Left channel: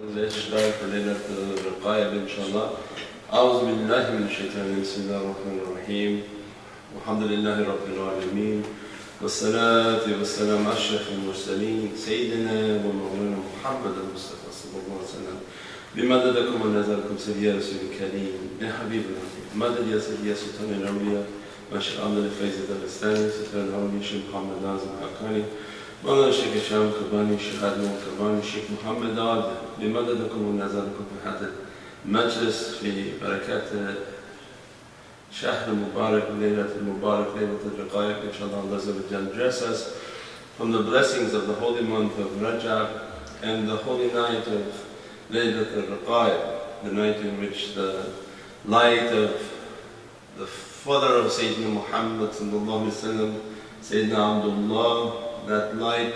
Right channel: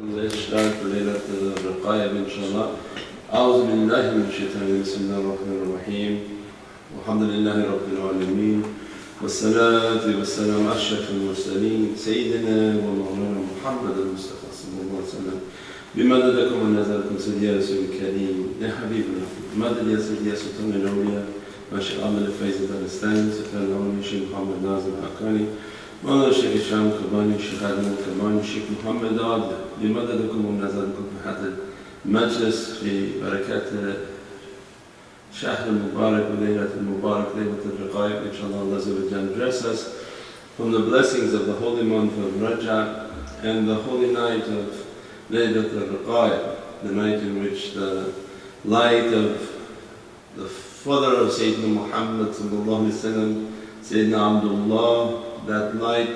الإشراف ليلة الرقائب إن شاء الله. أعوذ بالله من الشيطان بسم الله الرحمن الرحيم. والحمد لله رب العالمين والصلاة والسلام على أشرف المرسلين سيدنا ومولانا محمد المصطفى صلى الله عليه وسلم. بمددكم ونزلكم سيدي يا رسول الكريم يا حبيب الرحيم. مدد يا سيدي يا سلطان الأولياء ماشي الأمل الفايز الدارستاني سلطان الأولياء شيخ محمد نازم حقاني مولانا الشيخ الشام كرباني الشيخ آدم الكرباني الشيخ محمد عبد. بمددكم ونزلكم في هذا المجلس في بركات شهر المبارك وليلة المبارك ليلة الرقائب. Inshallah, Allah Azza wa Jalla bless us from the blessings of the holy month of Rajab and the holy night of Laylat al-Raqa'ib, the night in which the light of the father of Sayyidina Muhammad sallallahu alaihi wasallam, Sayyidina Abdullah, that light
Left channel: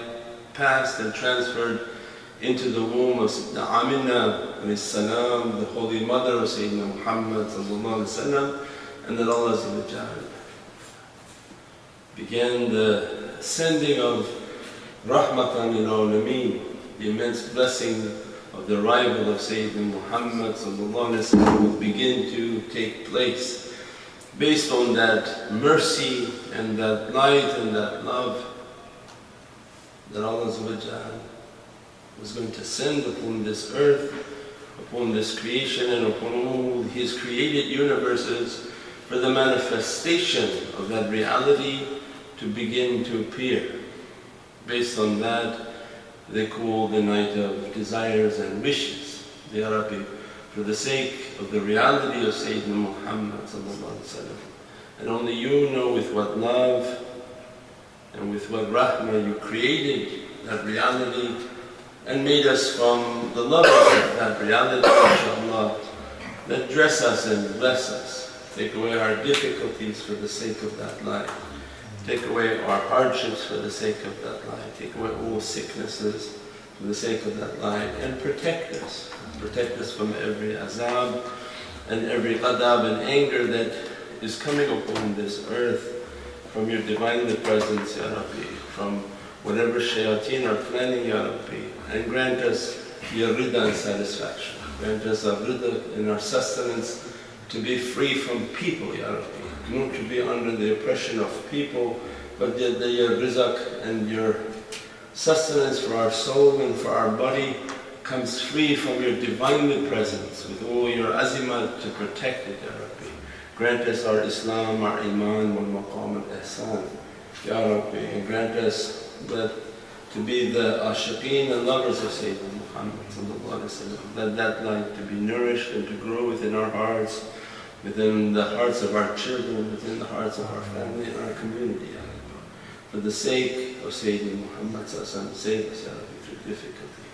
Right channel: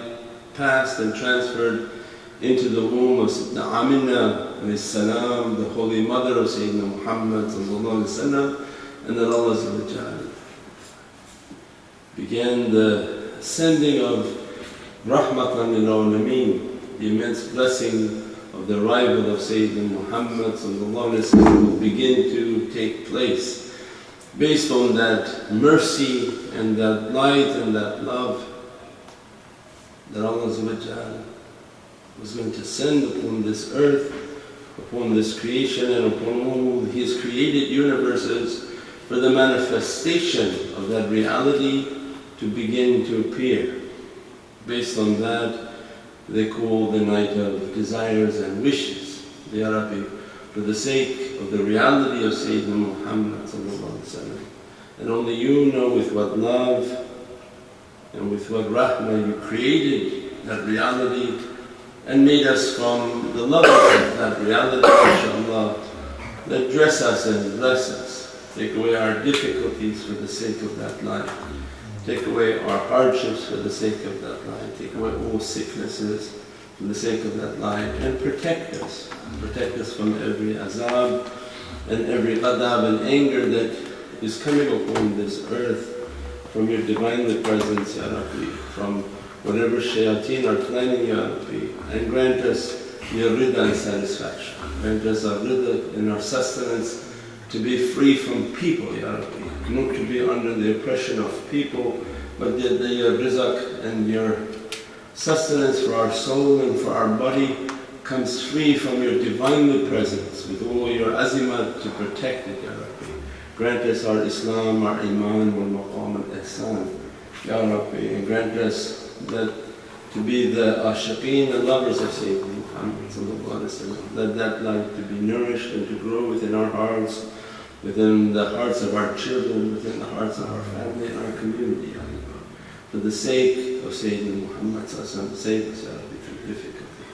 passed and transferred into the womb of Sayyidina Amina alayhi salam, the holy mother of Sayyidina Muhammad sallallahu alaihi wasallam, and then Allah Azza wa Jalla began the sending of Rahmatan lil Alameen, the immense blessing of the arrival of Sayyidina Muhammad sallallahu alaihi wasallam would begin to take place based on that mercy and that light and that love that Allah Azza wa Jalla was going to send upon this earth, upon this creation and upon all His created universes for the manifestation of that reality to begin to appear. Based on that, they call the night of desires and wishes. Ya Rabbi, for the sake of the reality of Sayyidina Muhammad sallallahu alaihi wasallam, and only You know with what love and with what rahmah You created that reality and made us from the lovers of that reality, inshaAllah, that dress us and bless us, take away our difficulties for the sake of that life, take away our hardships for the sake of that life, take away all sicknesses for the sake of that life, and protect us from every azab and every adab and anger that is coming upon this earth from Your Divinely Presence, Ya Rabbi, from whatever shayateen are planning, Ya Rabbi, and grant us Your rida and satisfaction. Grant us our rida and our sustenance to be free from people, Ya Rabbi, not to be under the oppression of people, but Your rizq and Your sustenance for our soul and for our body comes free from Your Divinely Presence with all Your azimat to protect it, Ya Rabbi. Grant us our Islam, our Iman, wal Maqam al Ihsan, Ya Rabbi, and grant us that to be the ashiqeen and lovers of Sayyidina Muhammad sallallahu alaihi wasallam, that light to be nourished and to grow within our hearts, within the hearts of our children, within the hearts of our family and our community, Ya Rabbi. For the sake of Sayyidina Muhammad sallallahu alaihi wasallam, save us, Ya Rabbi, through difficulty.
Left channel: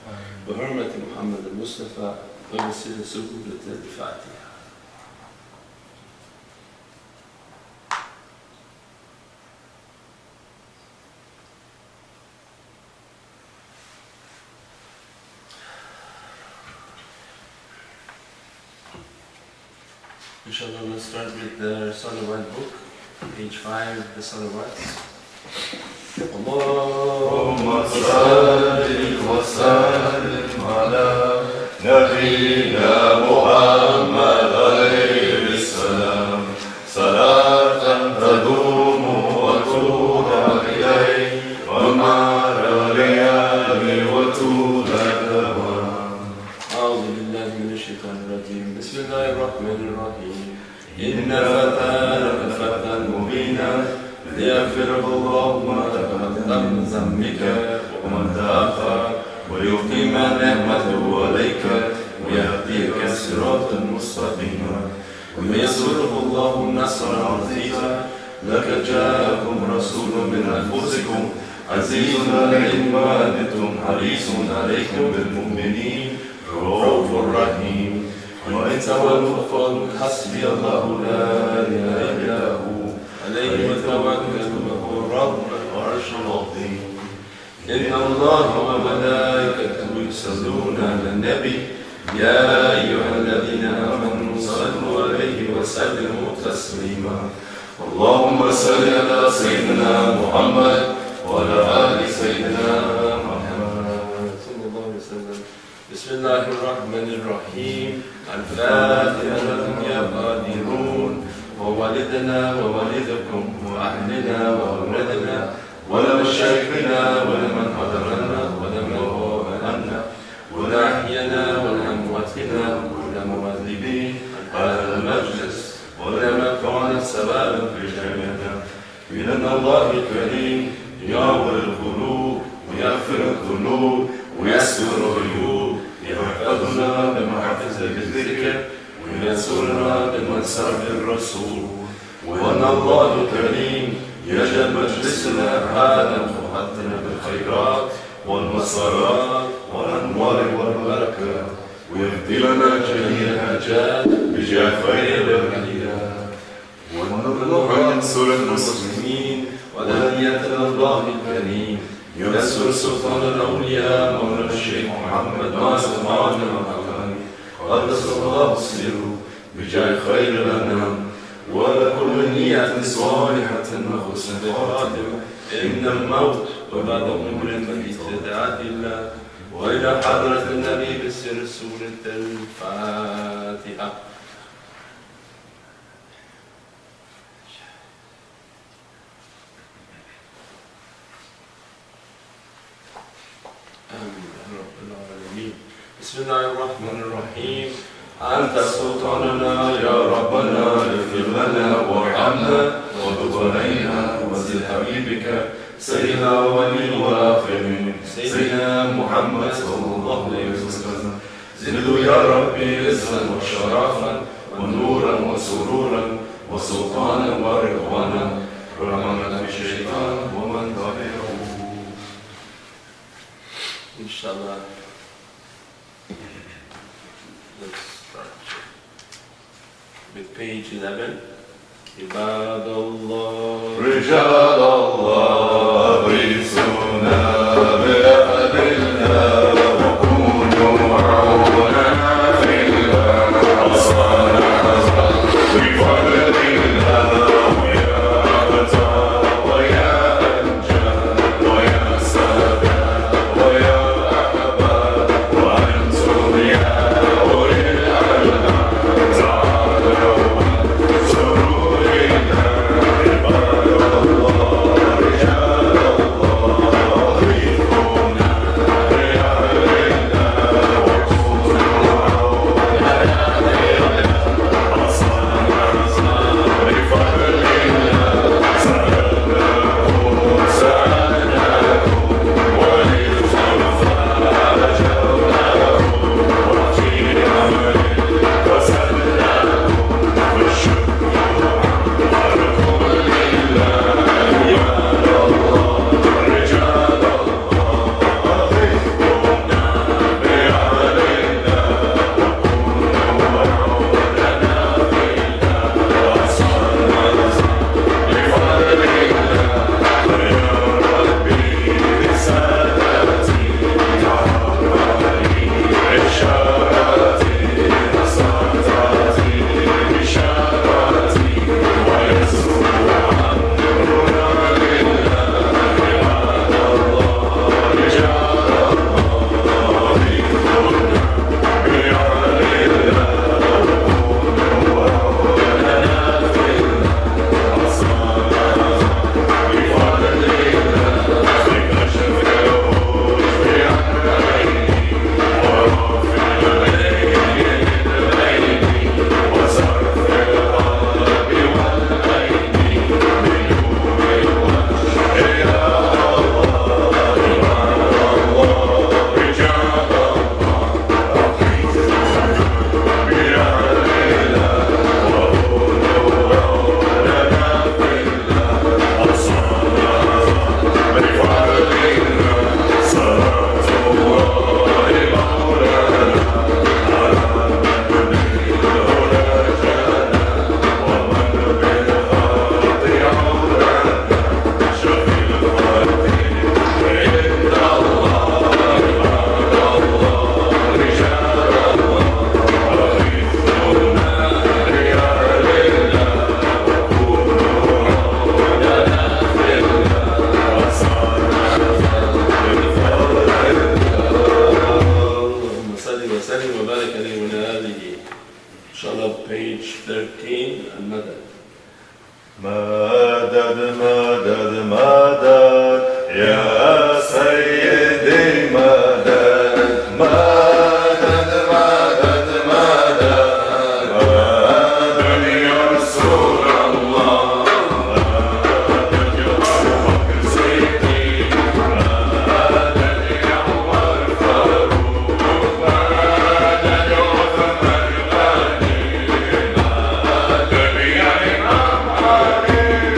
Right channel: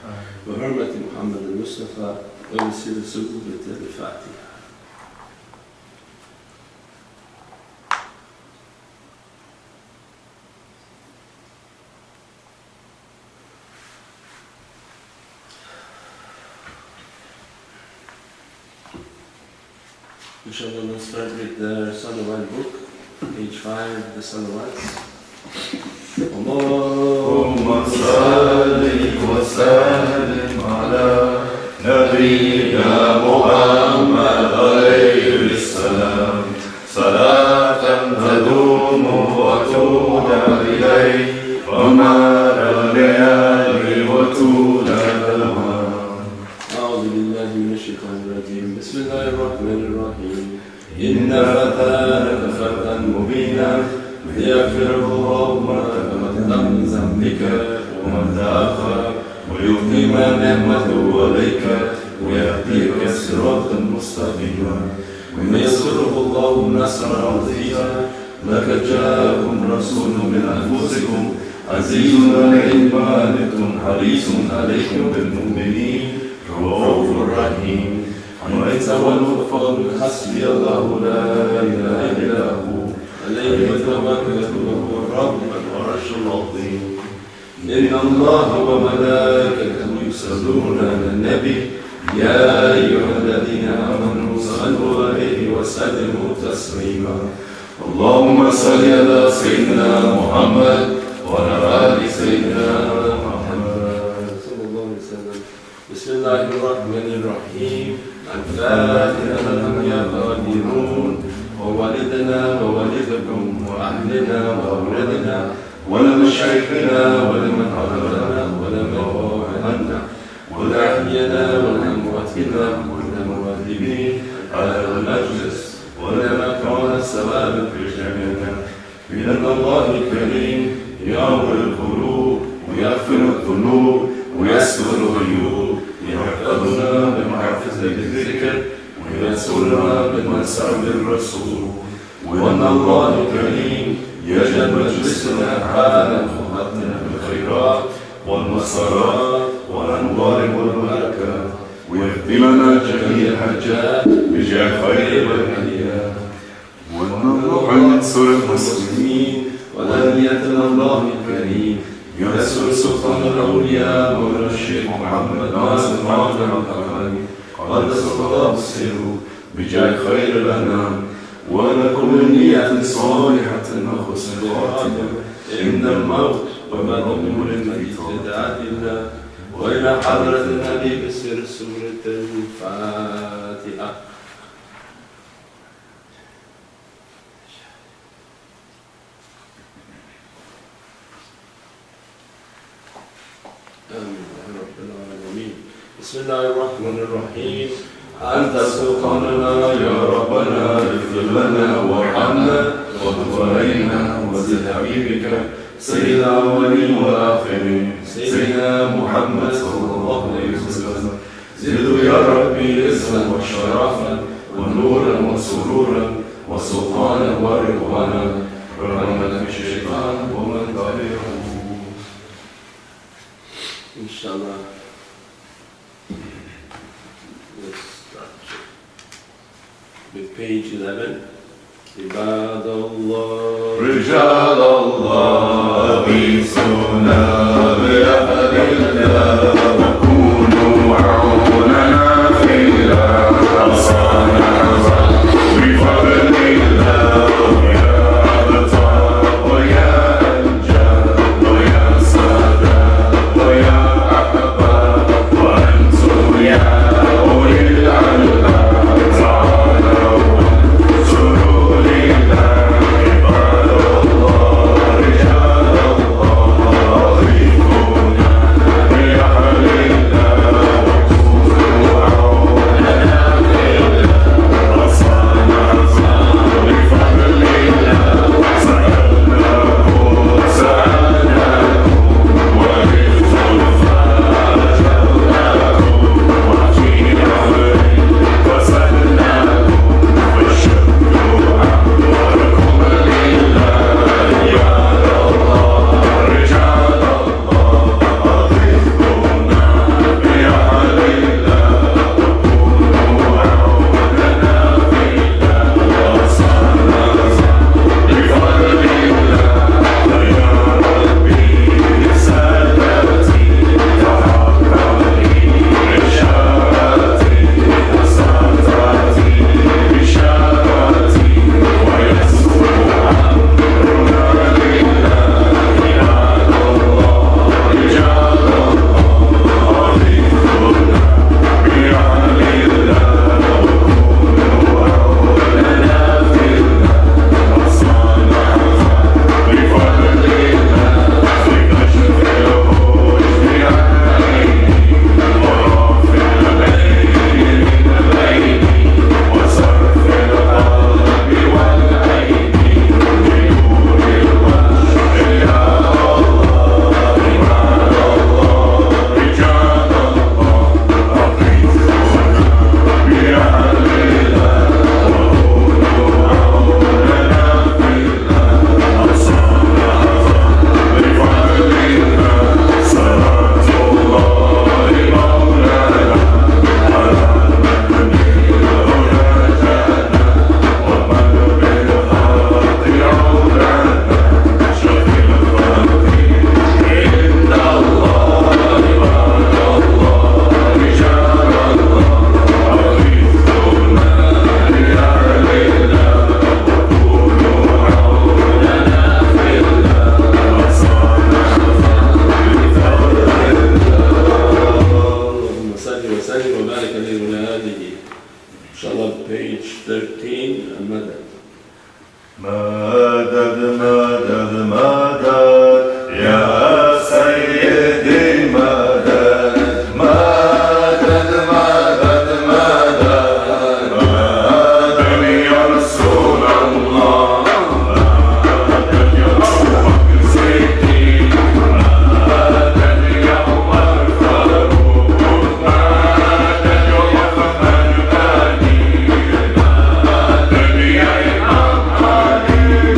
Bi hurmati Muhammad al-Mustafa wa bi sirri su'udat al-Fatiha. Inshallah, let's start with the Salawat book, page 5, the Salawats. Allahumma salli wa sallim ala nabiyyina Muhammad alayhi salam, salatan tadumu wa tu'la ilayhi wa ma'al layali wa tu'la dawam. A'udhu billahi minash shaitanir rajim. Bismillahir rahmanir rahim. إِنَّا فَتَحْنَا لَكَ فَتْحًا مُبِينًا لِيَغْفِرَ اللَّهُ مَا تَقَدَّمَ مِنْ ذَنبِكَ وَمَا تَأَخَّرَ وَيُتِمَّ نِعْمَتَهُ عَلَيْكَ وَيَهْدِيَكَ صِرَاطًا مُسْتَقِيمًا وَيَنصُرَكَ اللَّهُ نَصْرًا عَزِيزًا لَقَدْ جَاءَكُمْ رَسُولٌ مِنْ أَنفُسِكُمْ عَزِيزٌ عَلَيْهِ مَا عَنِتُّمْ حَرِيصٌ عَلَيْكُمْ بِالْمُؤْمِنِينَ رَءُوفٌ رَحِيمٌ وَإِن تَوَلَّوْا فَقُلْ حَسْبِيَ اللَّهُ لَا إِلَهَ إِلَّا هُوَ عَلَيْهِ تَوَكَّلْتُ وَهُوَ رَبُّ الْعَرْشِ الْعَظِيمِ. إِنَّ اللَّهَ وَمَلَائِكَتَهُ يُصَلُّونَ عَلَى النَّبِيِّ يَا أَيُّهَا الَّذِينَ آمَنُوا صَلُّوا عَلَيْهِ وَسَلِّمُوا تَسْلِيمًا. اللهم صل على سيدنا محمد وعلى آل سيدنا محمد صلى الله عليه وسلم. بسم الله الرحمن الرحيم. الفاتحة يا قادرون ووالدنا ووالدكم وأهلنا وأولادنا ولمشايخنا ولمن حضرنا ولمن غاب عنا ولأحيانا ولأمواتنا وللمؤذنين على المجلس ولما كان سببا في جميعنا بأن الله الكريم يعبر القلوب ويغفر الذنوب ويسر الغيوب يحفظنا بمحفظ الذكر ويسرنا بمنسب الرسول وأن الله الكريم يجعل مجلسنا هذا مختنا بالخيرات والمسارات والأنوار والبركات ويهدي لنا جميع الحاجات بجاه خير الهديات وأن الله ينصر المسلمين ولنية الله الكريم ينصر سلطان الأولياء مولى الشيخ محمد ناصر ماجد الحقاني قدس الله سره بجاه خير الأنام ولكل نية صالحة وحسن خاتمة إن الموت وبعد أمور في استدعاء الله وإلى حضرة النبي بسر سورة الفاتحة. آمين يا رب العالمين. بسم الله الرحمن الرحيم. أنت سلطاننا يا ربنا اغفر لنا وارحمنا وتب علينا وزد حبيبك سيدنا الأولين والآخرين سيدنا محمد صلى الله عليه وسلم زدوا يا ربي عزا وشرفا ونورا وسرورا وسلطانا ورضوانا رحمة الشيطان ومن تبعه إن شاء الله. Let's start with page 11. عباد الله رجال الله غيثونا بأهل الله وكونوا عوننا في الله وصالحا بفضل الله يا أبطال ويا أنجاد ويا سادات ويا أحباب وأنتم يا أولي الألباب تعالوا سرورنا عباد الله رجال الله مدد مدد مدد يا سيدي مدد مدد مدد مدد مدد يا رسول الله مدد يا أبو بكر سيدي مدد يا عمر فاروق مدد يا عثمان غني مدد يا إمام علي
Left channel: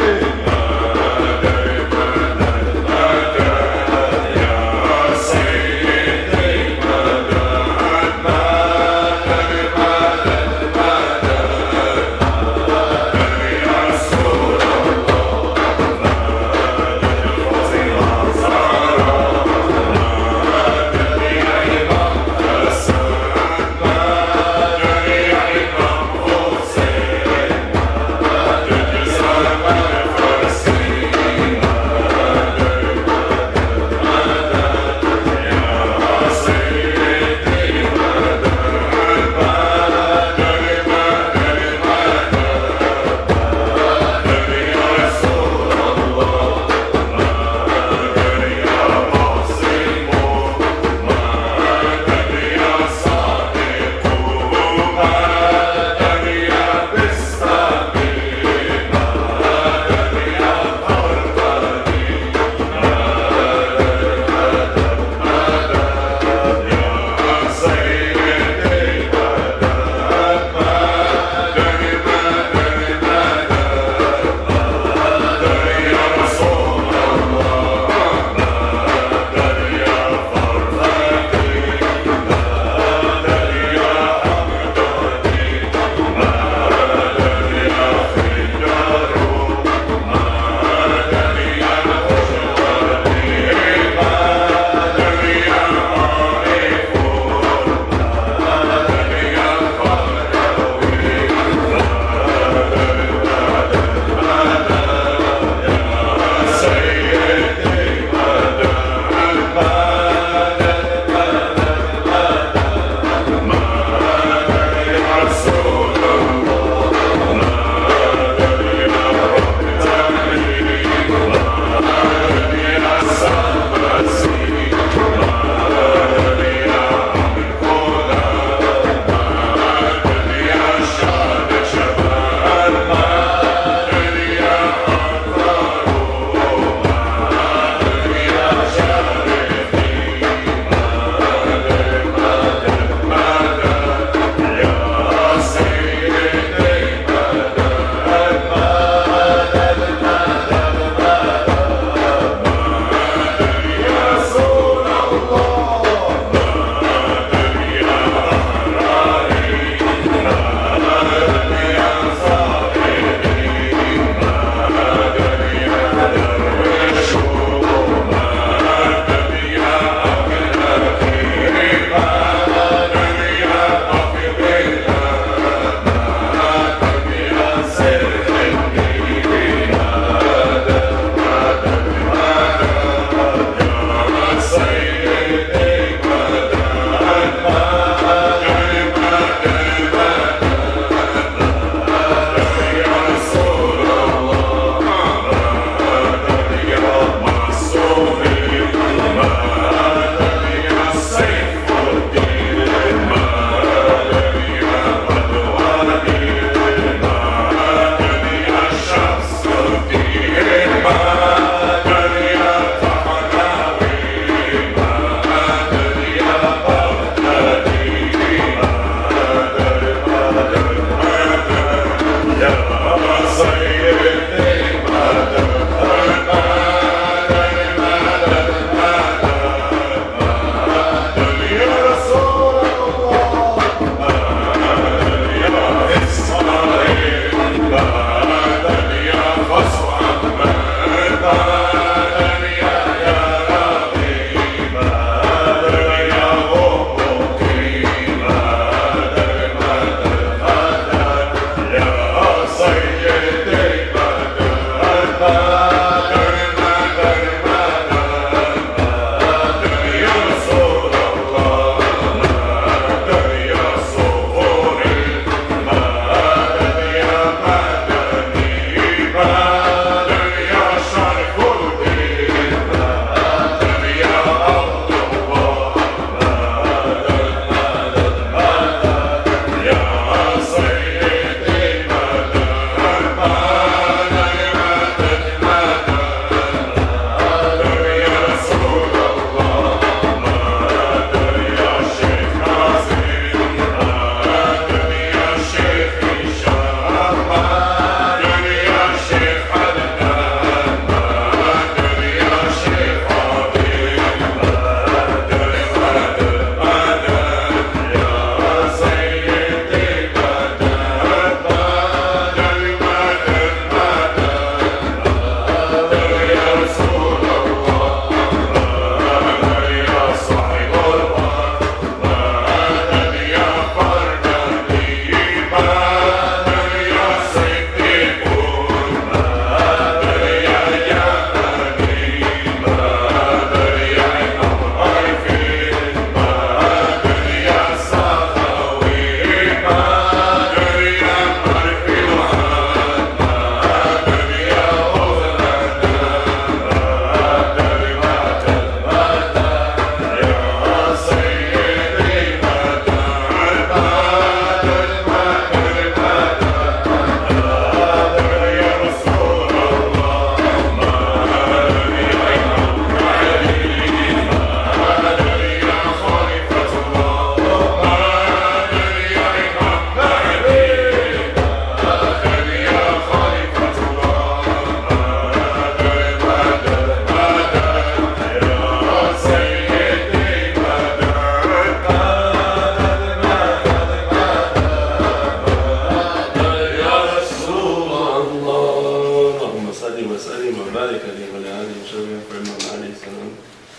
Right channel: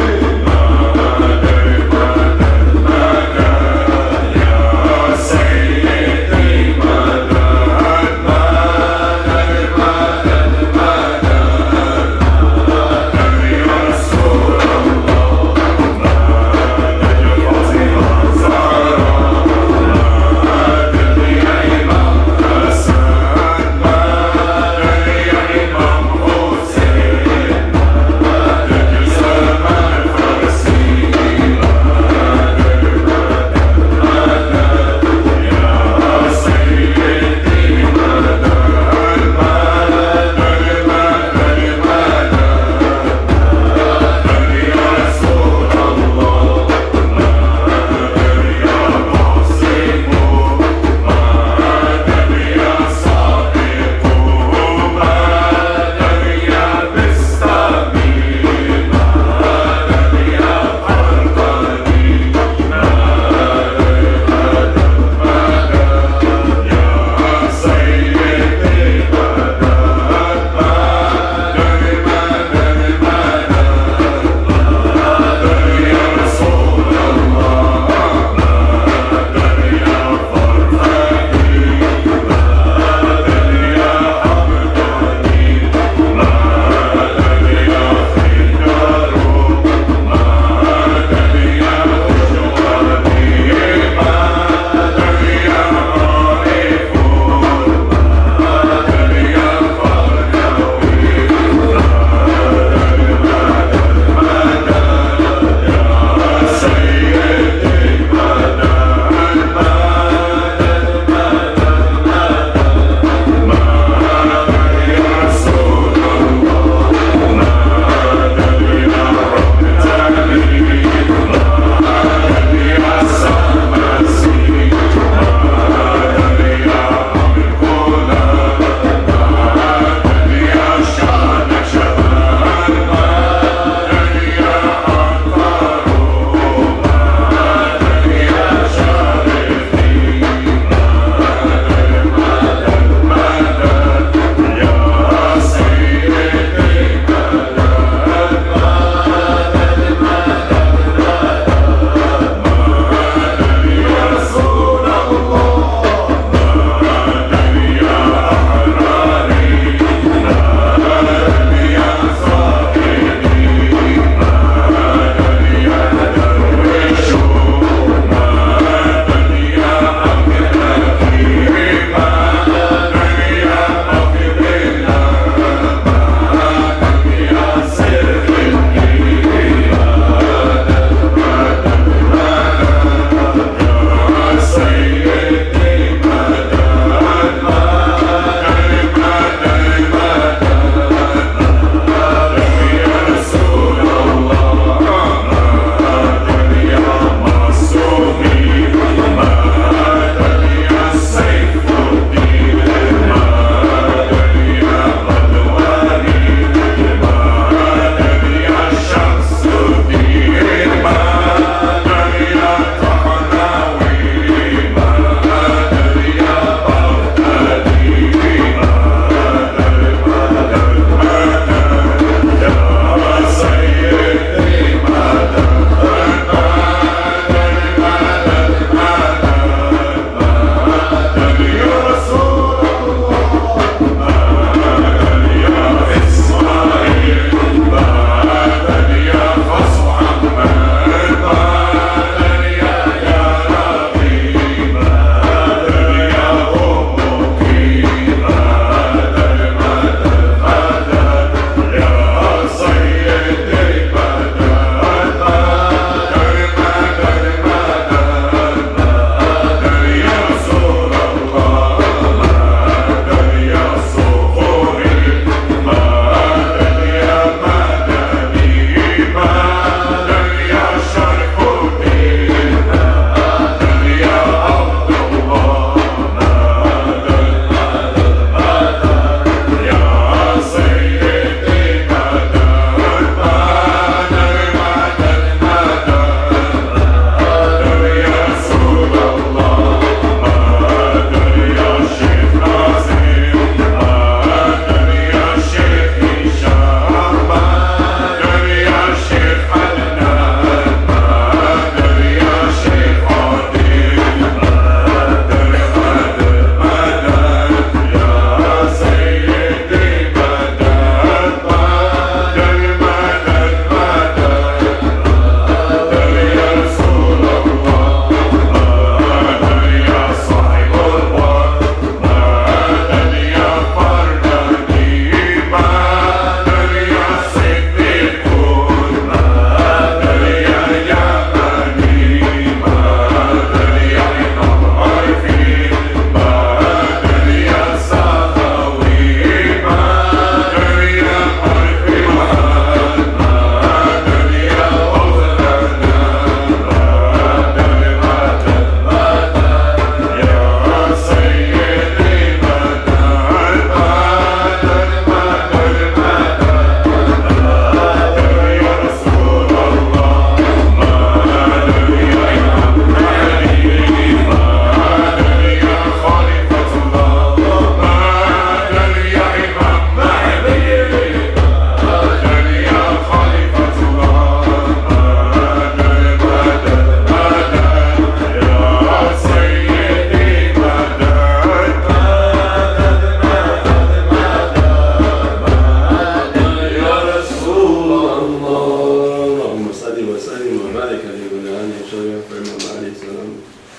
شب پر امام علیه السلام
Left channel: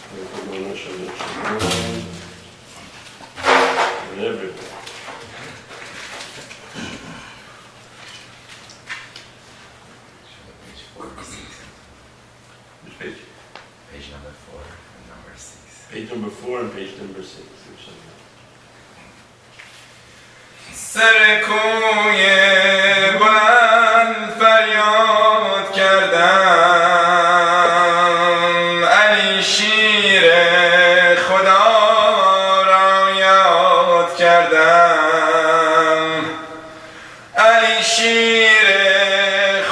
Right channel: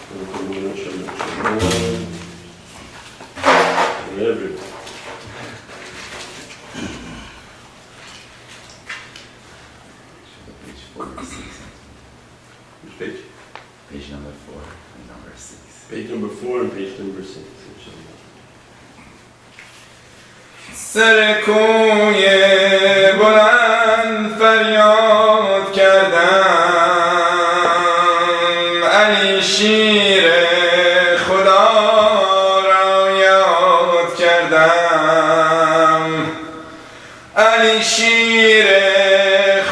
و قربان شب شما and everybody. Which page? Page number 4 and number 6. Page number 4 and page number 6. Inshallah. سر کوی بلند فریاد کردم علی شیر خدا را یاد کردم علی شیر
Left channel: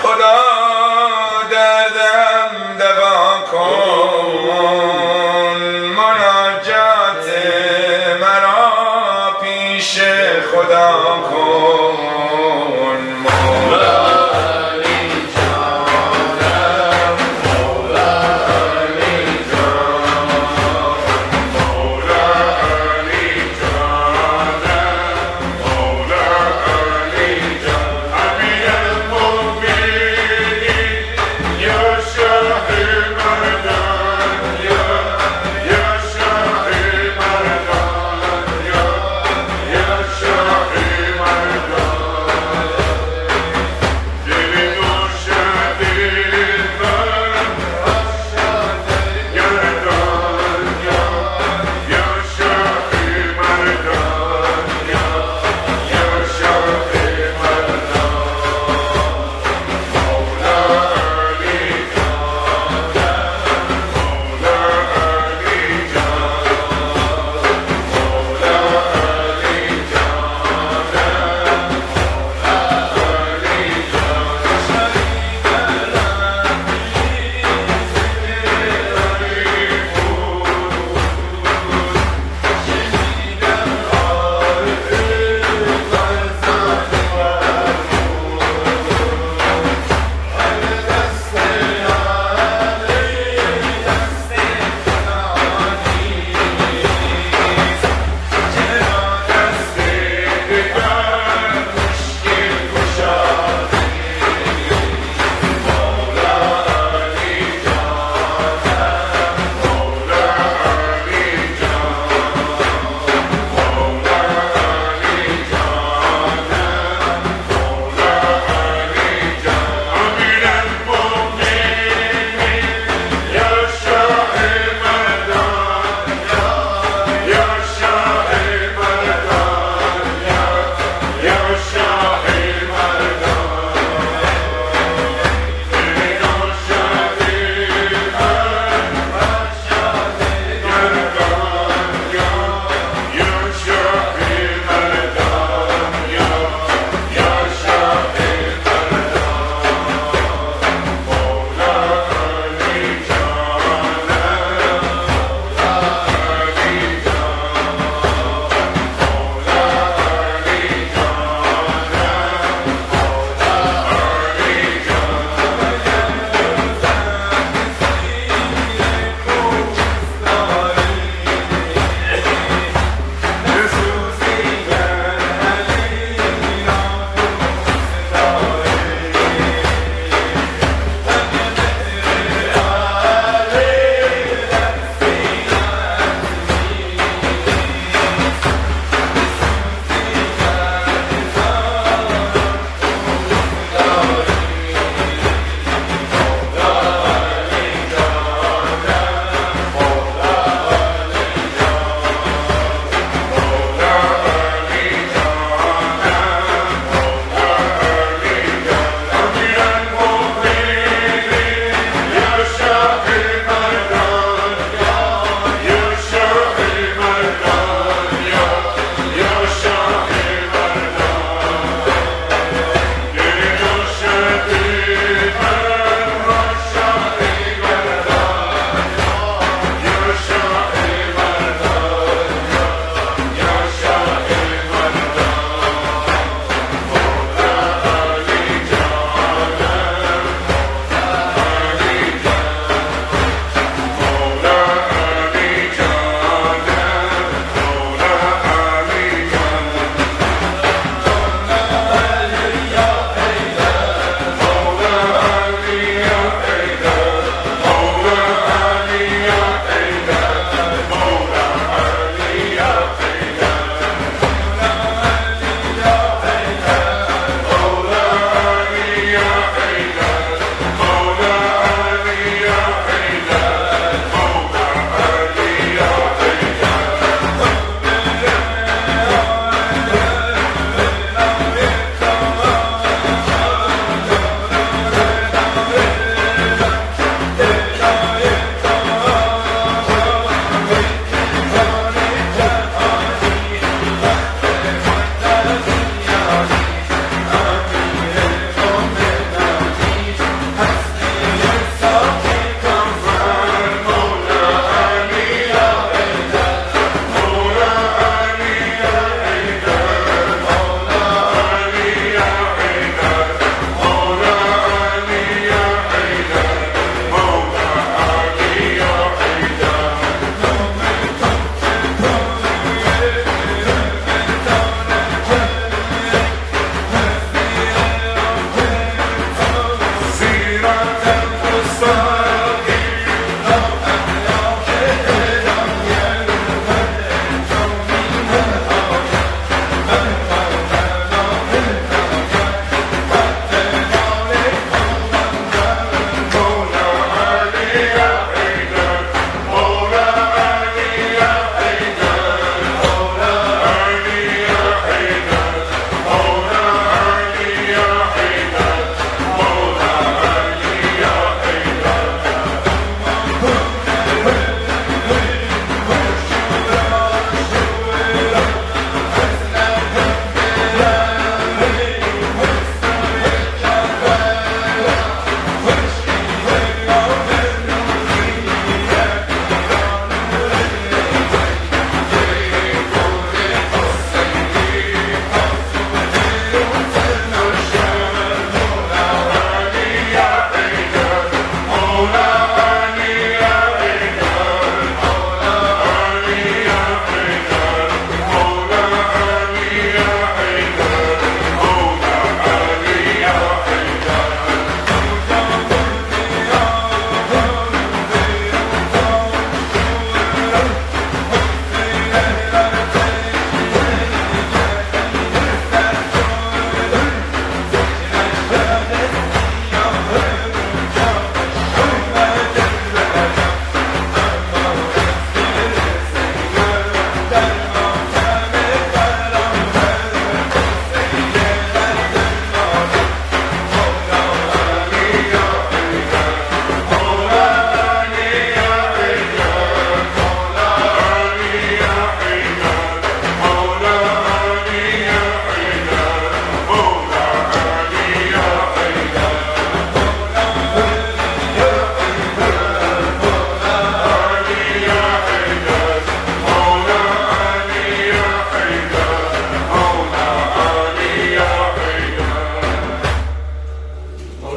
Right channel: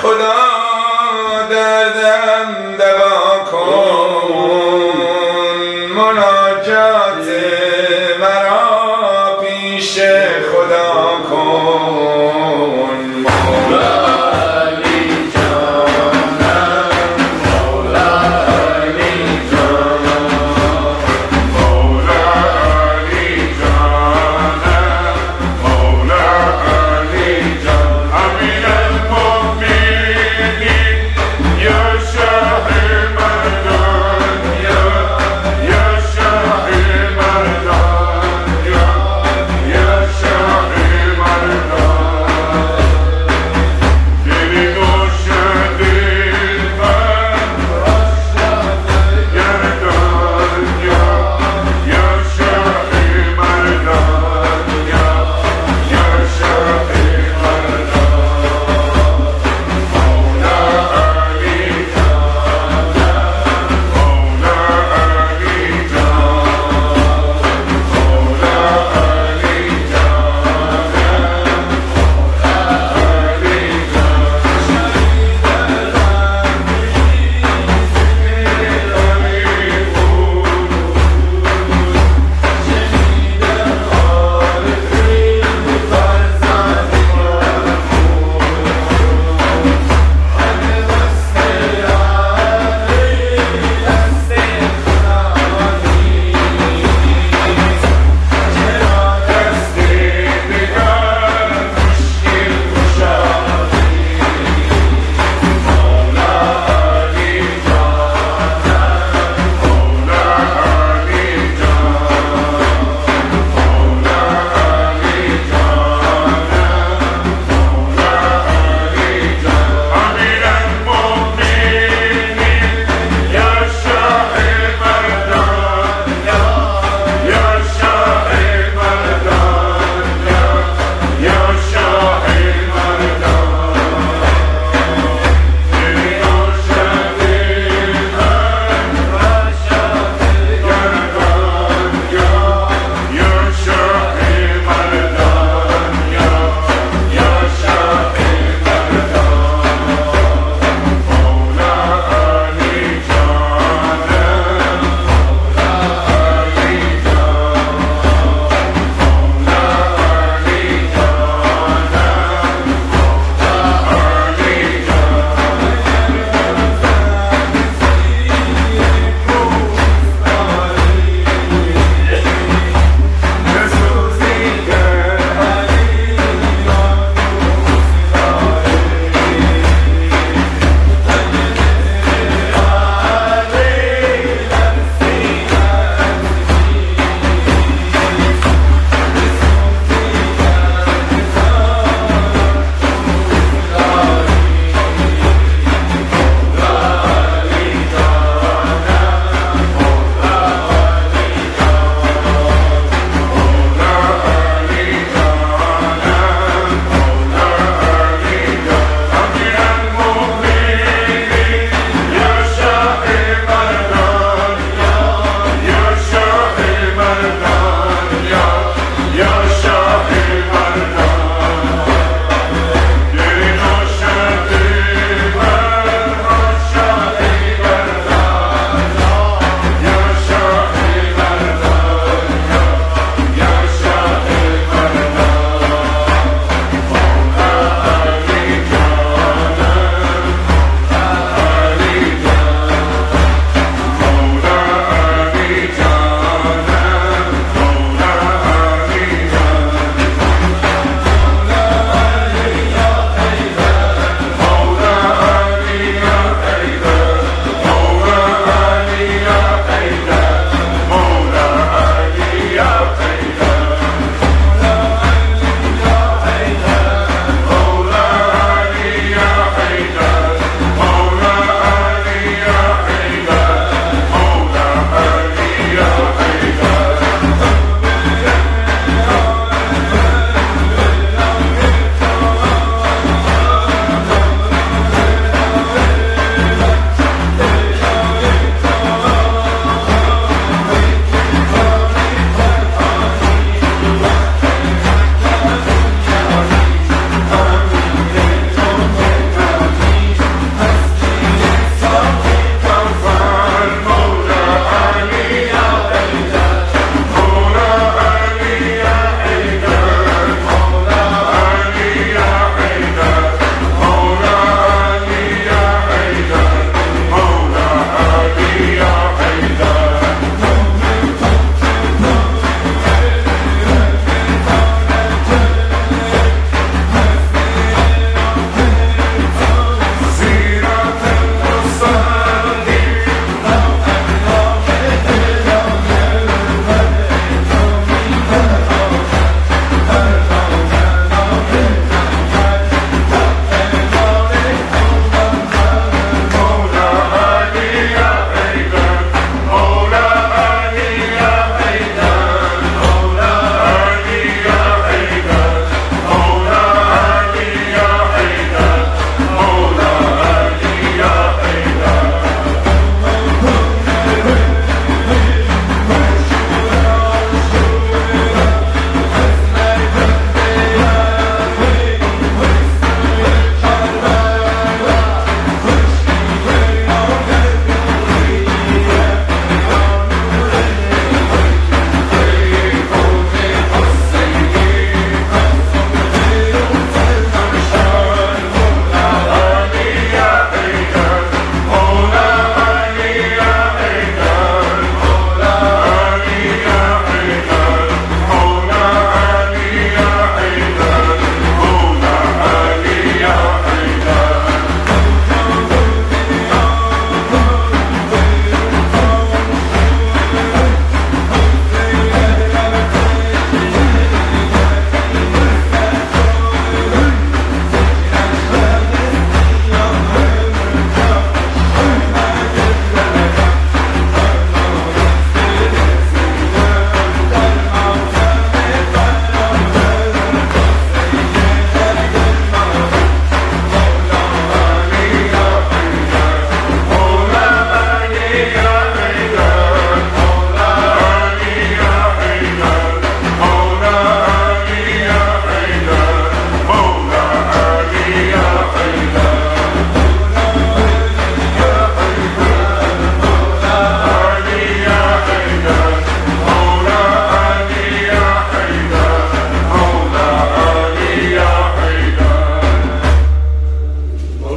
خدا دردم دوا کن مناجات مرا پیش خدا کن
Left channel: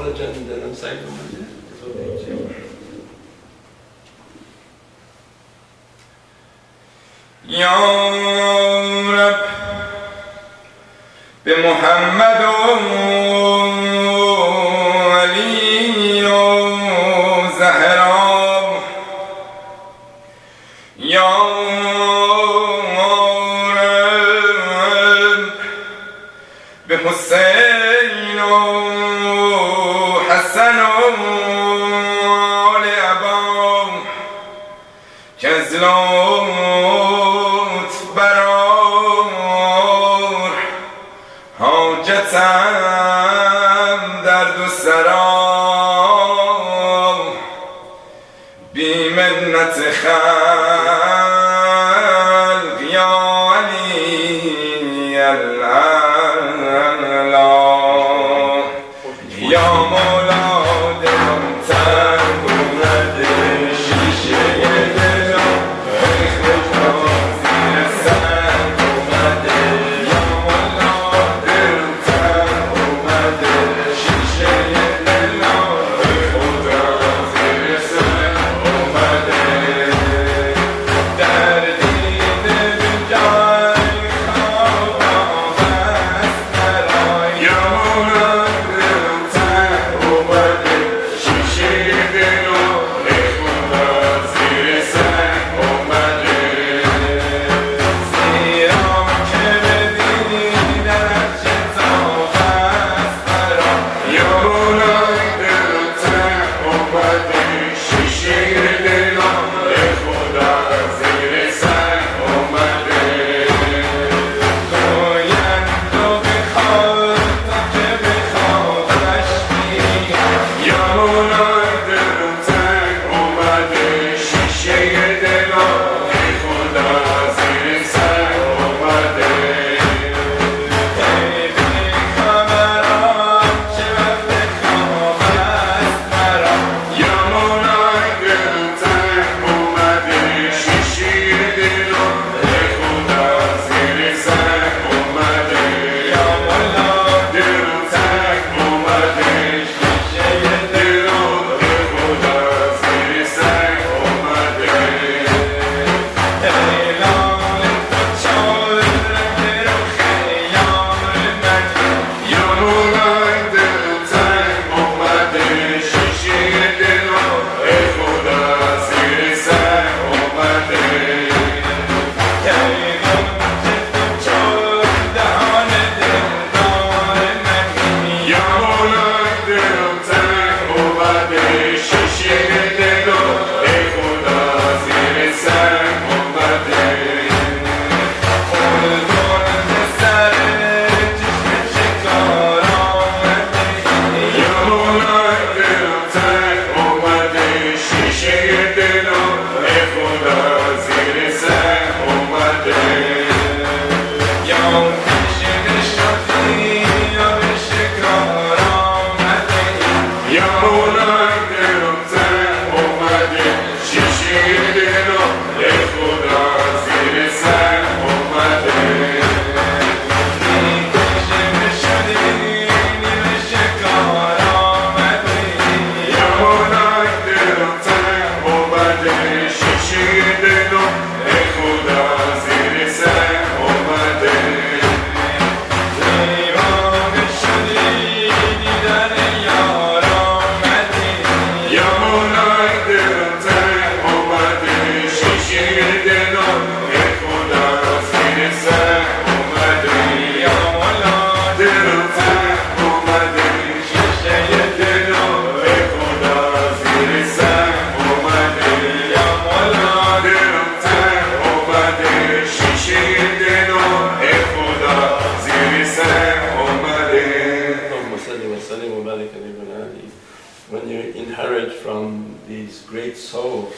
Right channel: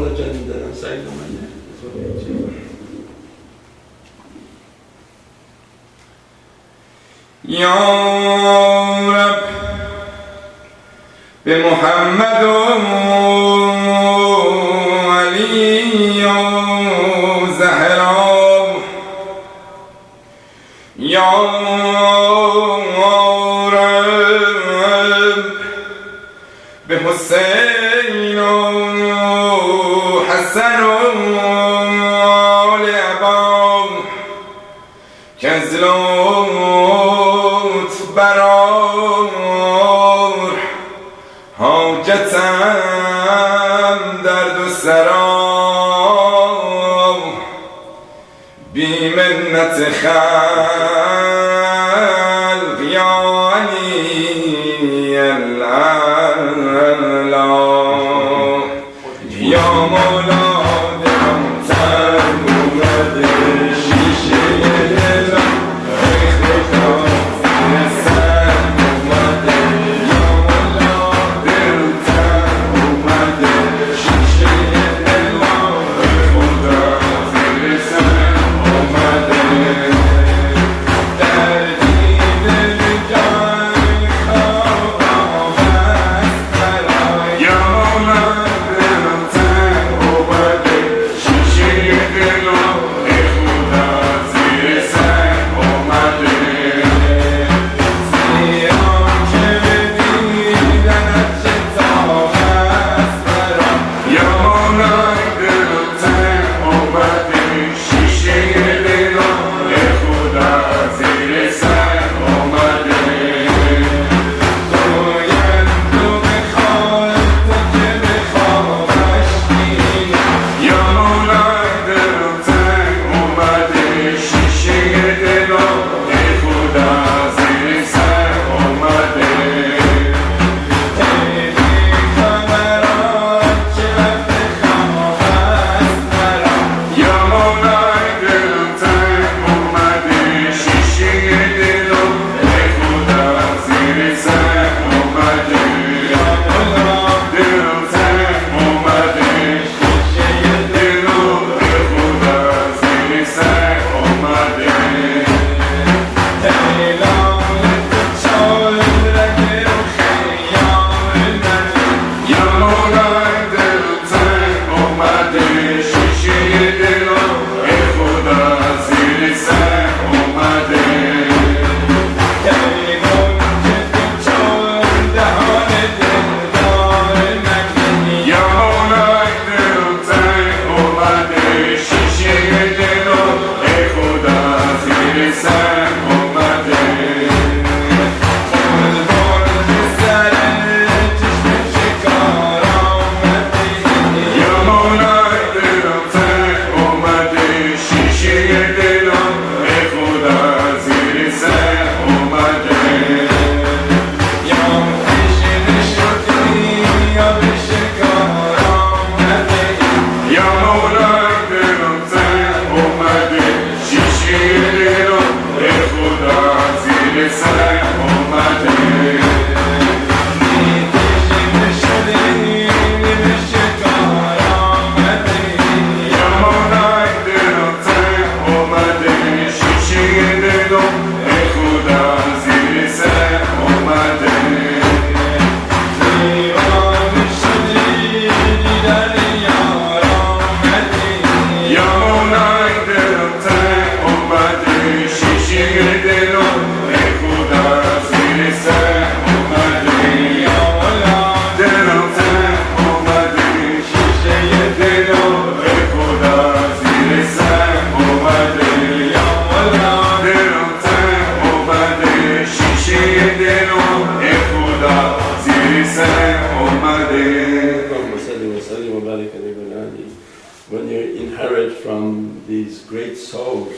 college and then I'm saying them. It's okay, too. یا رب به محمد و علی و زهرا یا رب به حسین و حسن و آل عبا که از حاجتم در دو سرام بی منت خلق یا علی الاعلا یا مولا دلم تنگ اومده شیشه دلم When you inherit from these great souls,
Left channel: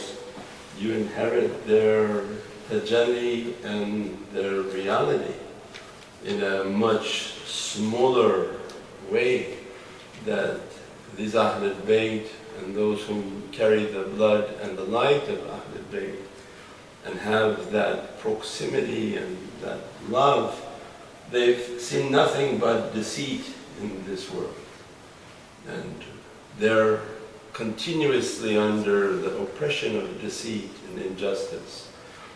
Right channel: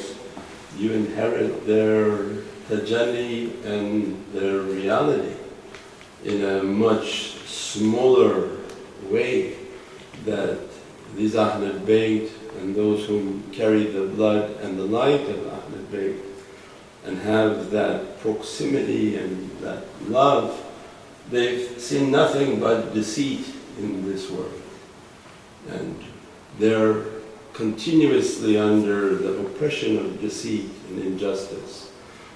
you inherit their tajalli and their reality in a much smaller way that these Ahlul Bayt and those who carry the blood and the light of Ahlul Bayt and have that proximity and that love, they've seen nothing but deceit in this world. And they're continuously under the oppression of deceit and injustice.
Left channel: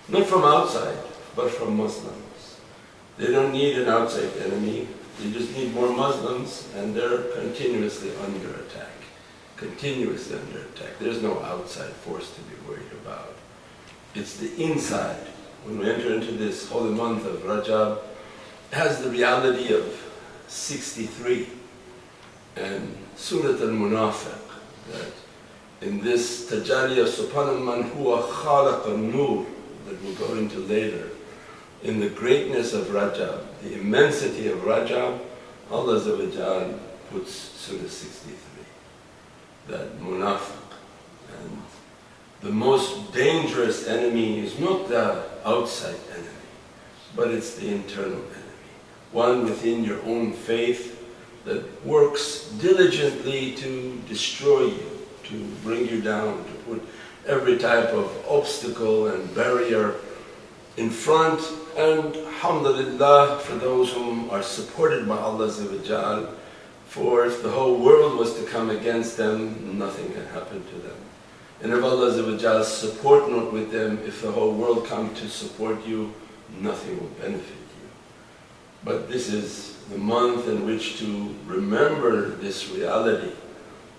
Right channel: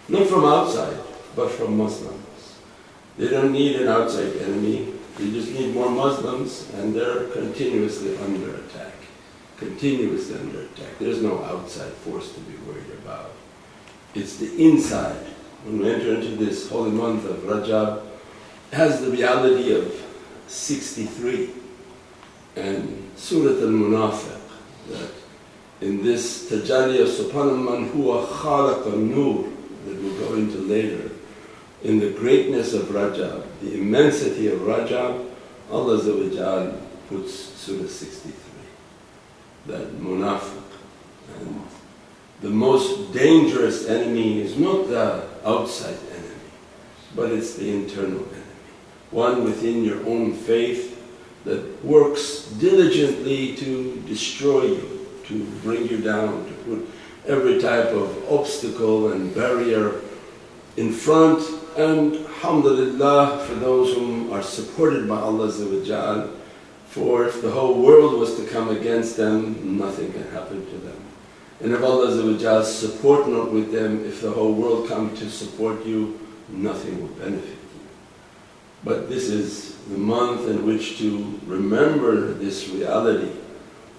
Not from outside, but from Muslims. They don't need an outside enemy, they just need more Muslims, and they're continuously under attack. Continuously under attack. There's no outside force to be worried about. It's the inside. When we enter into this holy month of Rajab, it has the reality of 63 and Surah Al-Munafiq, that in this tajalli of Subhanal Man Huwa Khalaq al-Nur that we'll go into later, in the greatness of Rajab, the immensity of Rajab, Allah Azza wa Jal puts Surah 63, that Munafiq. And the most dangerous enemy is not the outside enemy, but it's the internal enemy. One within your own faith that works diligently to destroy you, to bring you down, to put every type of obstacle and barrier in front. And alhamdulillah for those whom are supported by Allah Azza wa Jal, for if the whole world was to come against them, nothing can happen to them. And if Allah Azza wa Jal's support not with them, if the whole world come to support you, nothing will benefit you. But this is the month in which to remember this reality,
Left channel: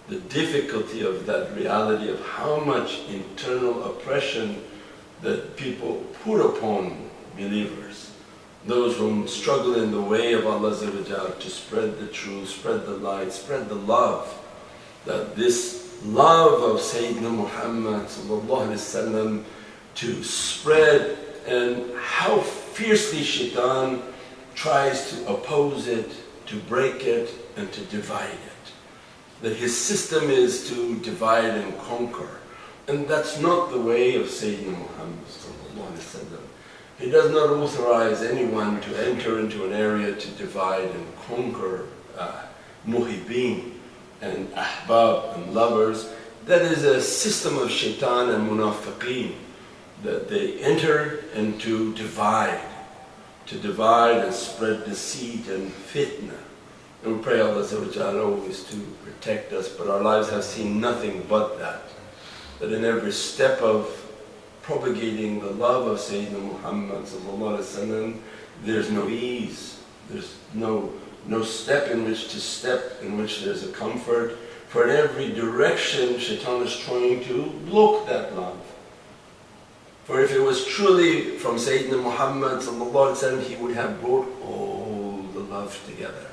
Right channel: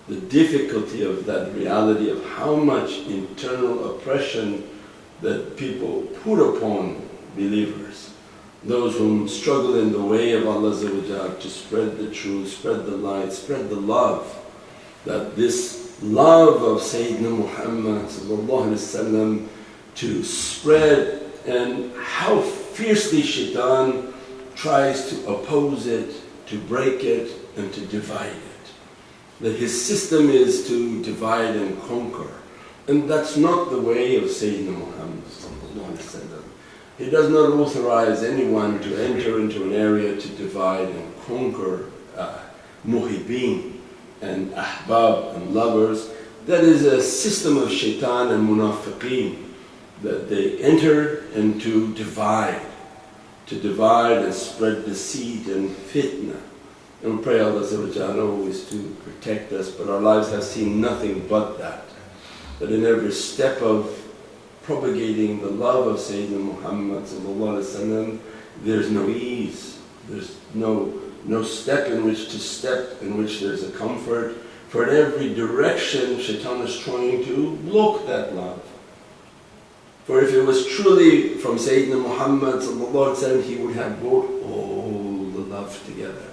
the difficulty of that reality of how much internal oppression that people put upon believers, those whom struggle in the way of Allah Azza wa Jal to spread the truth, spread the light, spread the love, that this love of Sayyidina Muhammad sallallahu alaihi wasallam to spread, and how fiercely shaitan tries to oppose it, to break it and to divide it. That his system is to divide and conquer, and that's not the way of Sayyidina Muhammad sallallahu alaihi wasallam. He does not authorize anyone to enter into an area to divide and conquer muhibbeen and ahbab and lovers. That is a system of shaitan and munafiqeen, that they enter and to divide and spread deceit and fitna. And we pray Allah Azza wa Jalla always to protect us, but our lives have seen nothing but that. That in every step of propagating the love of Sayyidina Muhammad sallallahu alaihi wasallam, there's no ease, there's no step in which to step, in which there's a comfort. For in every direction shaitan is trying to block that love. For if it was truly from Sayyidina Muhammad sallallahu alaihi wasallam, he would have brought all the love together.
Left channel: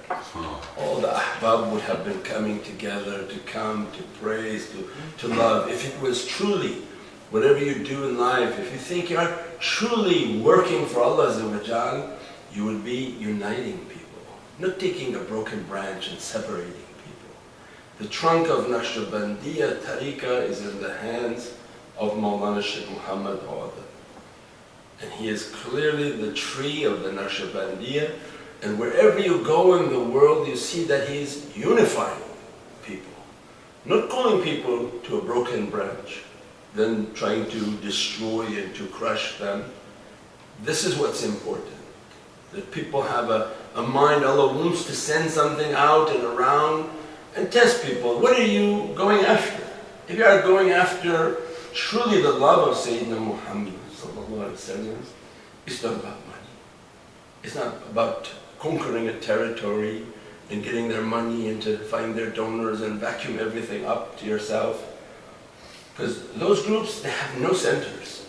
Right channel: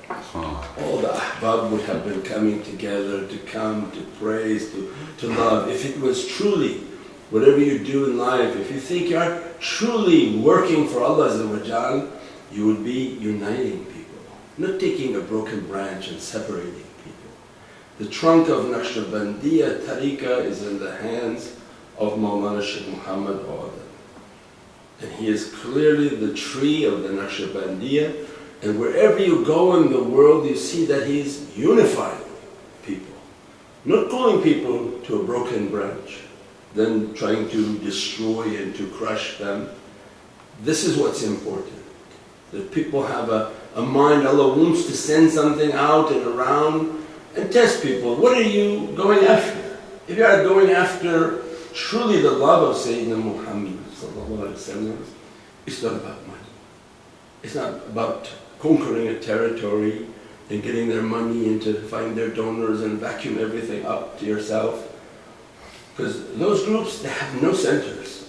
All the ahbab would have been coming together to come, to praise, to love. If it was truly, whatever you do in life, if you think you are truly working for Allah Azza wa Jal, you would be uniting people, not taking a broken branch and separating people. The trunk of Naqshbandiya tariqah is in the hands of Mawlana Shaykh Muhammad Awadan. And he is clearly the tree of the Naqshbandiya, and wherever you go in the world you see that he's unifying people, not calling people to a broken branch, then trying to destroy and to crush them. This is what's important, that people have a mind. Allah wants to send something out and around and test people. What are you going after? If you are going after truly the love of Sayyidina Muhammad sallallahu alaihi wasallam, it's not about money. It's not about conquering a territory and getting their money and to find their donors and vacuum everything up to yourself. Because those groups, they have no centers.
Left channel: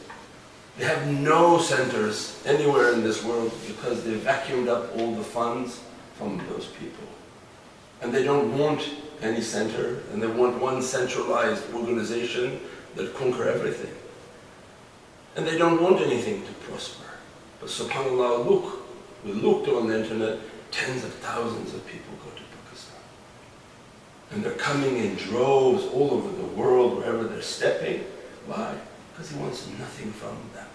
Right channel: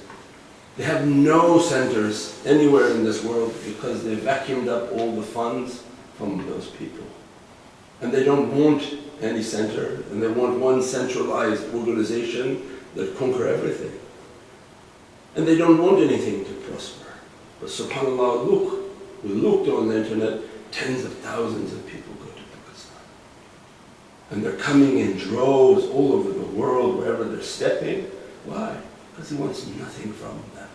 They have no centers anywhere in this world because they vacuumed up all the funds from those people. And they don't want any center, and they want one centralized organization that conquer everything. And they don't want anything to prosper. But subhanAllah, look, we looked on the internet, tens of thousands of people go to Pakistan. And they're coming in droves all over the world, wherever they're stepping. Why? Because he wants nothing from them.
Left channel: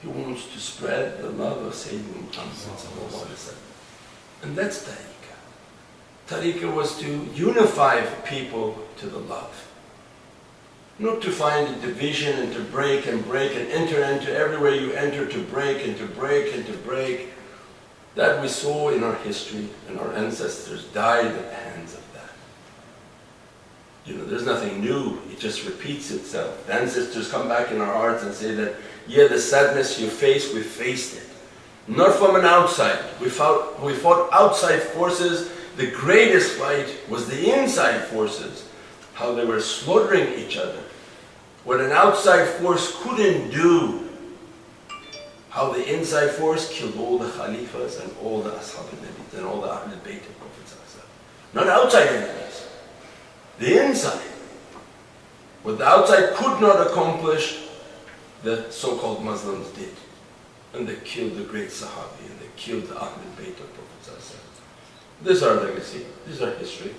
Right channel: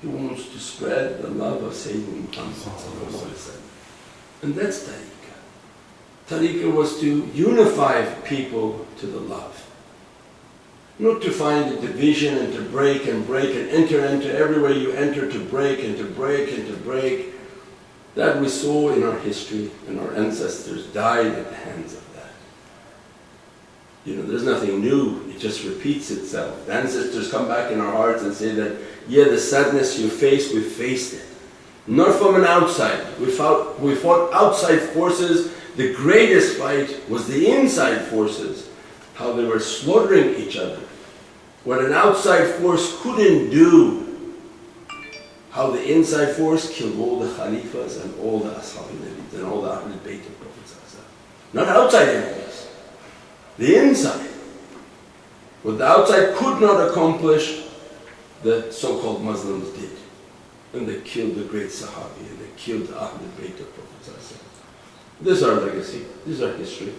He wants to spread the love of Sayyidina Muhammad sallallahu alaihi wasallam. And that's tariqah. Tariqah was to unify people to the love. Not to find a division and to break and enter everywhere you enter to break and to break and to break. That we saw in our history, and our ancestors died at the hands of that. There's nothing new, it just repeats itself. The ancestors come back in our hearts and say that, yeah, the sadness you face, we faced it. Not from an outside. We fought outside forces. The greatest fight was the inside forces, how they were slaughtering each other. What an outside force couldn't do, how the inside force killed all the Khalifas and all the Ashab al-Nabi and all the Ahlul Bayt of Prophet. Not outside enemies, the inside. What the outside could not accomplish, the so-called Muslims did. And they killed the great Sahabi and they killed the Ahlul Bayt of Prophet. This is our legacy, this is our history.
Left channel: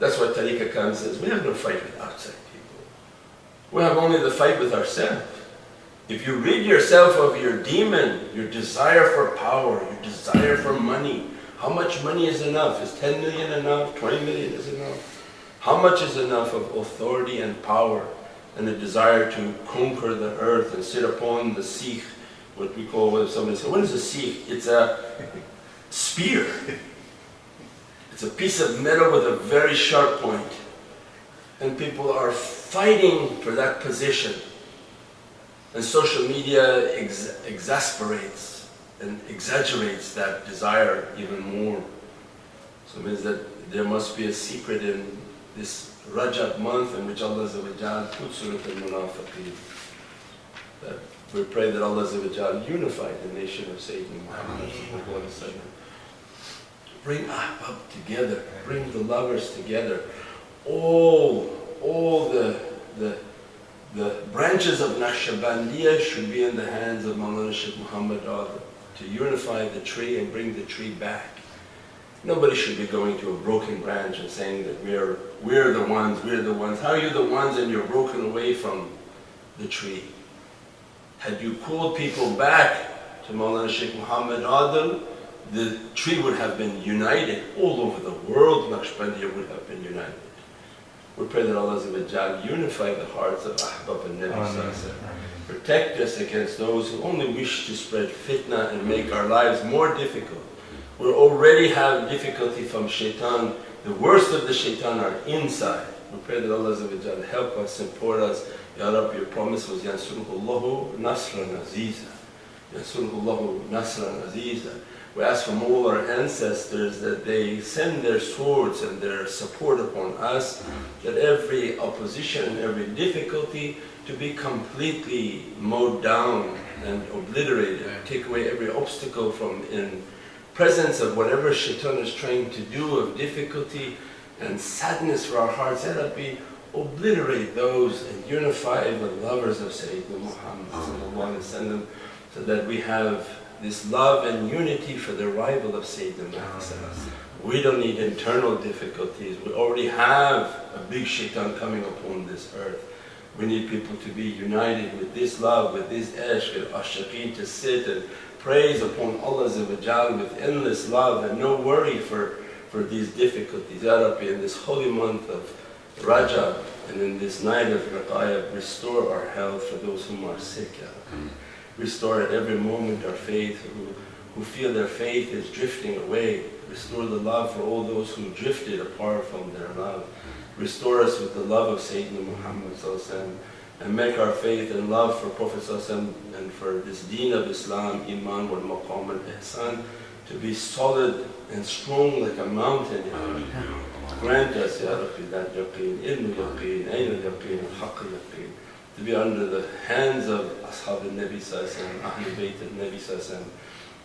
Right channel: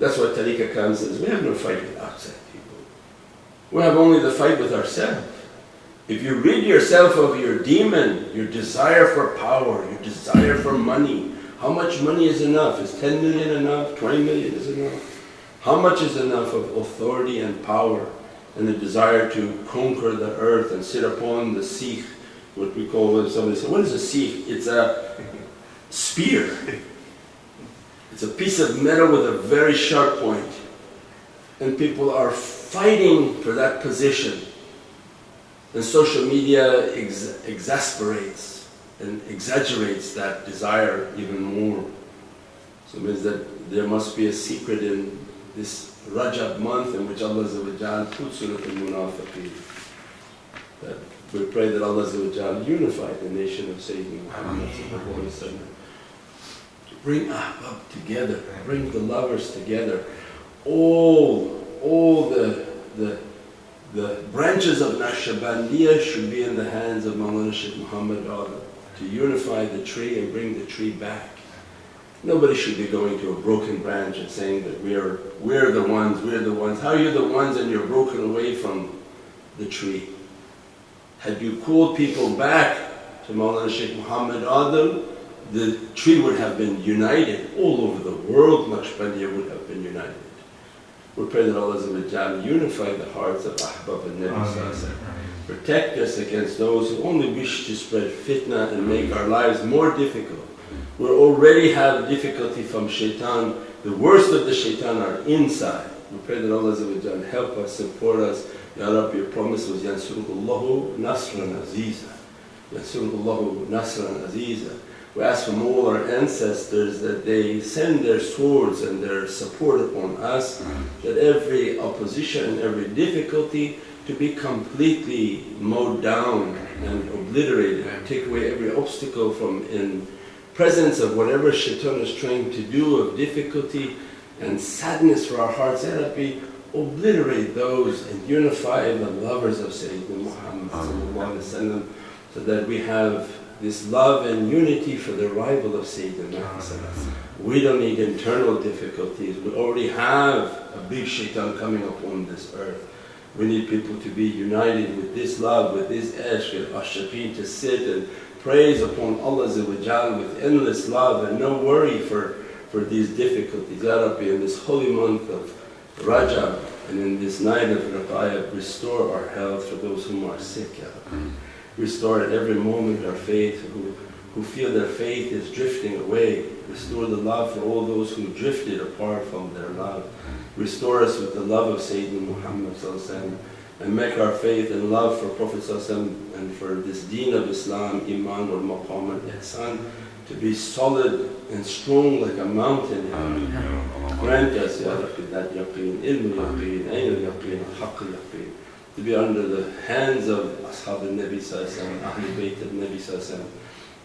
That's why Tariqah Khan says, we have no fight with outside people. We have only the fight with ourselves. If you rid yourself of your demon, your desire for power, your desire for money, how much money is enough? Is 10 million enough? 20 million is enough? How much is enough of authority and power and a desire to conquer the earth and sit upon the Sikh, what we call, when somebody says, what is a Sikh? It's a spear. It's a piece of metal with a very sharp point. And people are fighting for that position. And social media exasperates and exaggerates that desire even more. So it means that there must be a secret in this Rajab month in which Allah puts Surah Al-Munafiqeen. That we pray that Allah unify the nation of Sayyidina Muhammad sallallahu alaihi wasallam. Bring Ahbab together, bring the lovers together. All the branches of Naqshbandiya should be in the hands of Mawlana Shaykh Muhammad Adam to unify the tree and bring the tree back. Nobody should be going to a broken branch and saying that we're the ones. How are you the ones and you're broken away from the tree? Had you called people back to Mawlana Shaykh Muhammad Adam, the tree would have been united. All over the world, Naqshbandiya would have been united. We pray that Allah unify the hearts of Ahbab and Nabi. Protect us against those who only wish to spread fitna and make our lives more difficult. We already have difficulty from shaitan. The worst of the shaitan are inside. We pray that Allah help us, support us. Ya Rabbi, your promise was Yansurullahu Nasran Aziza. Yansurullahu Nasran Aziza. We ask from all our ancestors that they send their swords and their support upon us, that every opposition and every difficulty to be completely mowed down and obliterated. Take away every obstacle from in presence of whatever shaitan is trying to do of difficulty and sadness for our hearts. Ya Rabbi, obliterate those and unify the lovers of Sayyidina Muhammad sallallahu alaihi wasallam, so that we have this love and unity for the arrival of Sayyidina Muhammad. We don't need internal difficulties. We already have a big shaitan coming upon this earth. We need people to be united with this love, with this ishq and ashaqeen, to sit and praise upon Allah with endless love and no worry for these difficulties. Ya Rabbi, in this holy month of Rajab and in this night of Raqayah, restore our health for those whom are sick, Ya Rabbi. Restore at every moment our faith, who feel their faith is drifting away. Restore the love for all those who drifted apart from their love. Restore us with the love of Sayyidina Muhammad and make our faith and love for Prophet and for this deen of Islam, Iman wal Maqam and Ihsan, to be solid and strong like a mountain, Ya Rabbi. Grant us, Ya Rabbi, that yaqeen, ilm yaqeen, ayn yaqeen, haqq yaqeen, to be under the hands of Ashab al-Nabi sallallahu Ahlul Bayt al-Nabi sallallahu,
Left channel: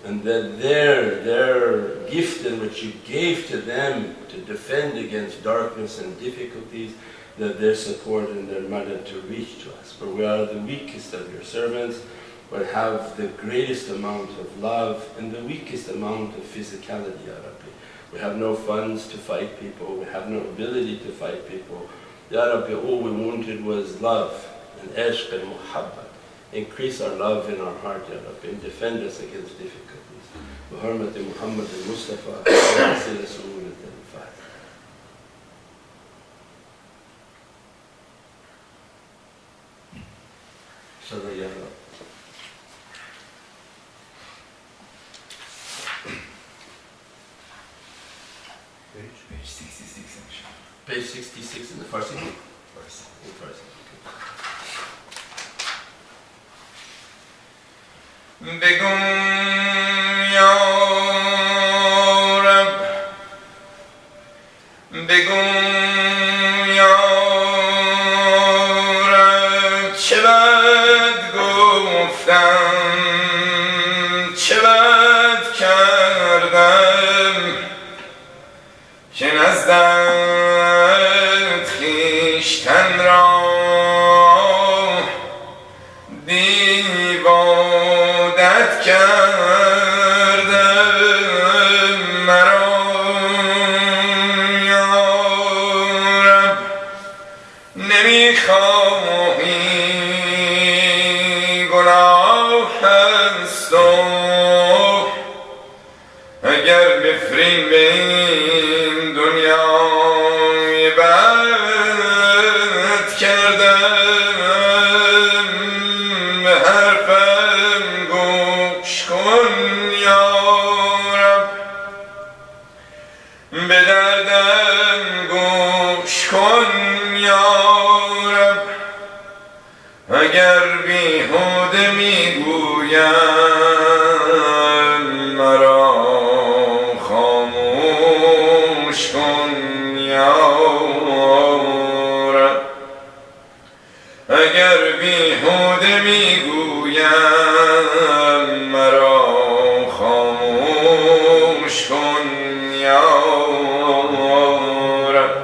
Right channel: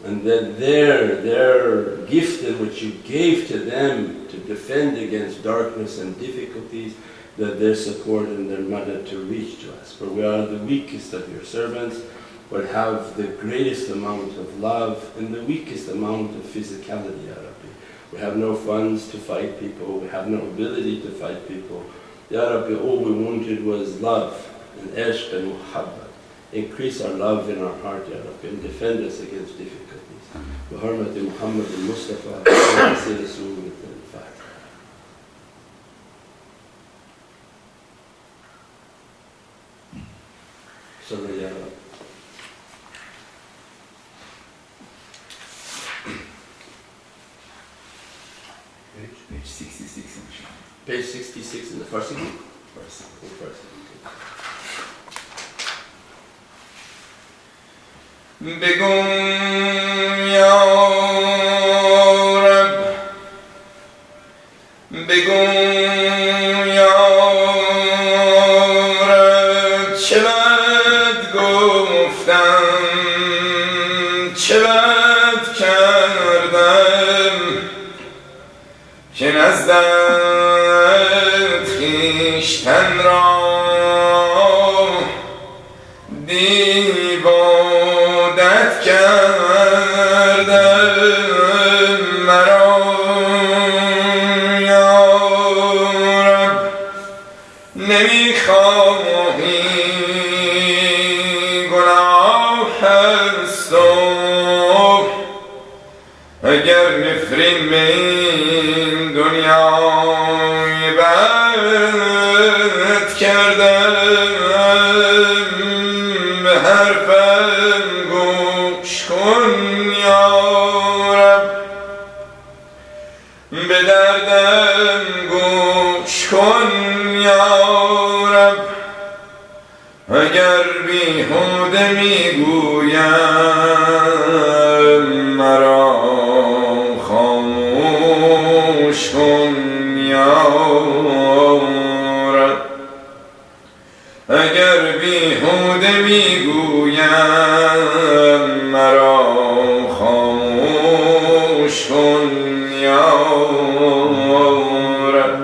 and that their gift in which you gave to them to defend against darkness and difficulties, that their support and their madad to reach to us. For we are the weakest of your servants, but have the greatest amount of love and the weakest amount of physicality, Ya Rabbi. We have no funds to fight people, we have no ability to fight people. Ya Rabbi, all we wanted was love and ishq and muhabbat. Increase our love in our heart, Ya Rabbi, and defend us against difficulties. بحرمة محمد المصطفى وسيلة سورة الفاتحة. صلى يا رب. Page 66 inshallah. Page 66 in the Farsi book. Farsi. In Farsi. بگو یا رب بگو یا رب چه بد گفتم چه بد کردم که نزدت خویشتن را دیوادت کردم مرا یا رب نمیخواهی گناه هست و اگر مفرین من دنیای بد کردم حرفم گوش کن یا رب به دردم گوش کن یا رب اگر بیهوده میگویم مرا خاموش کن یا رب اگر بیهوده میگویم مرا خاموش کن یا رب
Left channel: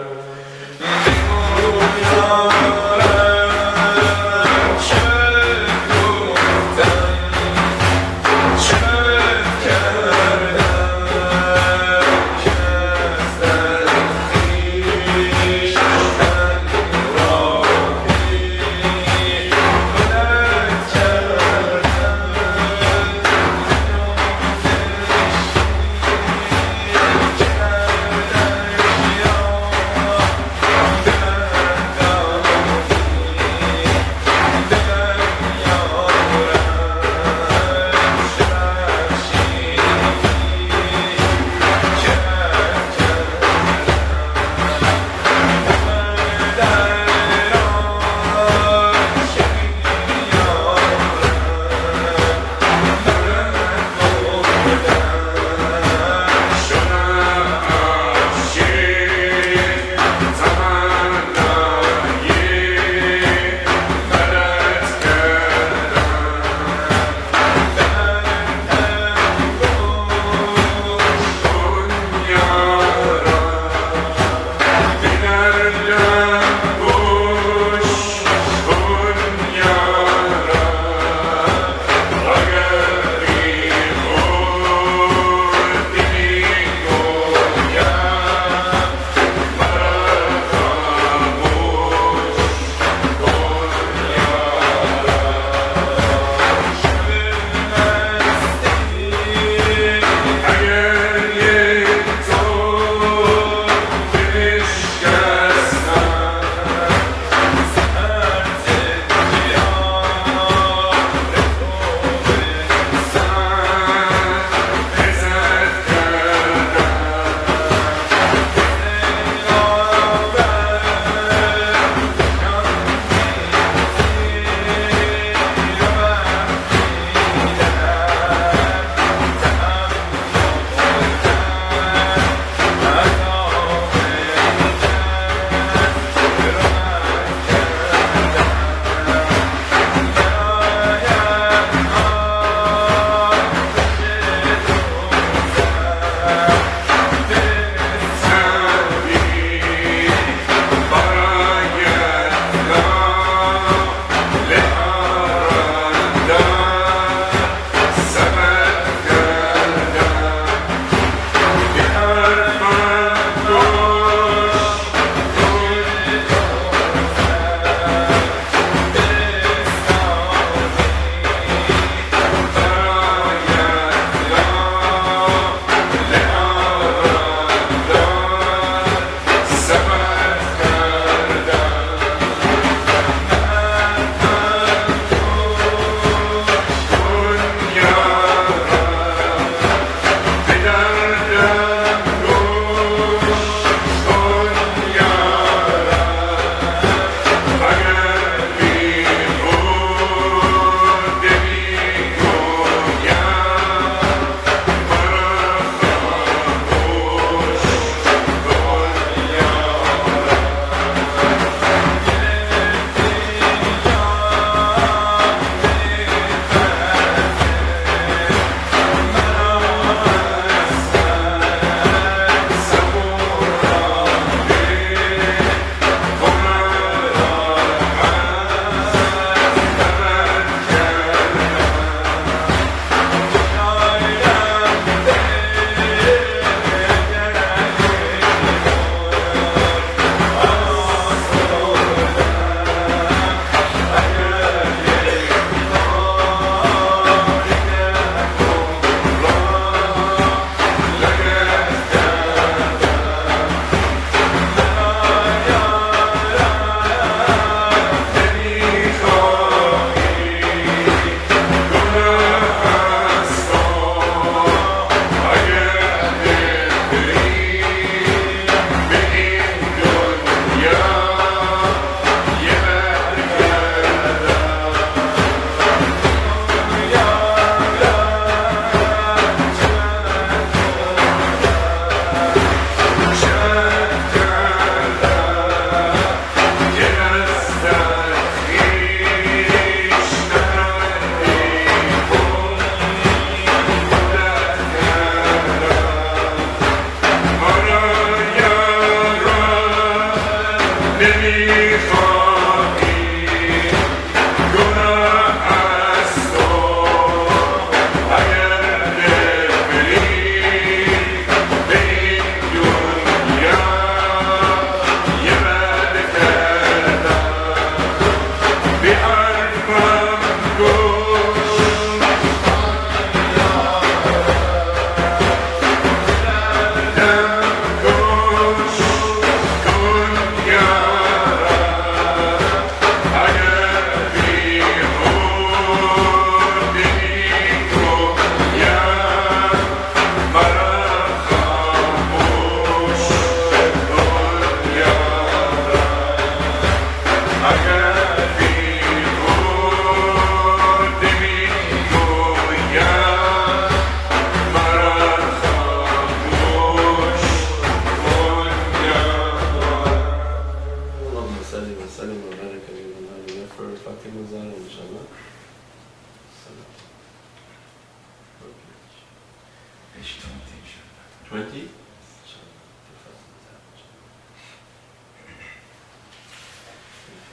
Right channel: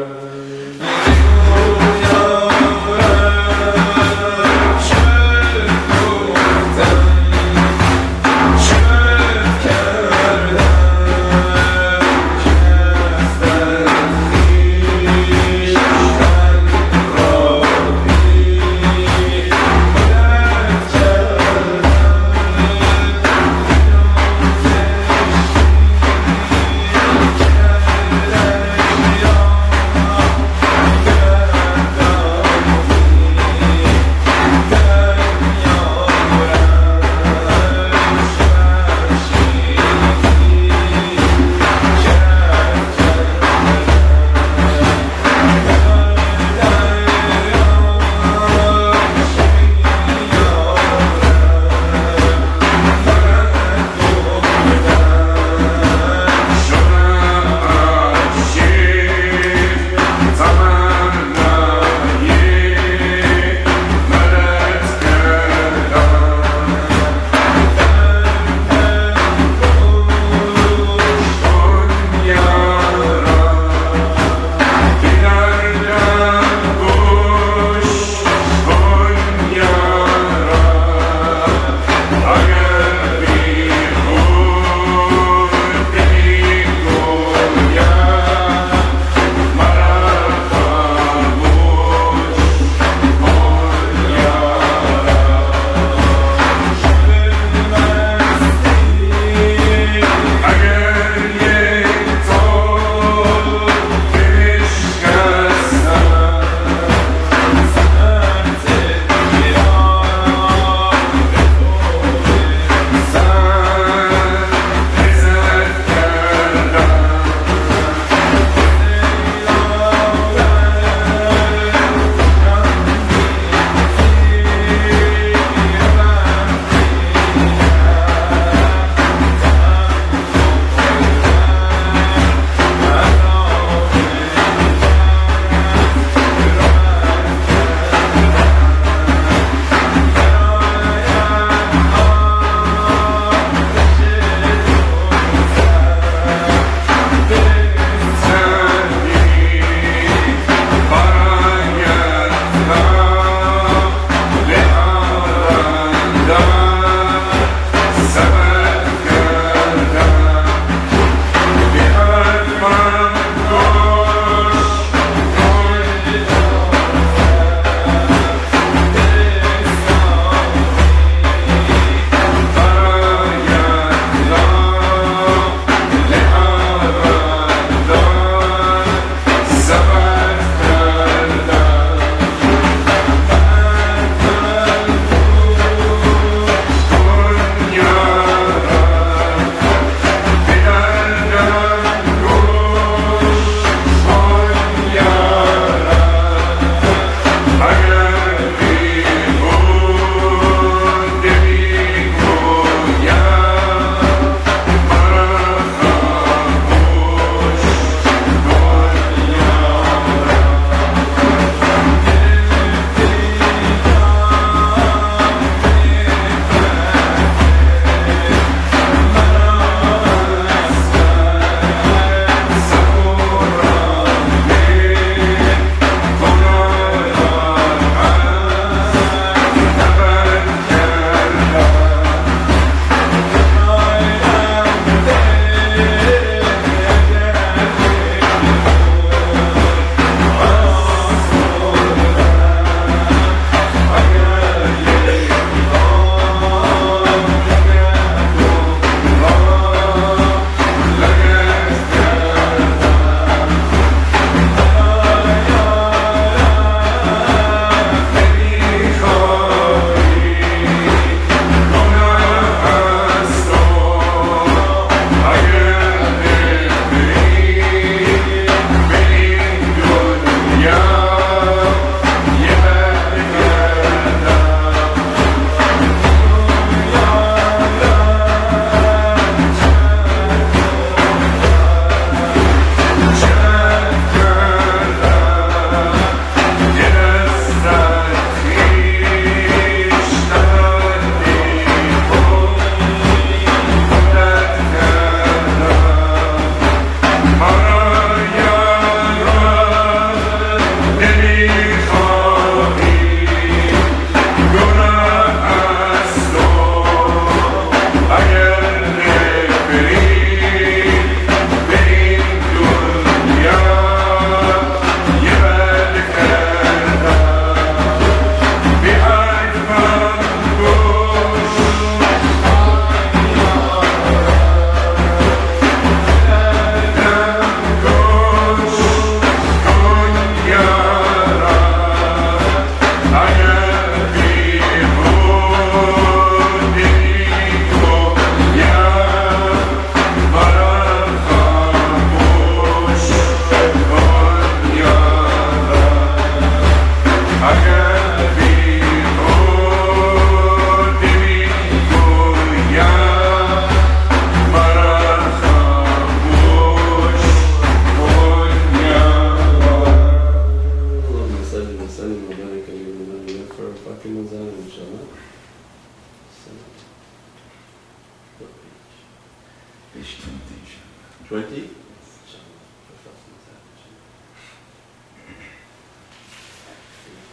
20.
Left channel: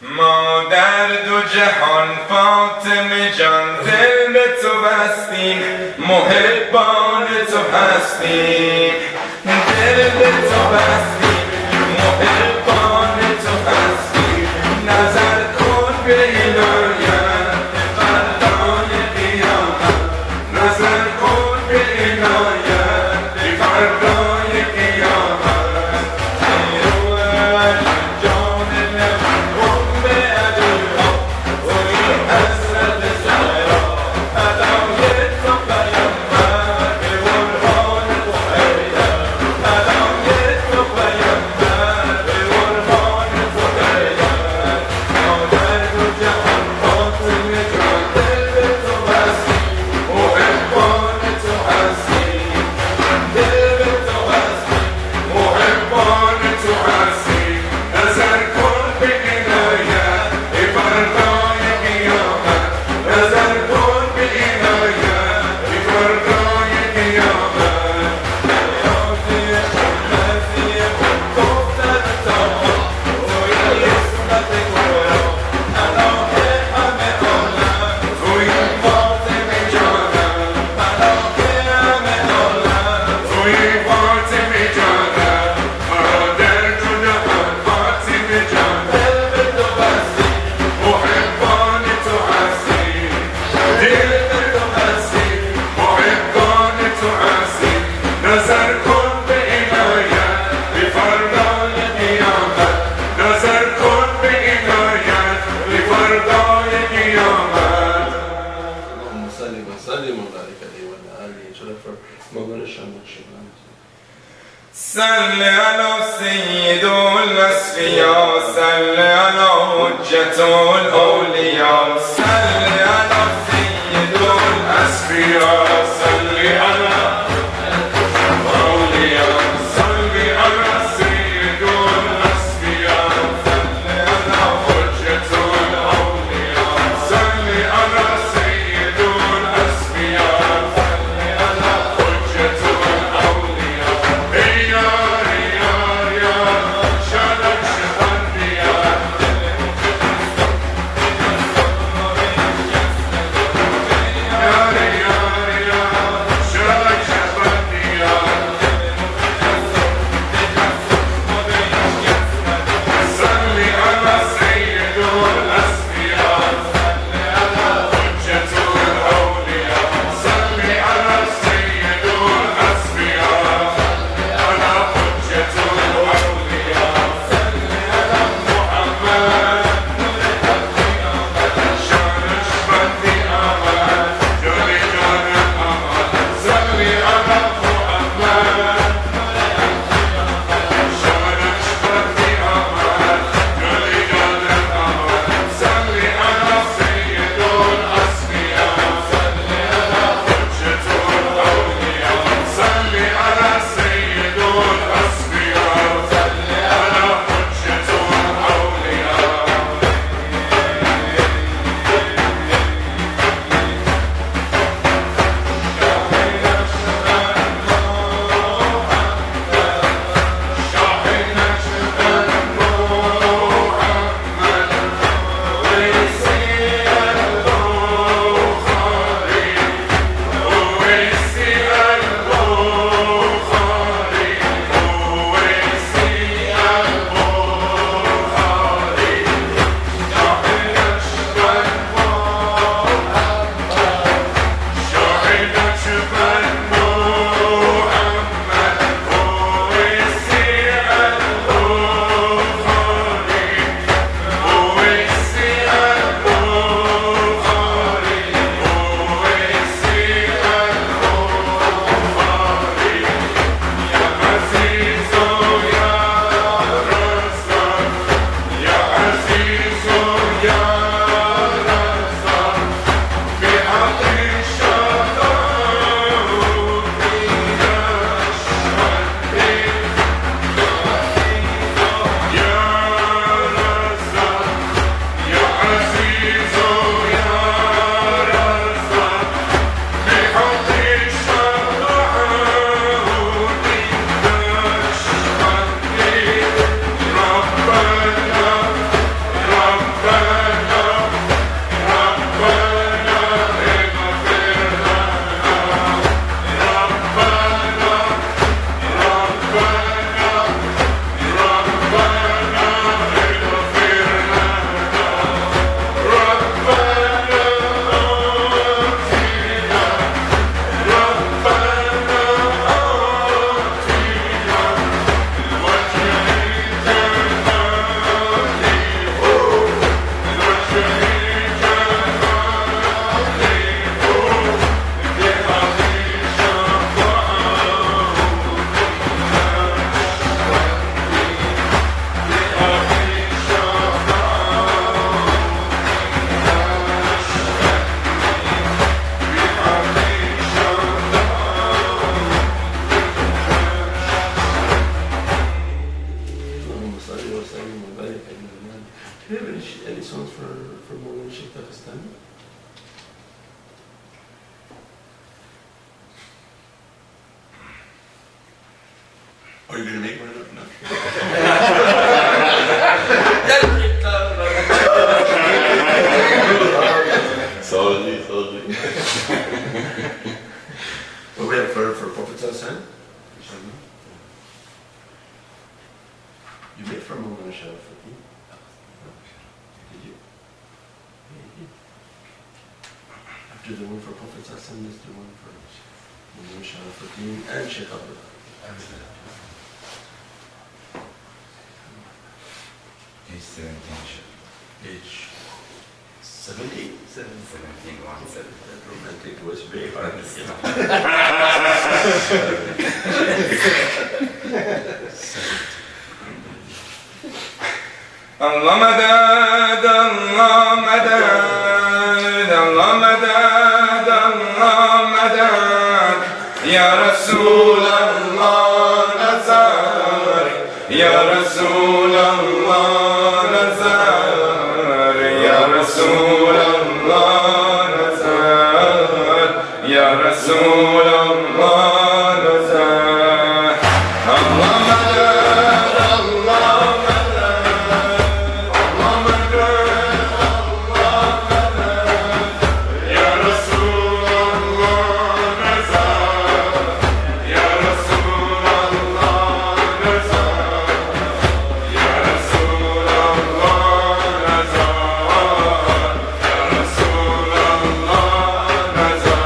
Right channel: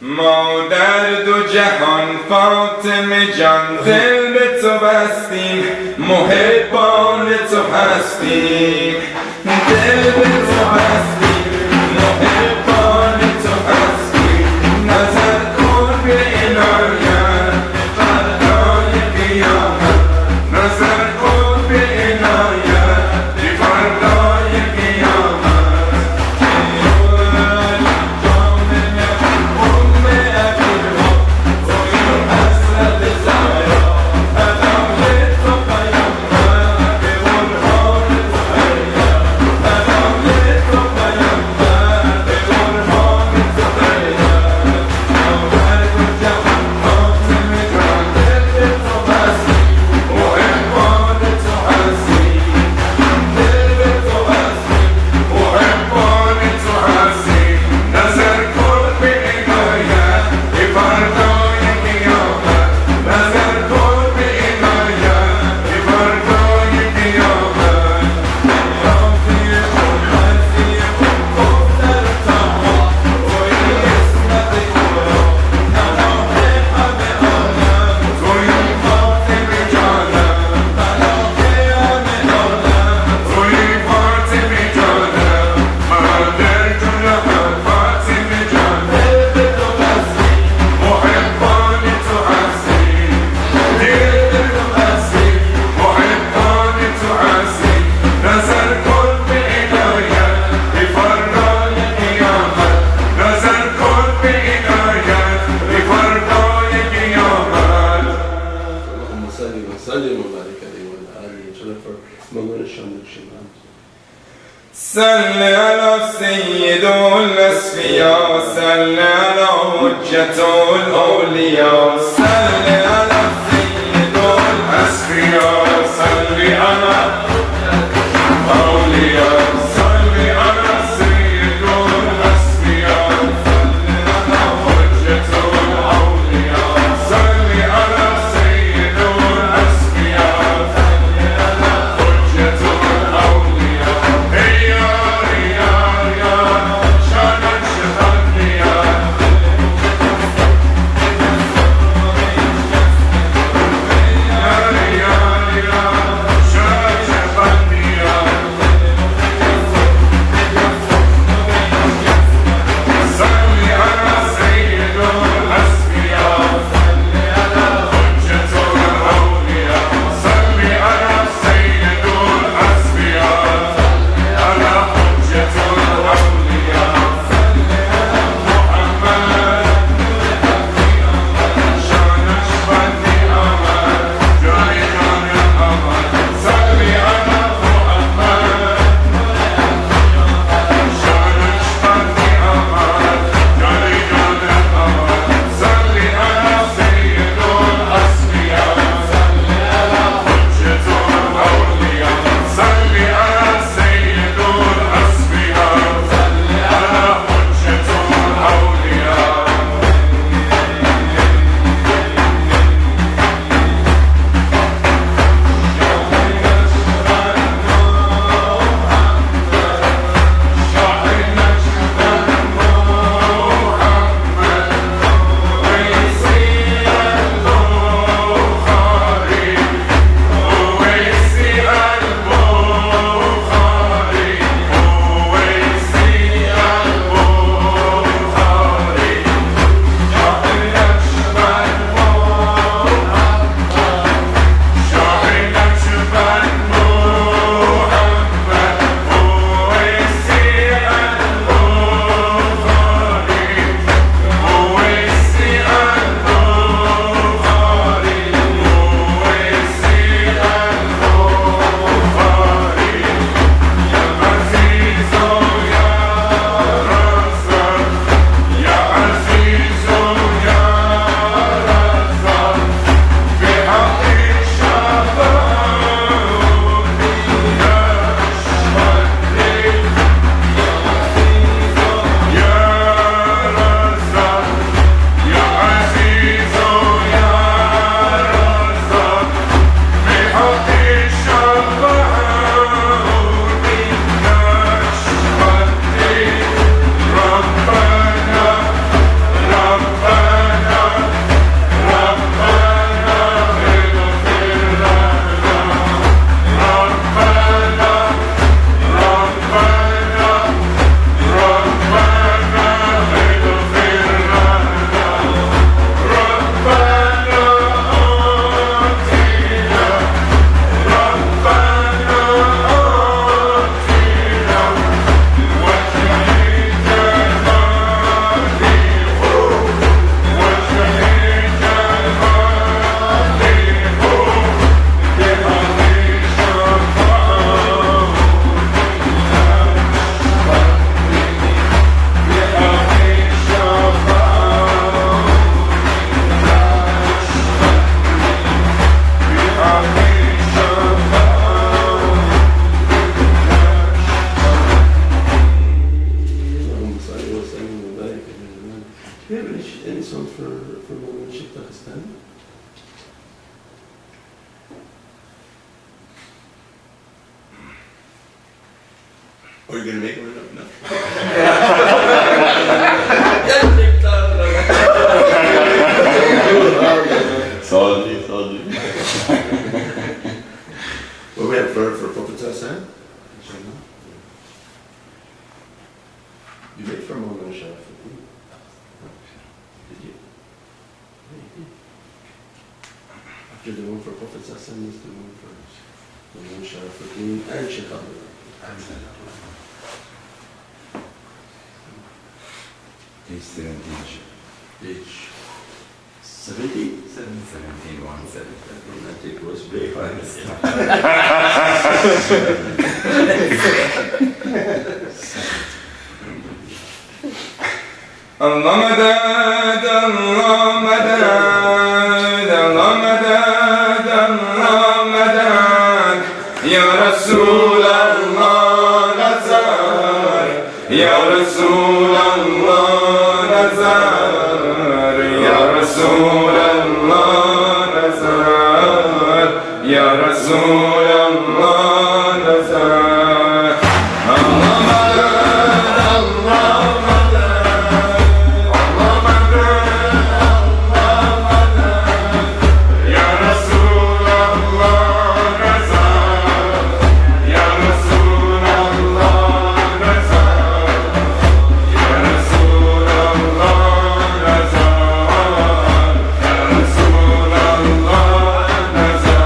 ما در دو جهان فاطمه جان دل به تو بستیم، محبان تو هستیم، دل به تو بستیم، محبان تو هستیم. نظر کن به عنایت فردای قیامت، نظر کن به عنایت فردای قیامت. صل على سيد الأصفياء، صل على حجة الأولياء، صل على سيد الأصفياء، صل على الأولياء، صل على سيد الأصفياء، صل على حجة الأولياء، صل على سيد الأصفياء، صل على حجة الأولياء. Chant Do you have any songs for Mawlana Sheikh Pakistani? Or are you going to make one up now? Soldier. What we have for Prophet Hassan? You made for Mawlana Sharafuddin? Did you? Yeah, you did. After the one for Prophet Hassan, there's the one for Mawlana Sharafuddin and Sheikh Abdullah. Page 17. Page 17? 1717. That romantic was very hard. Allah madad, Allah madad, Allah madad, Allah madad, Ya Rasul Allah nazar, Ya Rasul Allah nazar, Ya Rasul Allah nazar, Ya Rasul Allah nazar. Allah madad, Allah madad, Allah madad, Ya Rasul Allah nazar, Ya Rasul Allah nazar, Ya Rasul Allah nazar, Ya Rasul Allah nazar.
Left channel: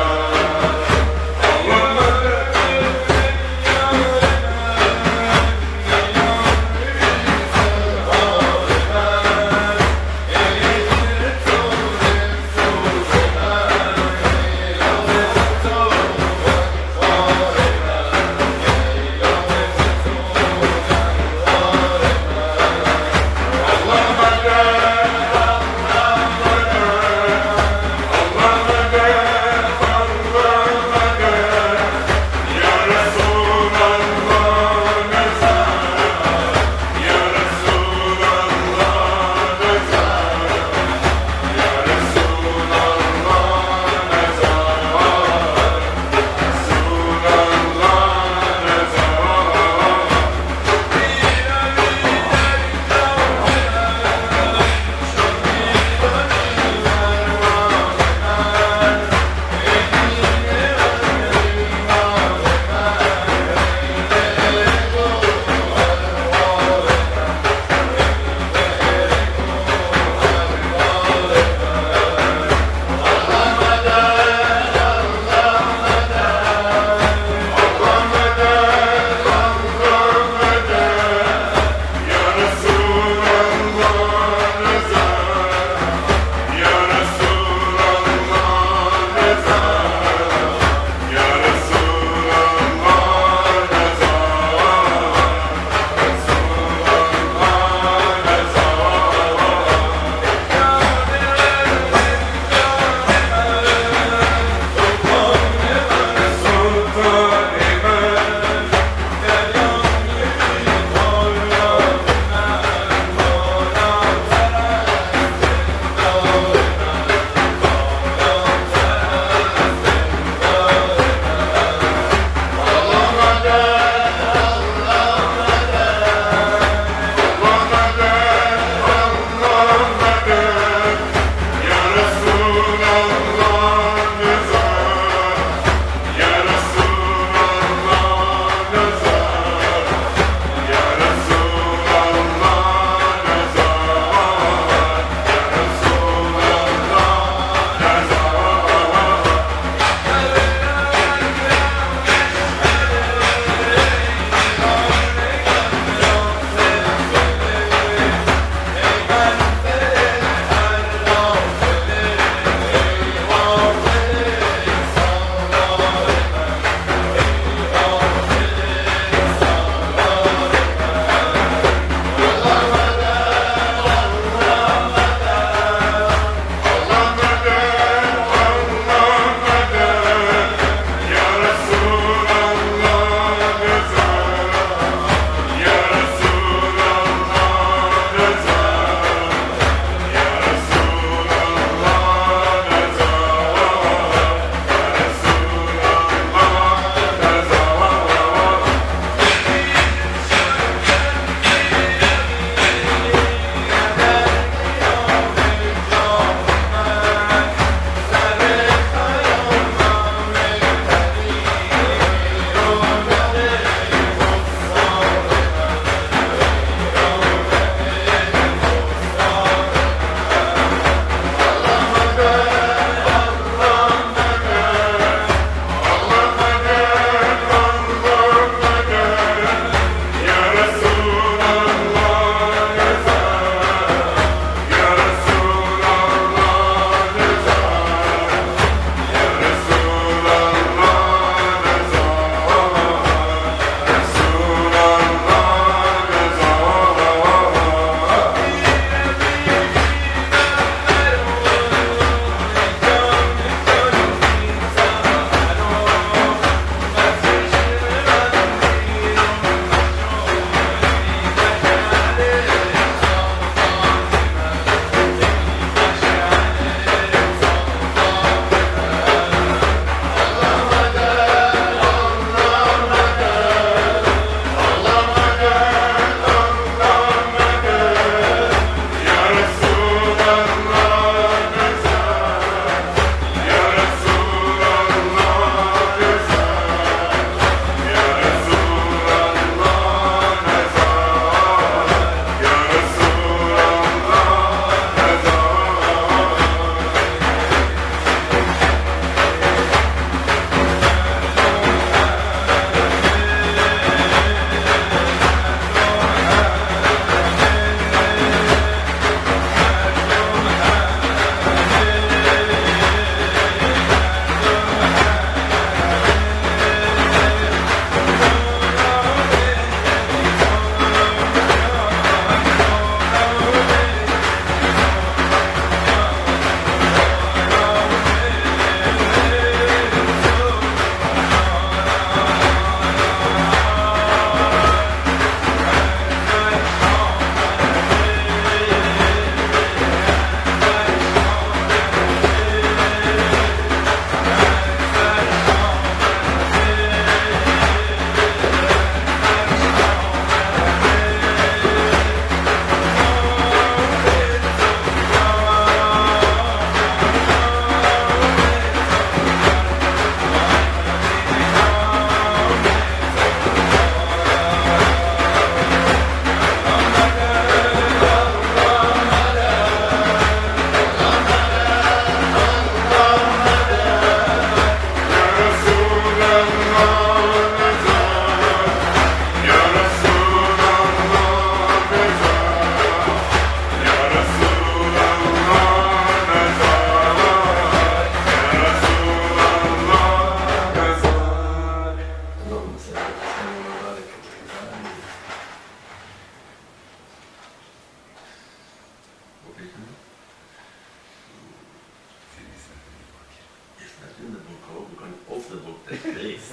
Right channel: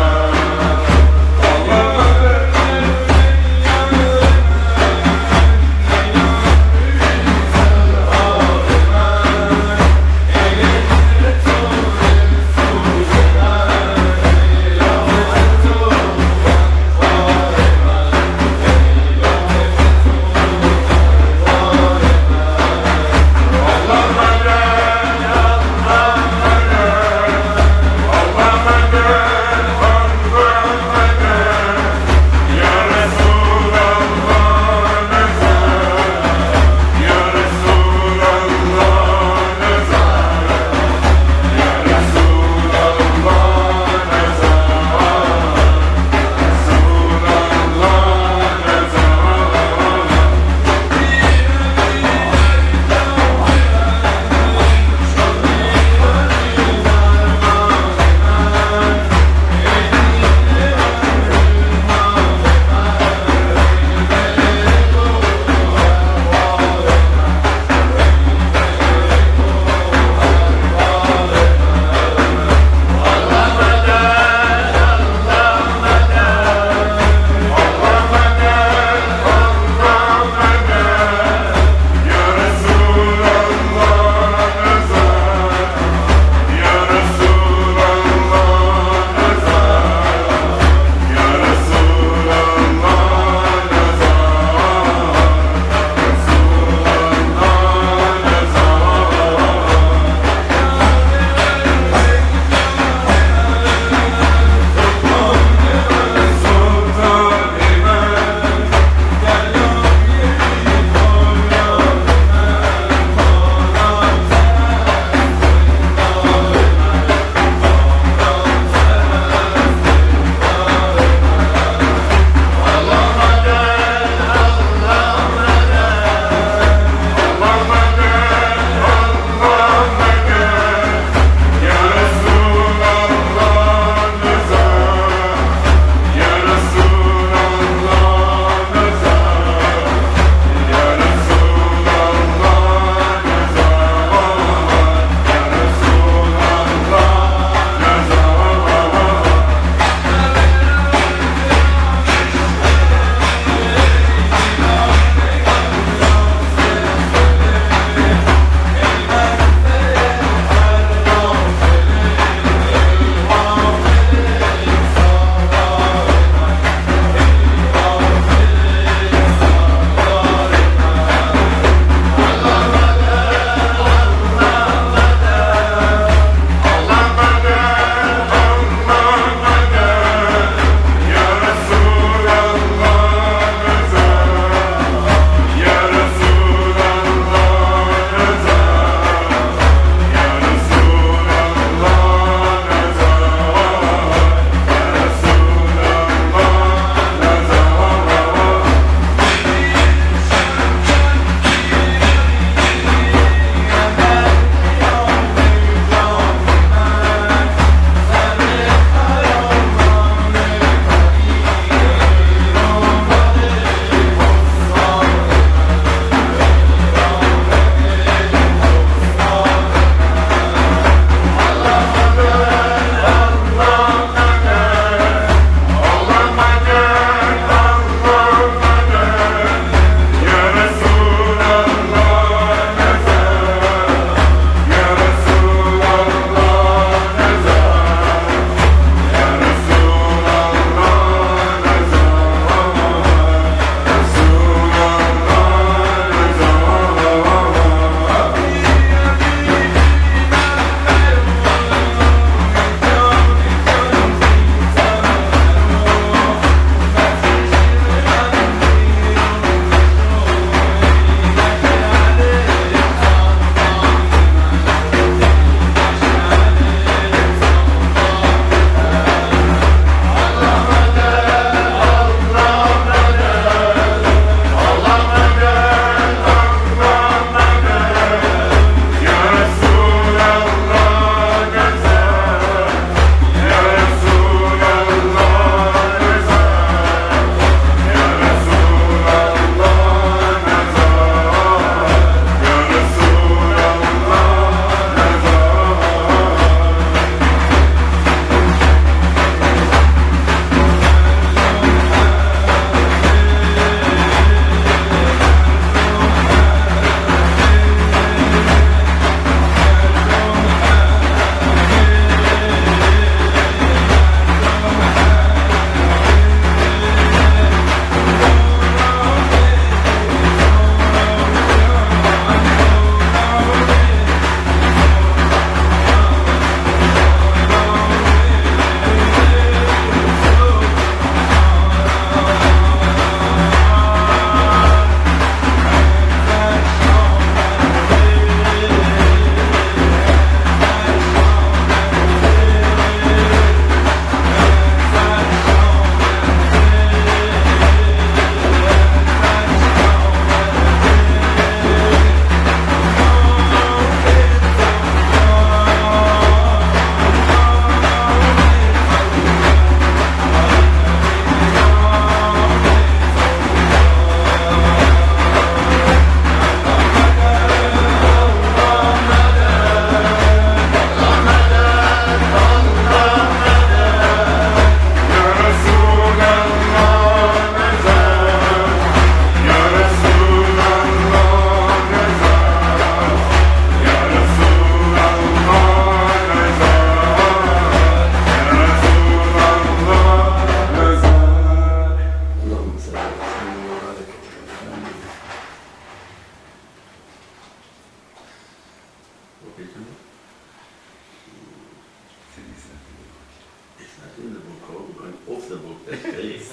the book that pays.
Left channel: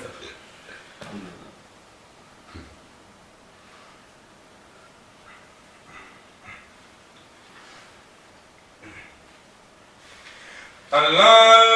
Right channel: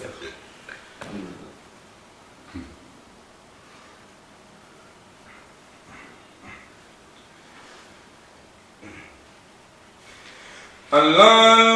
Alhamdulillah.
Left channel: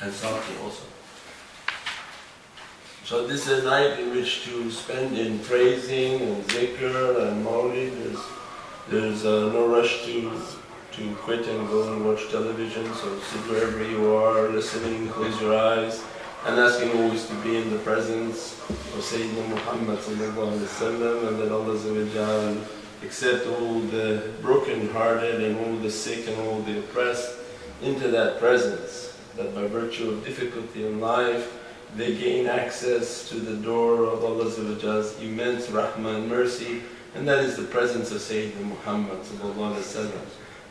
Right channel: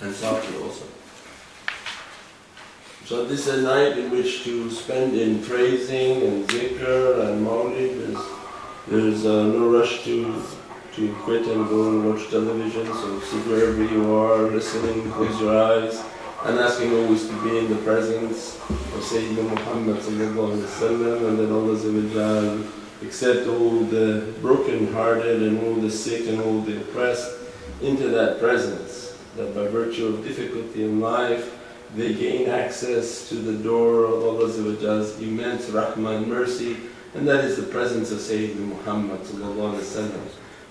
and softly also. So this is a night in which to spend in praising and zikr and mawlid. There's no rush to quit and go and watch television, so sit wherever you are, listening, close your eyes, and asking always to be in the presence of Sayyidina Muhammad and that Allah accept all the broken hearted and all the sick and all the oppressed into that presence, that by virtue of difficulty in life they gain access to the door of Allah's immense rahmah and mercy, and that is the presence of Sayyidina Muhammad.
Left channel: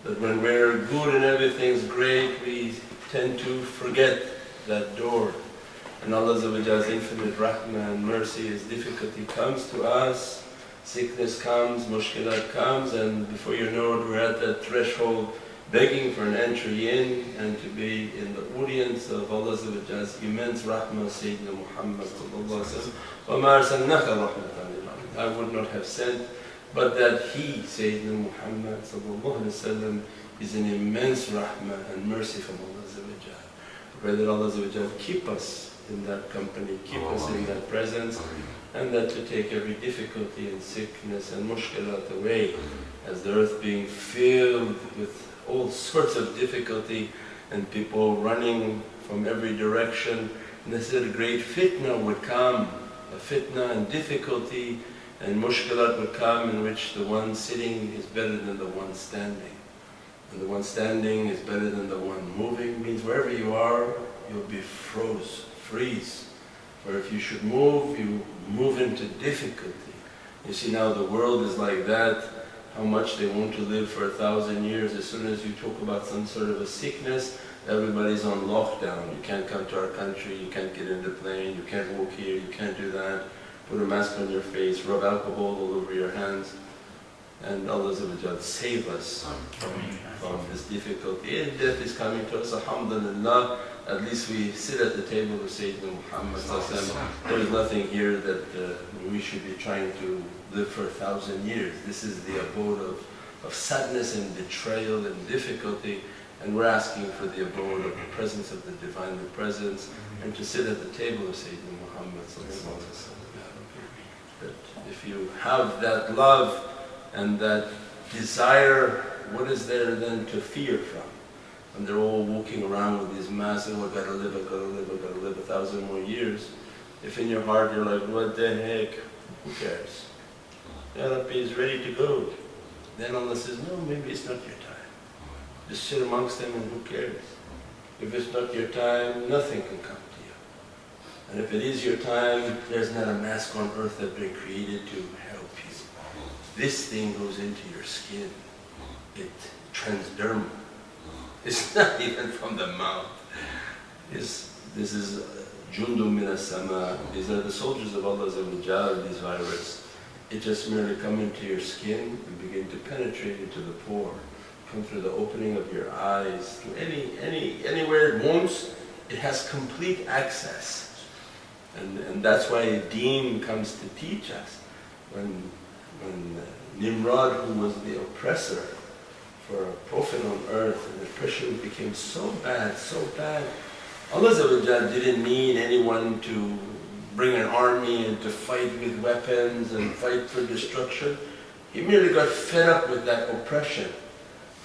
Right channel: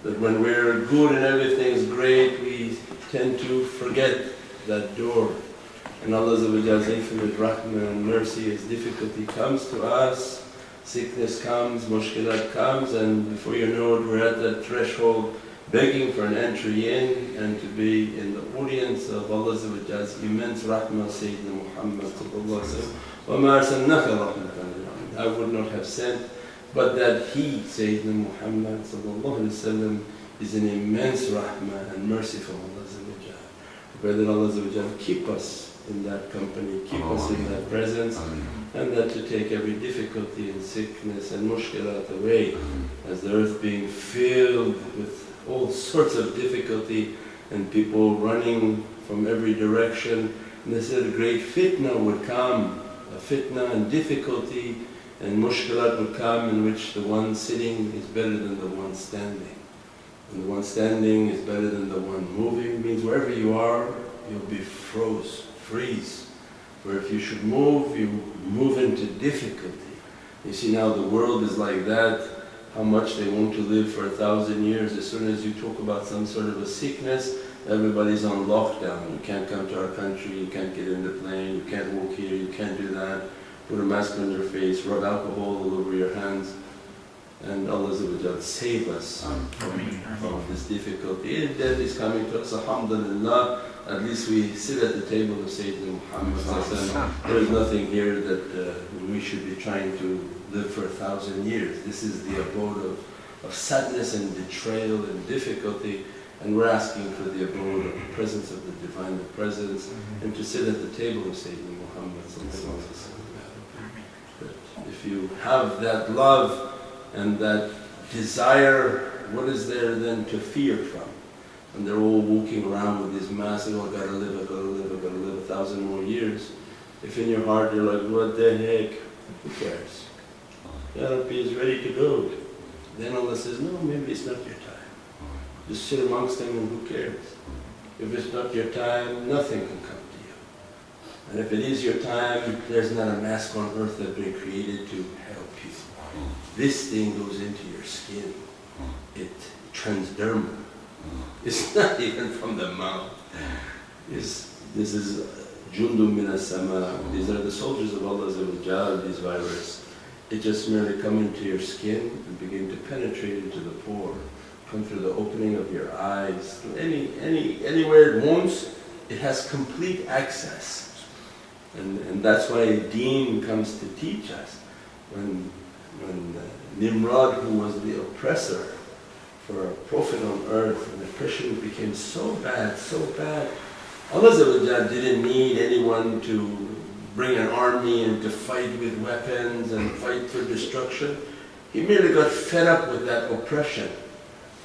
That when we're good and everything's great, we tend to forget that door. And Allah's infinite rahmah and mercy, as difficulty comes to us, sickness comes, mushkilat comes, and before you know it, we're at that threshold begging for an entry in and to be in the audience of Allah's immense rahmah, Sayyidina Muhammad. وَمَا أَرْسَلْنَاكَ رَحْمَةً لِلْعَالَمِينَ. I would not have sent, but that he, Sayyidina Muhammad, is an immense rahmah and mercy from Allah. I pray that Allah keep us in that company, keep us in that presence, and that to take every difficulty and sickness and mushkilat away, as the earth being filled with all sorts of difficulty and people running from every direction. And they said a great fitna would come, a fitna and difficulty and mushkilat would come, in which the one sitting is better than the one standing. And the one standing is better than the one moving. Means wherever you are, you'll be freeze. For if you should move, you move into difficulty. You see now the world is like that, how much they want to live for 1,000 years. As soon as you talk about some sort of a sickness, everybody's on lockdown. You can't come to our country, you can't get in the plane, you can't walk here, you can't do that. Put a mask on your face, rub alcohol all over your hands. And Allah save us from this difficulty. And death is coming to us, alhamdulillah. At least we sit at the table of Sayyidina Muhammad. There is nothing here that we should be trying to live for 1,000 years. This is the abode of sadness and betrayal and difficulty, and we're asking for the abode of the presence of the Divine, the presence, and to sit at the table of Sayyidina Muhammad. That if you have that love and that desire, what is there then to fear from? And they're all walking around with these masks, oh, I gotta live, I gotta live, I gotta live 1,000 more years. If in your heart you're like, what the heck, who cares? Ya Rabbi is ready to go. Then Allah says, no, maybe it's not your time. Just sit amongst them and who cares? If it's not your time, nothing can come to you. And if it is your time, there's not a mask on earth that's been created to help you. This thing goes into your skin. It's transdermal. It's not even from the mouth. This is jundum min as-sama. These are the soldiers of Allah, these viruses. It just merely come into your skin and begin to penetrate into the pore, come through the opening of your eyes, through anywhere it wants. It has complete access. And that's why Deen comes to teach us. When Nimrod, who was the oppressor for a prophet on earth, and the oppression became so bad, Allah didn't need anyone to bring an army and to fight with weapons and fight for destruction. He merely got fed up with that oppression,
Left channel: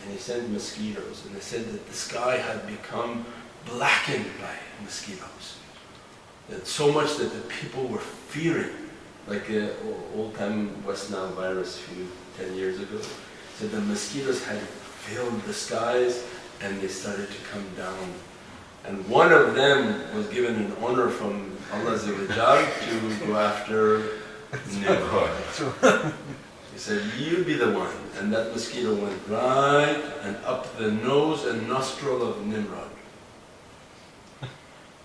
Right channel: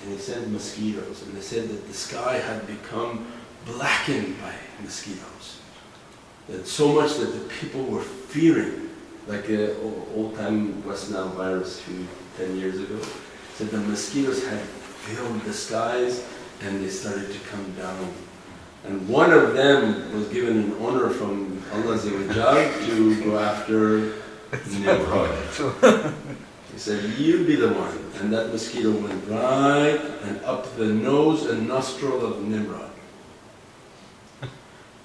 and he sent mosquitoes, and they said that the sky had become blackened by mosquitoes. That so much that the people were fearing, like an old-time West Nile virus 10 years ago, said the mosquitoes had filled the skies and they started to come down. And one of them was given an honor from Allah to go after Nimrod. He said, you be the one. And that mosquito went right and up the nose and nostril of Nimrod.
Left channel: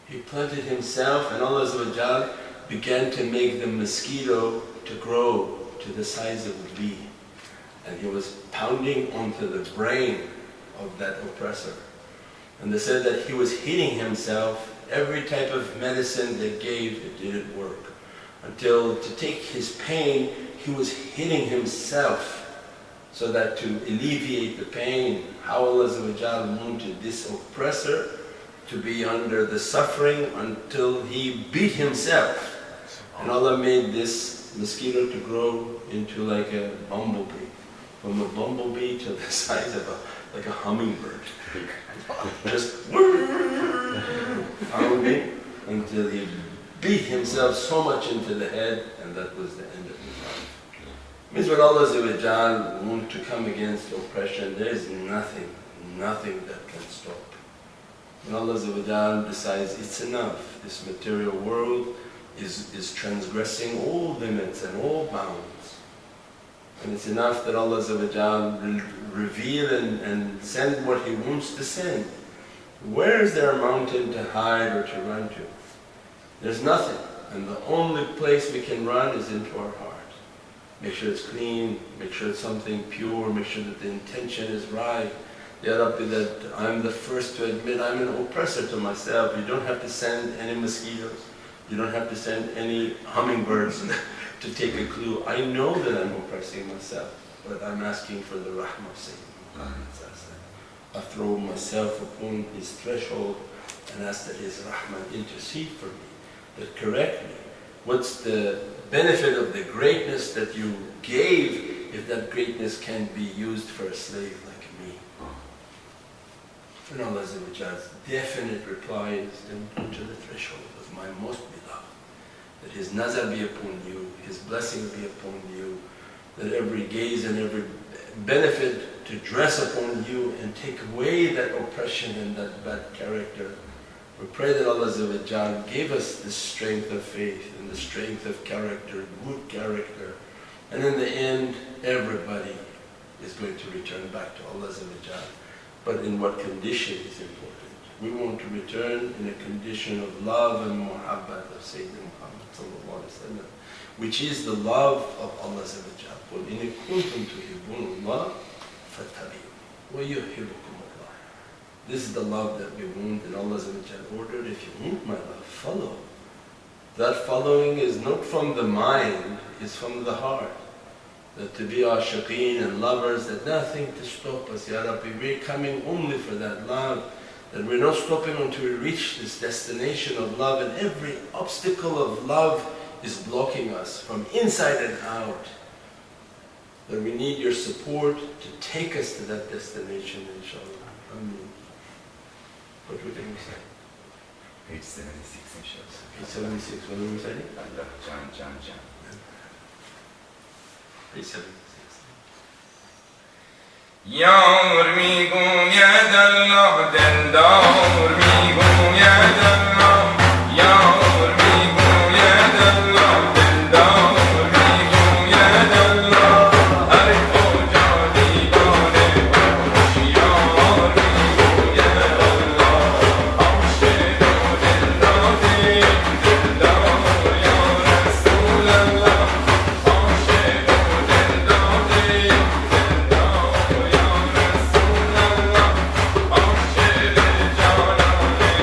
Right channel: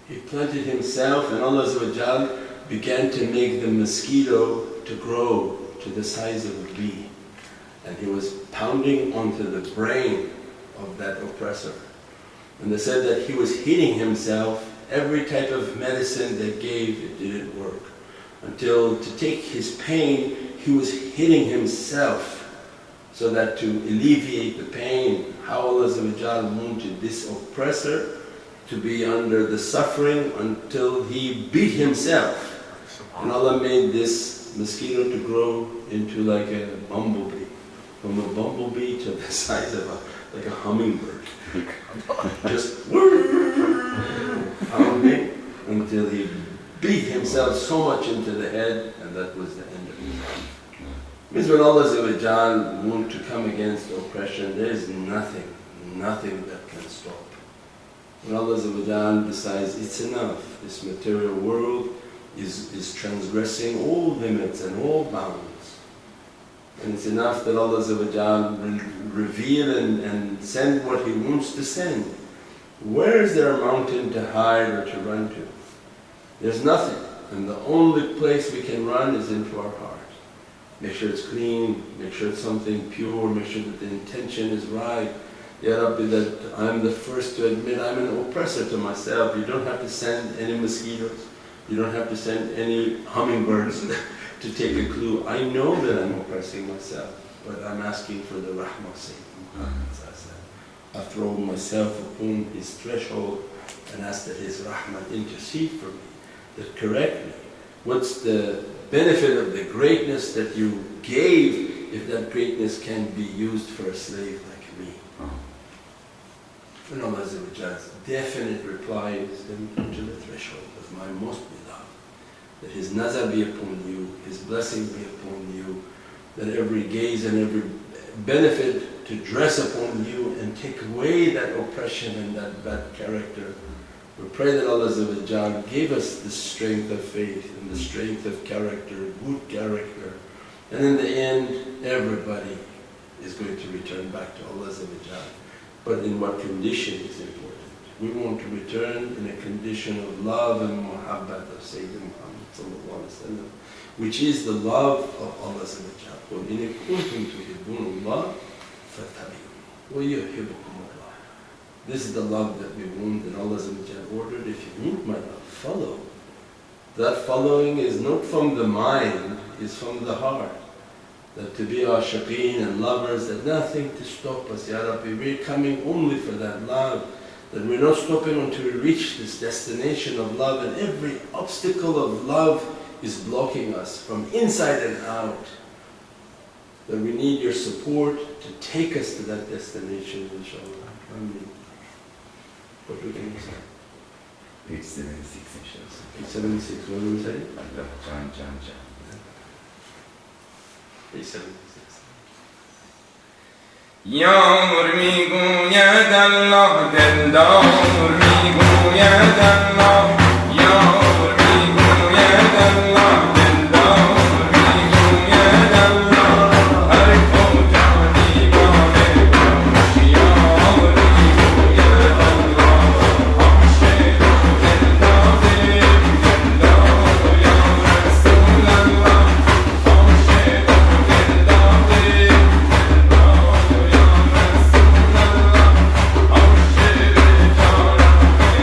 He planted himself, and Allah began to make the mosquito to grow to the size of a bee. And he was pounding onto the brain of that oppressor. And they said that he was hitting himself. Every type of medicine they gave, it didn't work. Until to take his pain, he was hitting himself, so that to alleviate the pain, how Allah wanted this oppressor to be under the suffering until he beat himself. And Allah made this mosquito to grow into like a bumblebee. From a bumblebee to the size of like a hummingbird. Just pounding until he beat himself so much into the head, and that was the end of his life. Means when Allah wants to come against oppression, there is nothing that can stop. When Allah decides it's enough, this material world is transgressing all limits and all bounds. And it's enough that Allah will reveal and send what He wants to send. Where is there a mountain to hide or to run to? There's nothing. And the only place we can run is into our heart. Make sure it's clean, make sure it's something pure, make sure that the intention is right. Ya Rabbi, that I'm the first to admit I'm an oppressor to myself. You don't have to send any mosquitoes. You don't have to send any hummingbirds to take a clue. I know that I'm oppressing myself, but I'm asking for the rahmah of Sayyidina Muhammad. I throw myself upon his threshold and ask that his rahmah intercede for me, that correct me. What's the benefit of the greatness that you gave if that greatness can be used for a slave like me? And Allah's definite reply is then come to the threshold of my most beloved, that His nazar be upon you, His blessing be upon you, that every gaze and every benefit to dress upon you and take away that oppression and that bad character. We pray that Allah give us the strength of faith and the strength of character, good character, and in the end everybody is going to return back to Allah. But in what condition is important. We want to return in a condition of love and muhabbat of Sayyidina Muhammad, which is the love of Allah. قُلْ إِنِ كُنْتُمْ تُحِبُّونَ اللَّهَ فَاتَّبِعُونِي وَيُحِبُّكُمُ اللَّهُ. This is the love that we want, and Allah ordered, if you want my love, follow. That following is not from the mind, it's from the heart. That to be ashiqeen and lovers, that nothing to stop us, Ya Rabbi, we're coming only for that love. That we're not stopping until we reach this destination of love, and every obstacle of love is blocking us from inside and out. That we need your support to take us to that destination, inshaAllah. Ameen. What were we going to say? Page 76, inshallah. Page 76, what were we saying? Chant. Page 76. یار میگوید الله دلدار میگوید الله یار میگوید الله دلدار میگوید الله هر کجا دیوانه باش یار میگوید الله عاشق و دلداری دلدار یا رسول الله عاشق و دلداری دلدار یا رسول الله عاشق جانان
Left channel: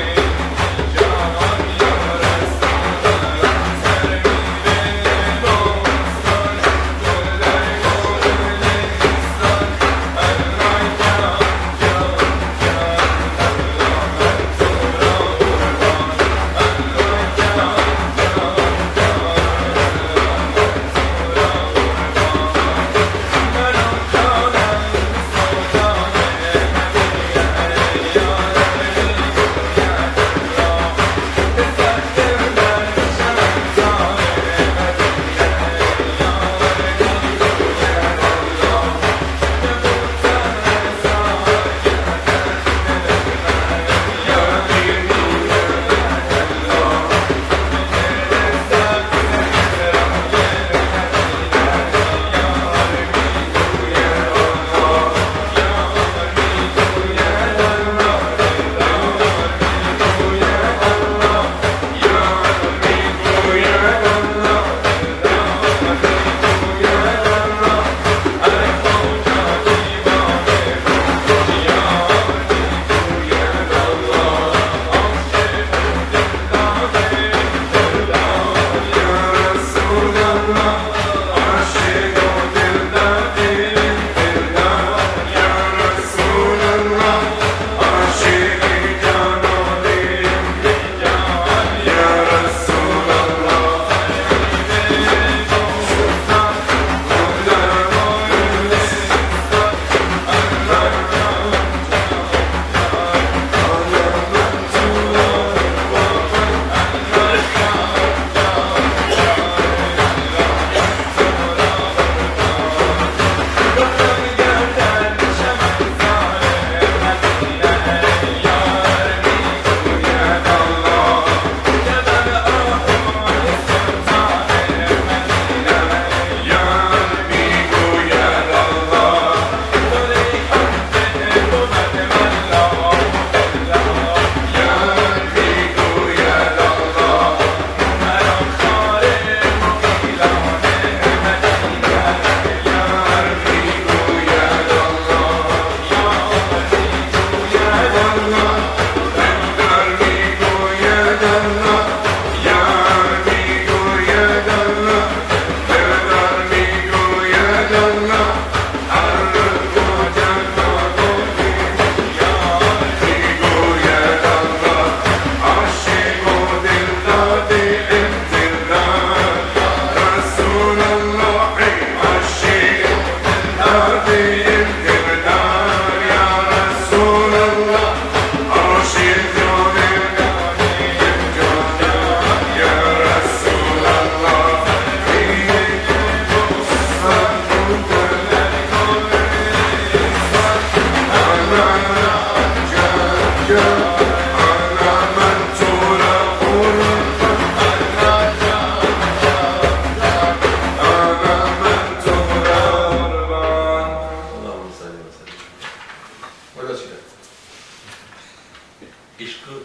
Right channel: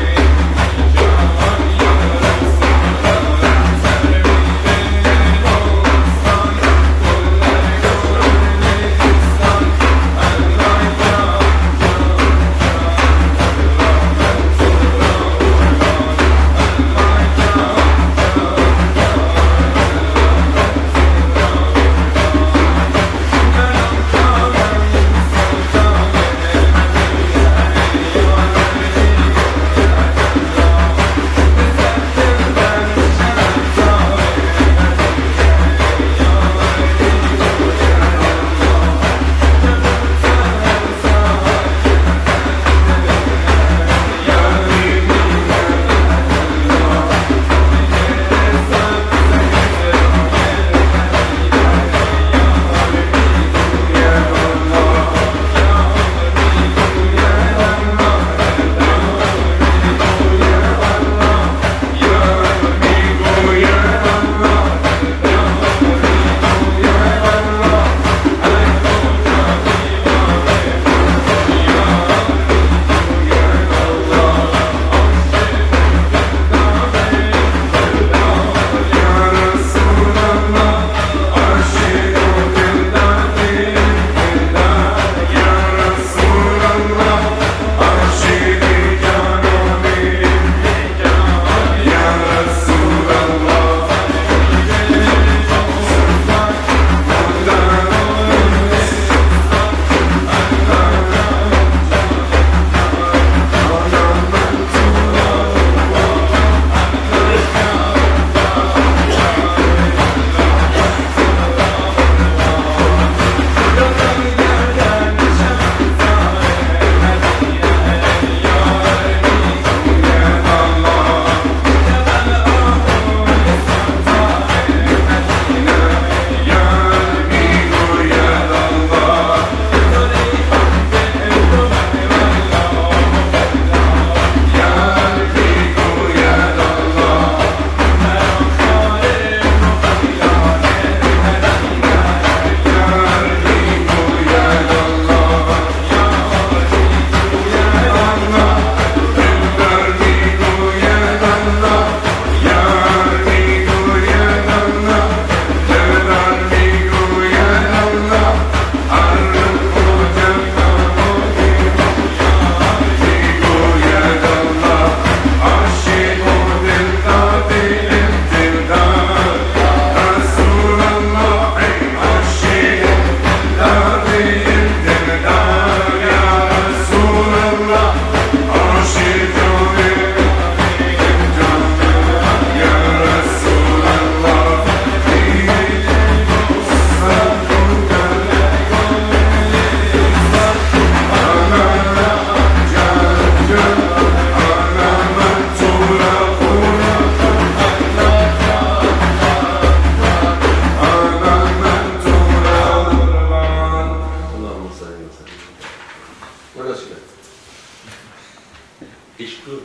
Ish good.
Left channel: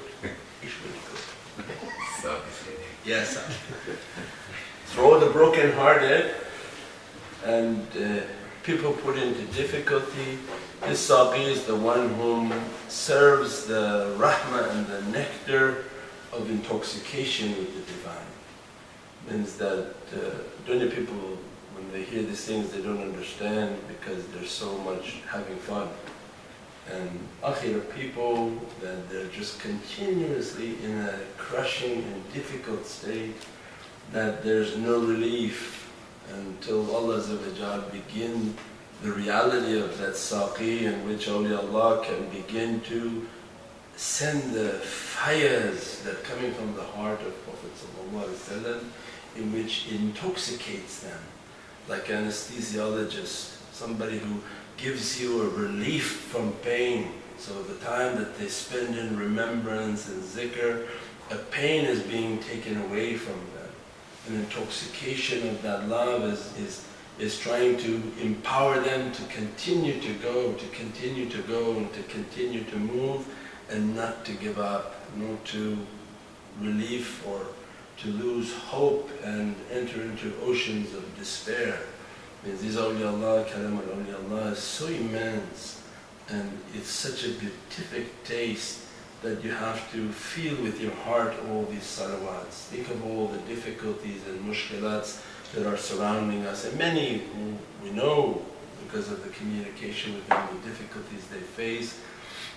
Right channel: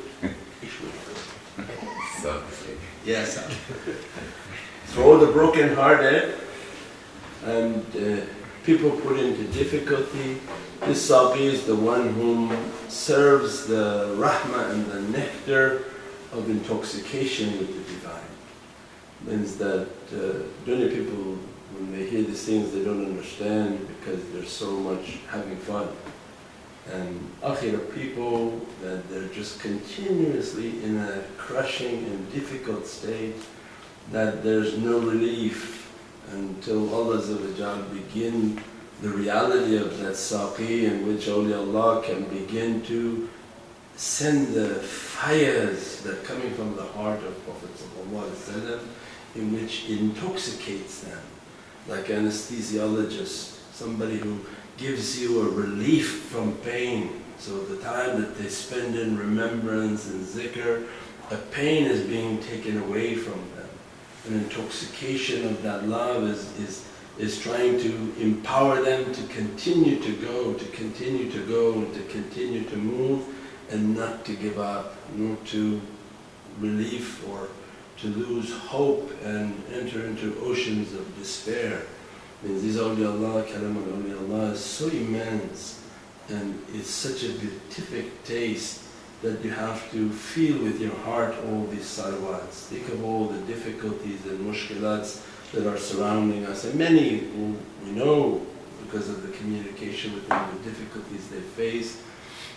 Ish good. So, Yes, sir. For all the broken-hearted and people put into difficulty, this Saqi is the one whom serves the rahmah and the nectar of intoxication with the divine. Means that dunya people, when they hear these things, they don't understand because there's so much having fun. And akhirah people, that they're just continuously in a crushing and difficult state, that there's no relief until Allah begin the reality of that Saqi, in which awliyaullah can begin to send the fires that coming from the heart of Prophet ﷺ, in which intoxicates them, like anesthesiologist, somebody who gives you a relief from pain. So the time that they spend in remembrance and zikr, a pain is being taken away from them. An intoxication of that love is trying to empower them to continue to go, and to continue to move, and not to give up, not to relief or to lose hope and enter into oceans of despair. Means these awliyaullah, kalam al-awliyaullah is so immense, and it's such a beatific taste that you have to feel with your heart all these salawats. Think of all the difficulties and mushkilats that are surrounding us, and many who we know because of the communication with them, the difficulties they face,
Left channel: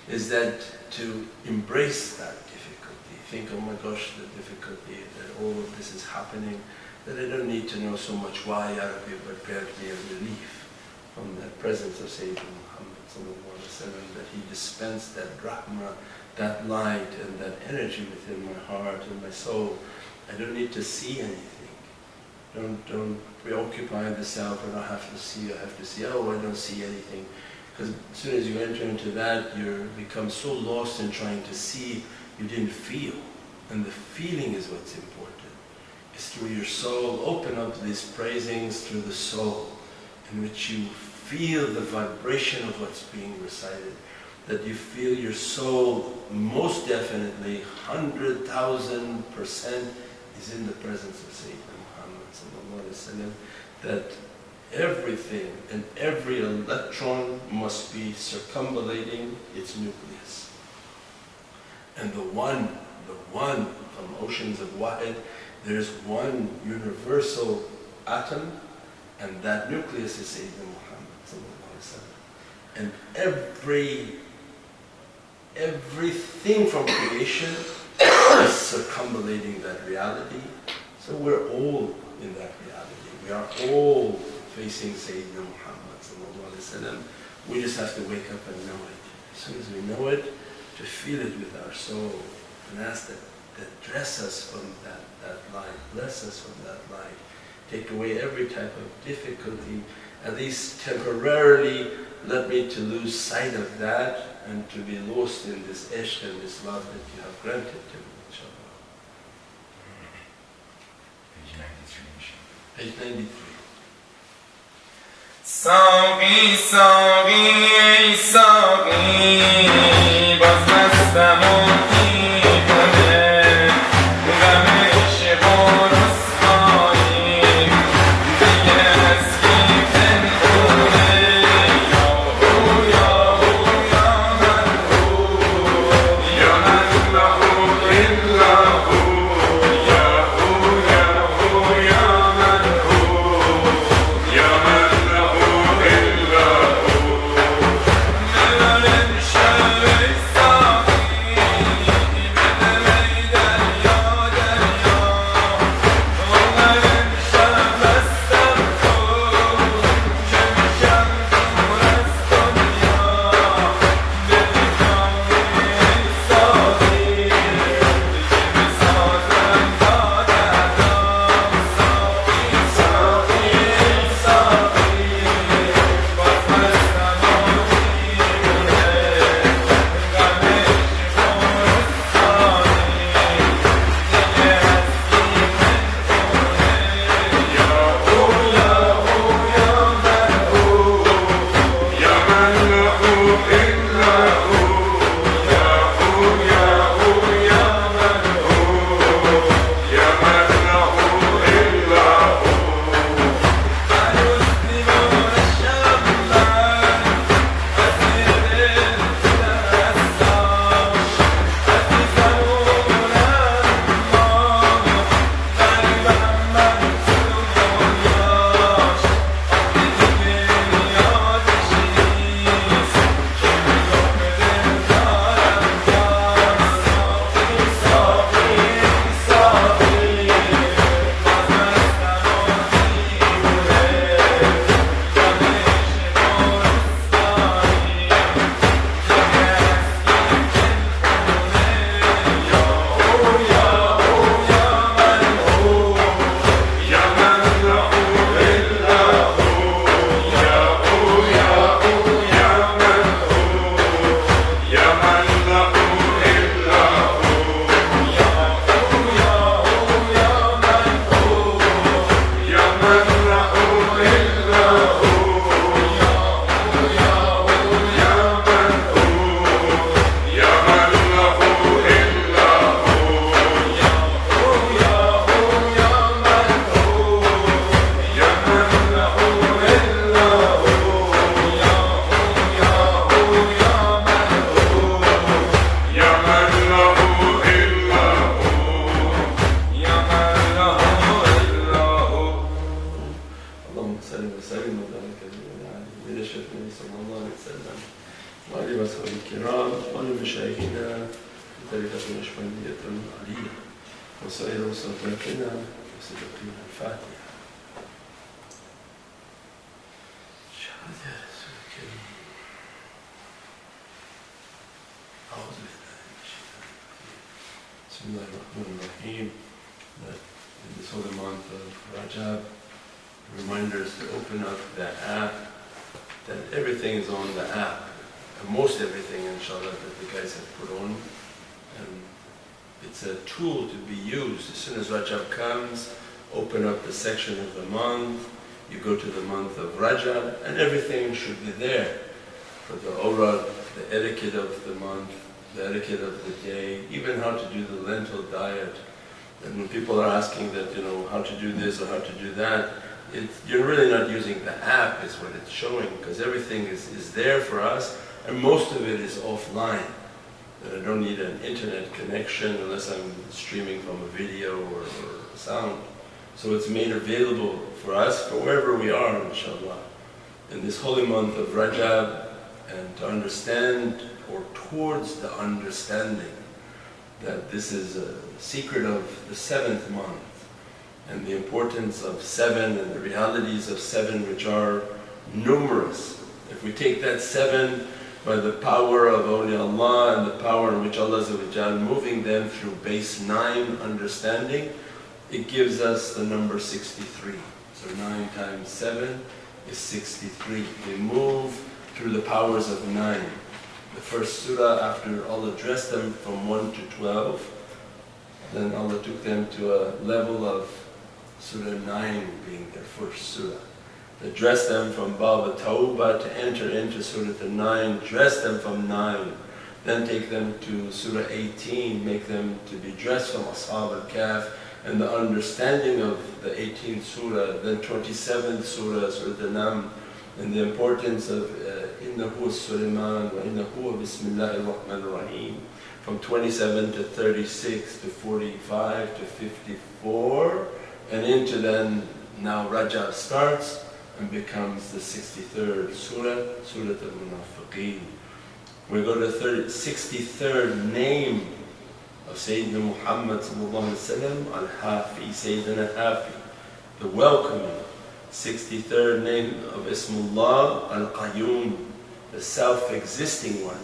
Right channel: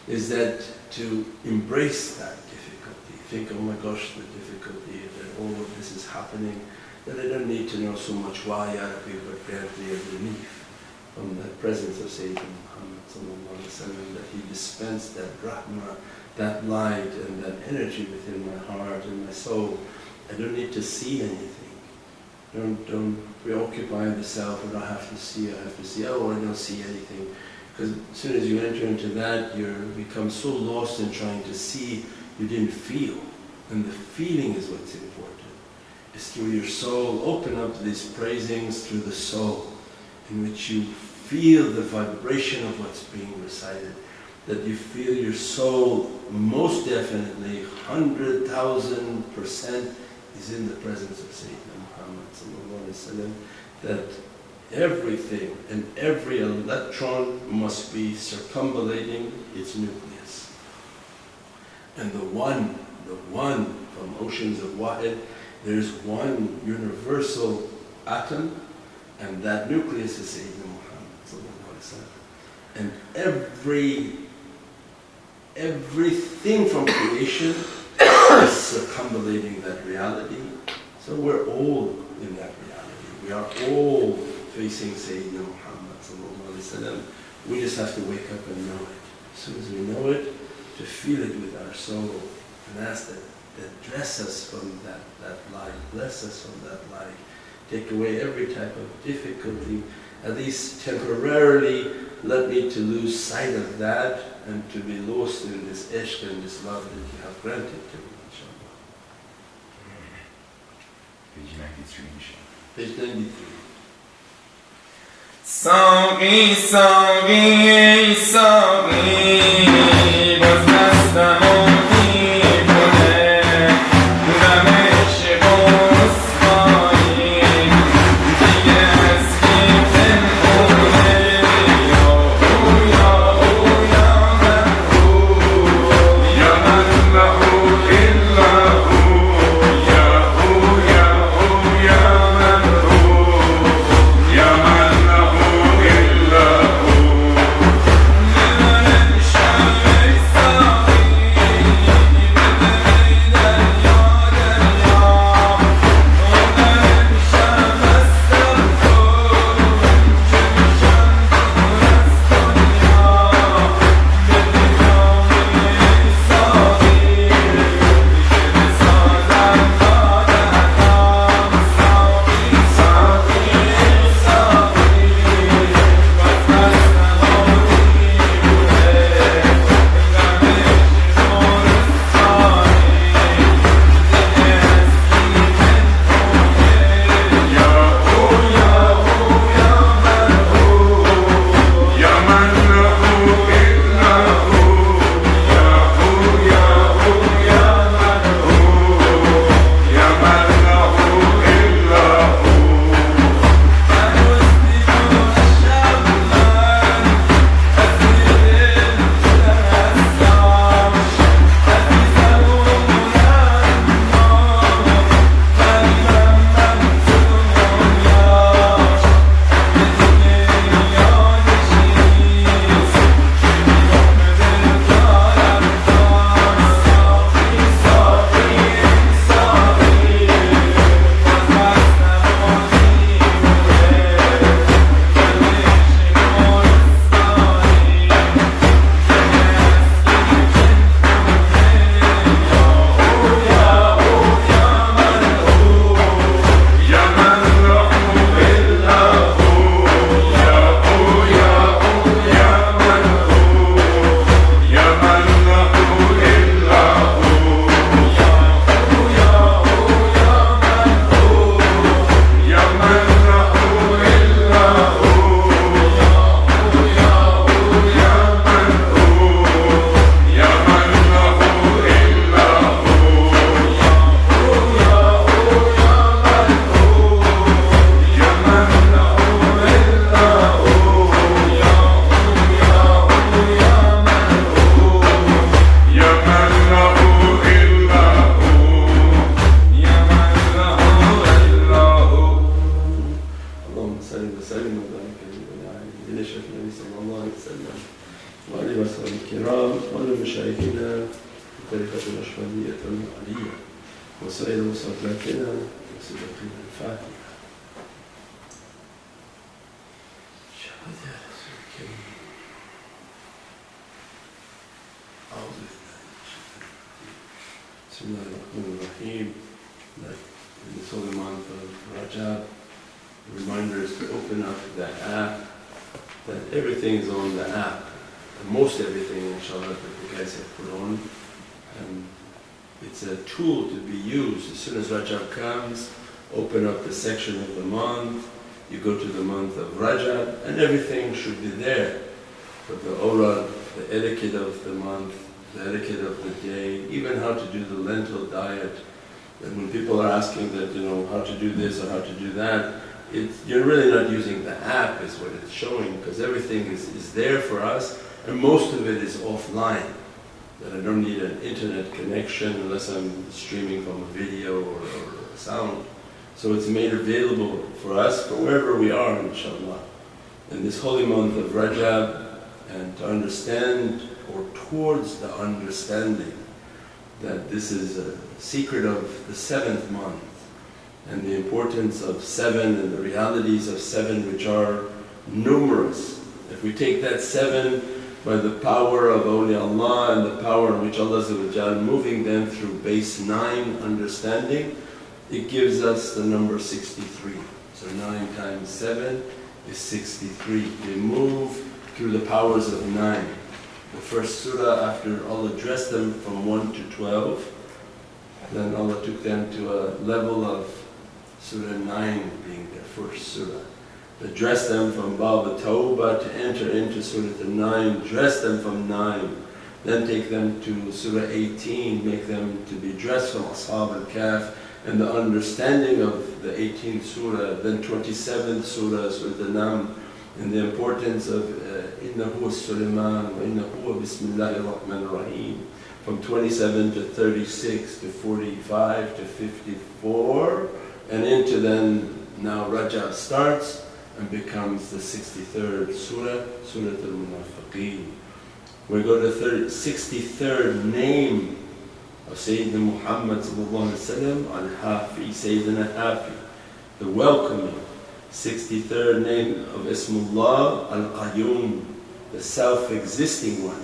is that to embrace that difficulty. Think, oh my gosh, the difficulty, that all of this is happening, that I don't need to know so much why, Ya Rabbi, but grant me a relief from the presence of Sayyidina Muhammad sallallahu alaihi wasallam, that he dispensed that rahmah, that light and that energy within my heart and my soul. I don't need to see anything. Don't preoccupy the self, I don't have to see, oh I don't see anything. Because as soon as you enter into that, you become so lost in trying to see, you didn't feel. And the feeling is what's important. It's through your soul. Open up these praisings through the soul, in which you feel the vibration of what's being recited. That you feel your soul most definitely 100,000% is in the presence of Sayyidina Muhammad sallallahu alaihi wasallam, that everything and every electron must be circumambulating its nucleus. And the one from oceans of Wahid, there's one universal atom, and that nucleus is Sayyidina Muhammad sallallahu alaihi wasallam. And everything from creation is circumambulating that reality. So we're all in that reality. We are all facing Sayyidina Muhammad sallallahu alaihi wasallam. We just have to wake up and know it. As soon as we know it, to feel it with our soul, and ask that dress us from that light, bless us from that light, take away every type of difficulty, at least temporarily let me to lose sight of that and to be lost in this ishq and this love that you have granted to me, inshaAllah. Page 93, inshallah. Page 93. Saqi, Saqi, Saqi, باز دستم و دیوانه دلم عشق و رسوایی دیگه از گیت نمونه یا من هو الا هو یا من هو یا من وإخوان مشايخنا في طريقة النقشبندية العلية وسائر مصلاتنا وسيدتنا الفاتحة. شهد يا رسول الكريم. أعوذ بالله من الشيطان الرجيم. بسم الله الرحمن الرحيم. In this holy month of Rajab, reminders to open up the app, that everything is on the app, and most everything inshallah that the guys have put on, and it's a tool to be used. As soon as Rajab comes, open up the section of the month, you go to the month of Rajab, and everything should be there for the awrad, the etiquette of the month, the etiquette of the day, even how to do the lentil diet. And when people are asking that, how to do this or how to do that, you're really not using the app is what it's showing, because everything is there for us, and most of it is offline. That I don't need an internet connection unless I'm streaming from a video or sound. So it's made available for us for wherever we are, inshallah. In this holy month of Rajab, and to understand, or towards the understanding, that this is a secret of the 7th month, and the importance of 7 and the realities of 7, which are numerous. If we take that 7 by the power of awliyaullah and the power in which Allah moving them through base 9 understanding, it gives us the number 63. So 9 times 7 is 63. We move through the powers of 9. The first surah, after Allah addressed them from 1 to 12, then Allah took them to a level of Surah 9 being their first surah. Address them from Bab Tawbah to enter into Surah 9, dress them from 9, then take them to Surah 18, make them to be dressed from Ashab al-Kahf and the understanding of the 18th surah, then 27th surah, Surah An-Naml, and the importance of Innahu Sulaiman wa Innahu Bismillahir Rahmanir Rahim, from 27 to 36 to 45 to 54, and into then now Rajab starts and becomes the 63rd surah, Surah Al-Munafiqeen. We go to 63rd name of Sayyidina Muhammad Al-Hafi, Sayyidina Hafi, the welcoming. 63rd name of Ismullah Al-Qayyum, the self-existing one.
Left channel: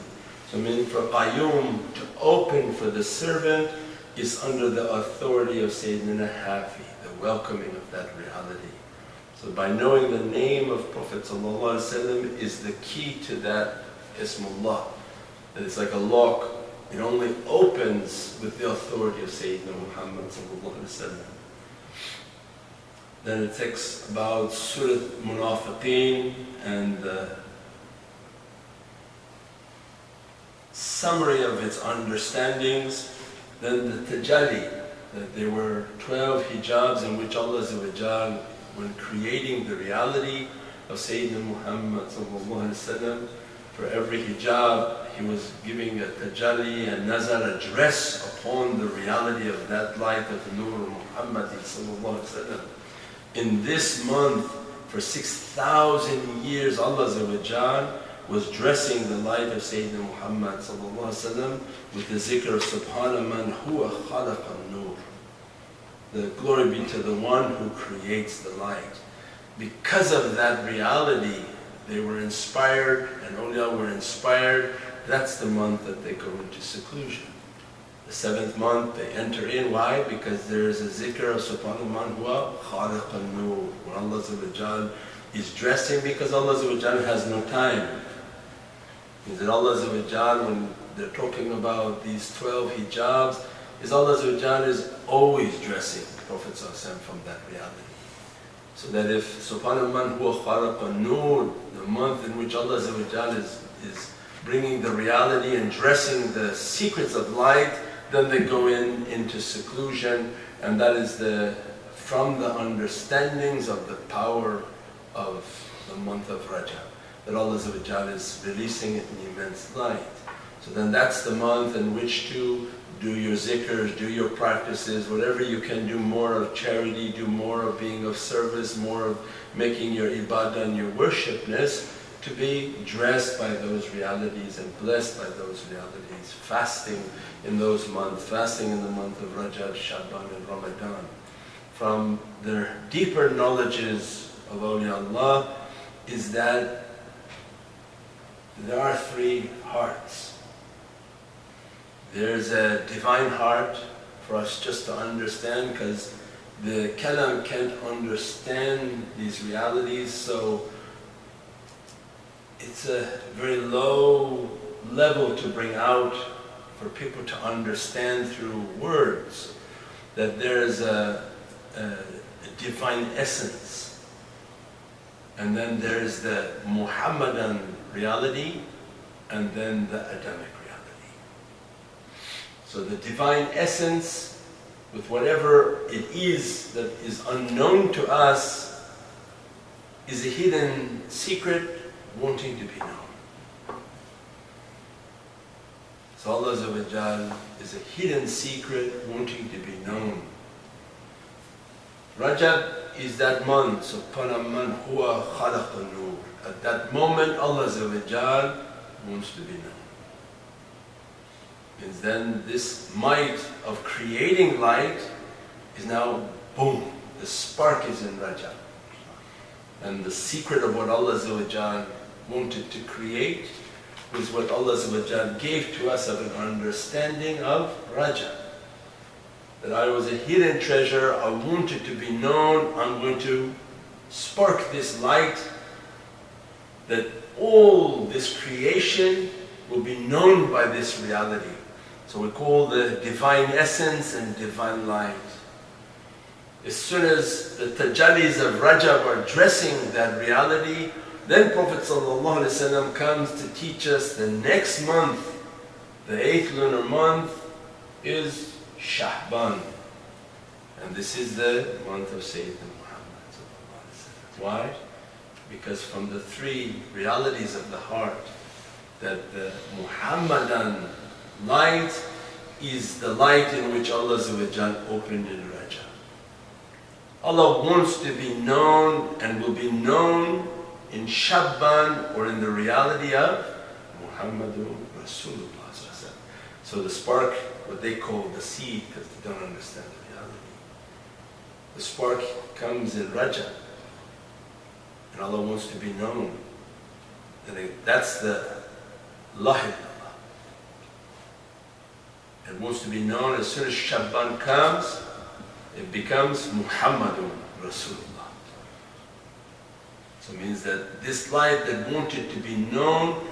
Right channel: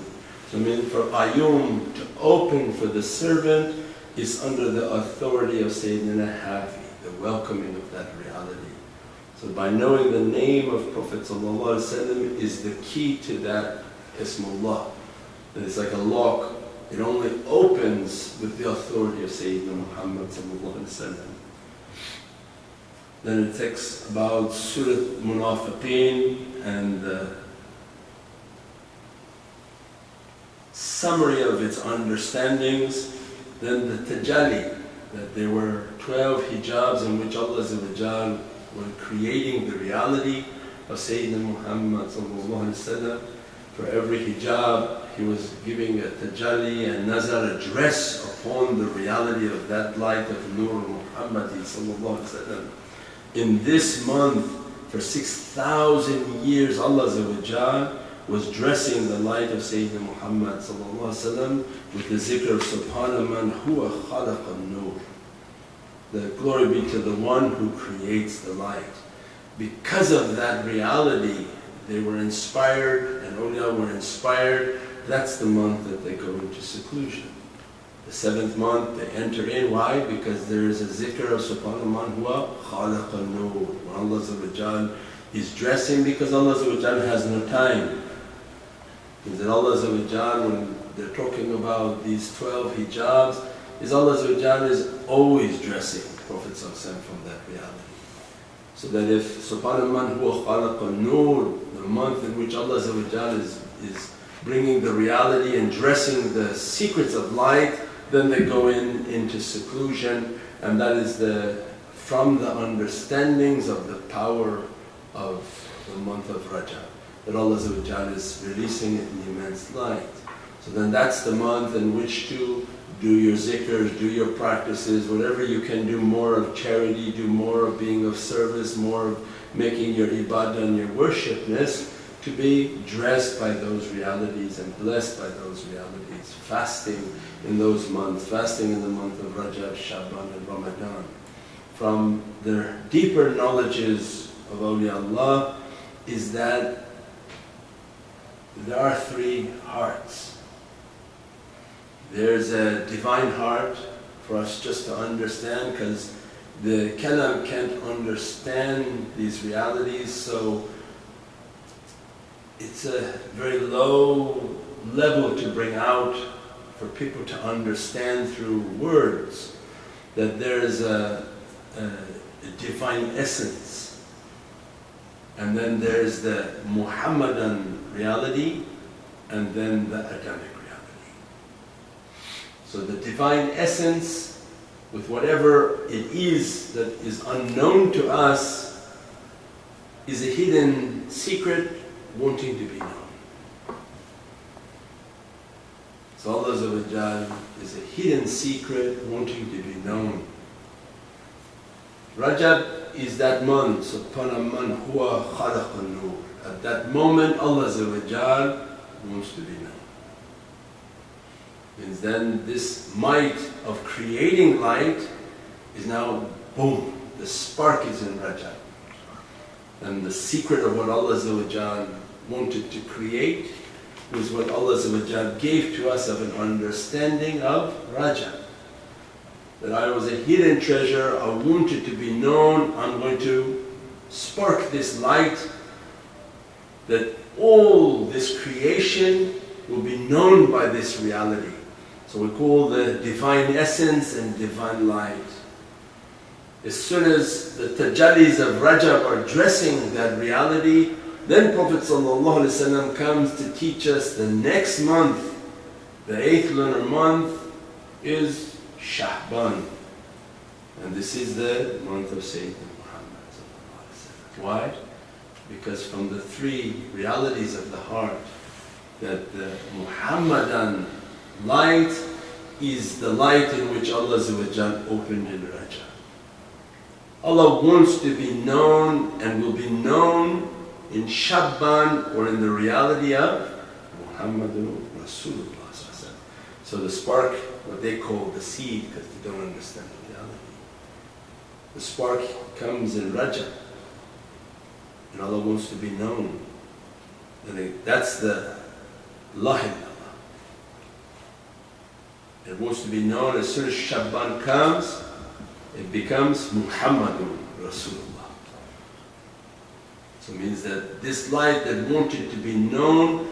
So for Qayyum to open for the servant is under the authority of Sayyidina Hafi, the welcoming of that reality. So by knowing the name of Prophet ﷺ is the key to that Ismullah. And it's like a lock, it only opens with the authority of Sayyidina Muhammad ﷺ. Then it talks about Surah Munafiqeen and the summary of its understandings. Then the tajalli, that there were 12 hijabs in which Allah when creating the reality of Sayyidina Muhammad for every hijab he was giving a tajalli and nazar, a dress upon the reality of that light of Nur Muhammad. In this month, for 6,000 years, Allah was dressing the light of Sayyidina Muhammad with the zikr of Subhana man huwa khalaqa an-nur. The glory be to the one who creates the light. Because of that reality, they were inspired, and awliya were inspired. That's the month that they go into seclusion. The 7th month they enter in. Why? Because there is a zikr of Subhana man huwa khalaqa an-nur, where Allah is dressing, because Allah has no time. Is that Allah when they're talking about these 12 hijabs, is Allah is always dressing Prophet from that reality. So that if Subhana man huwa khalaqa an-nur, the month in which Allah is bringing the reality and dressing the secrets of light, then they go into seclusion, and that is from the understandings of the power of the month of Rajab, that Allah is releasing it in immense light. So then that's the month in which to do your zikrs, do your practices, whatever you can do, more of charity, do more of being of service, more of making your ibadah and your worshipness, to be dressed by those realities and blessed by those realities, fasting in those months, fasting in the month of Rajab, Shaban and Ramadan. From their deeper knowledges of awliyaullah is that there are three hearts. There's a divine heart for us just to understand, because the kalam can't understand these realities, so it's a very low level to bring out for people to understand through words, that there's a divine essence. And then there's the Muhammadan reality, and then the Adamic reality. So the divine essence, with whatever it is that is unknown to us, is a hidden secret wanting to be known. So Allah is a hidden secret wanting to be known. Rajab is that month, Subhana man huwa khalaqa nur. At that moment Allah wants to be known. Means then this might of creating light is now boom, the spark is in Rajab. And the secret of what Allah wanted to create was what Allah gave to us of an understanding of Rajab. That I was a hidden treasure, I wanted to be known, I'm going to spark this light, that all this creation will be known by this reality. So we call the divine essence and divine light. As soon as the tajallis of Rajab are dressing that reality, then Prophet ﷺ comes to teach us the next month, the 8th lunar month, is Shahban. And this is the month of Sayyidina Muhammad ﷺ. Why? Because from the three realities of the heart, that the Muhammadan light is the light in which Allah opened in Rajab. Allah wants to be known and will be known in Shaban, or in the reality of Muhammadun Rasulullah. So the spark, what they call the seed, because they don't understand the reality. The spark comes in Rajab, and Allah wants to be known. And that's the La ilaha. It wants to be known. As soon as Shaban comes, it becomes Muhammadun Rasulullah. So it means that this light that wanted to be known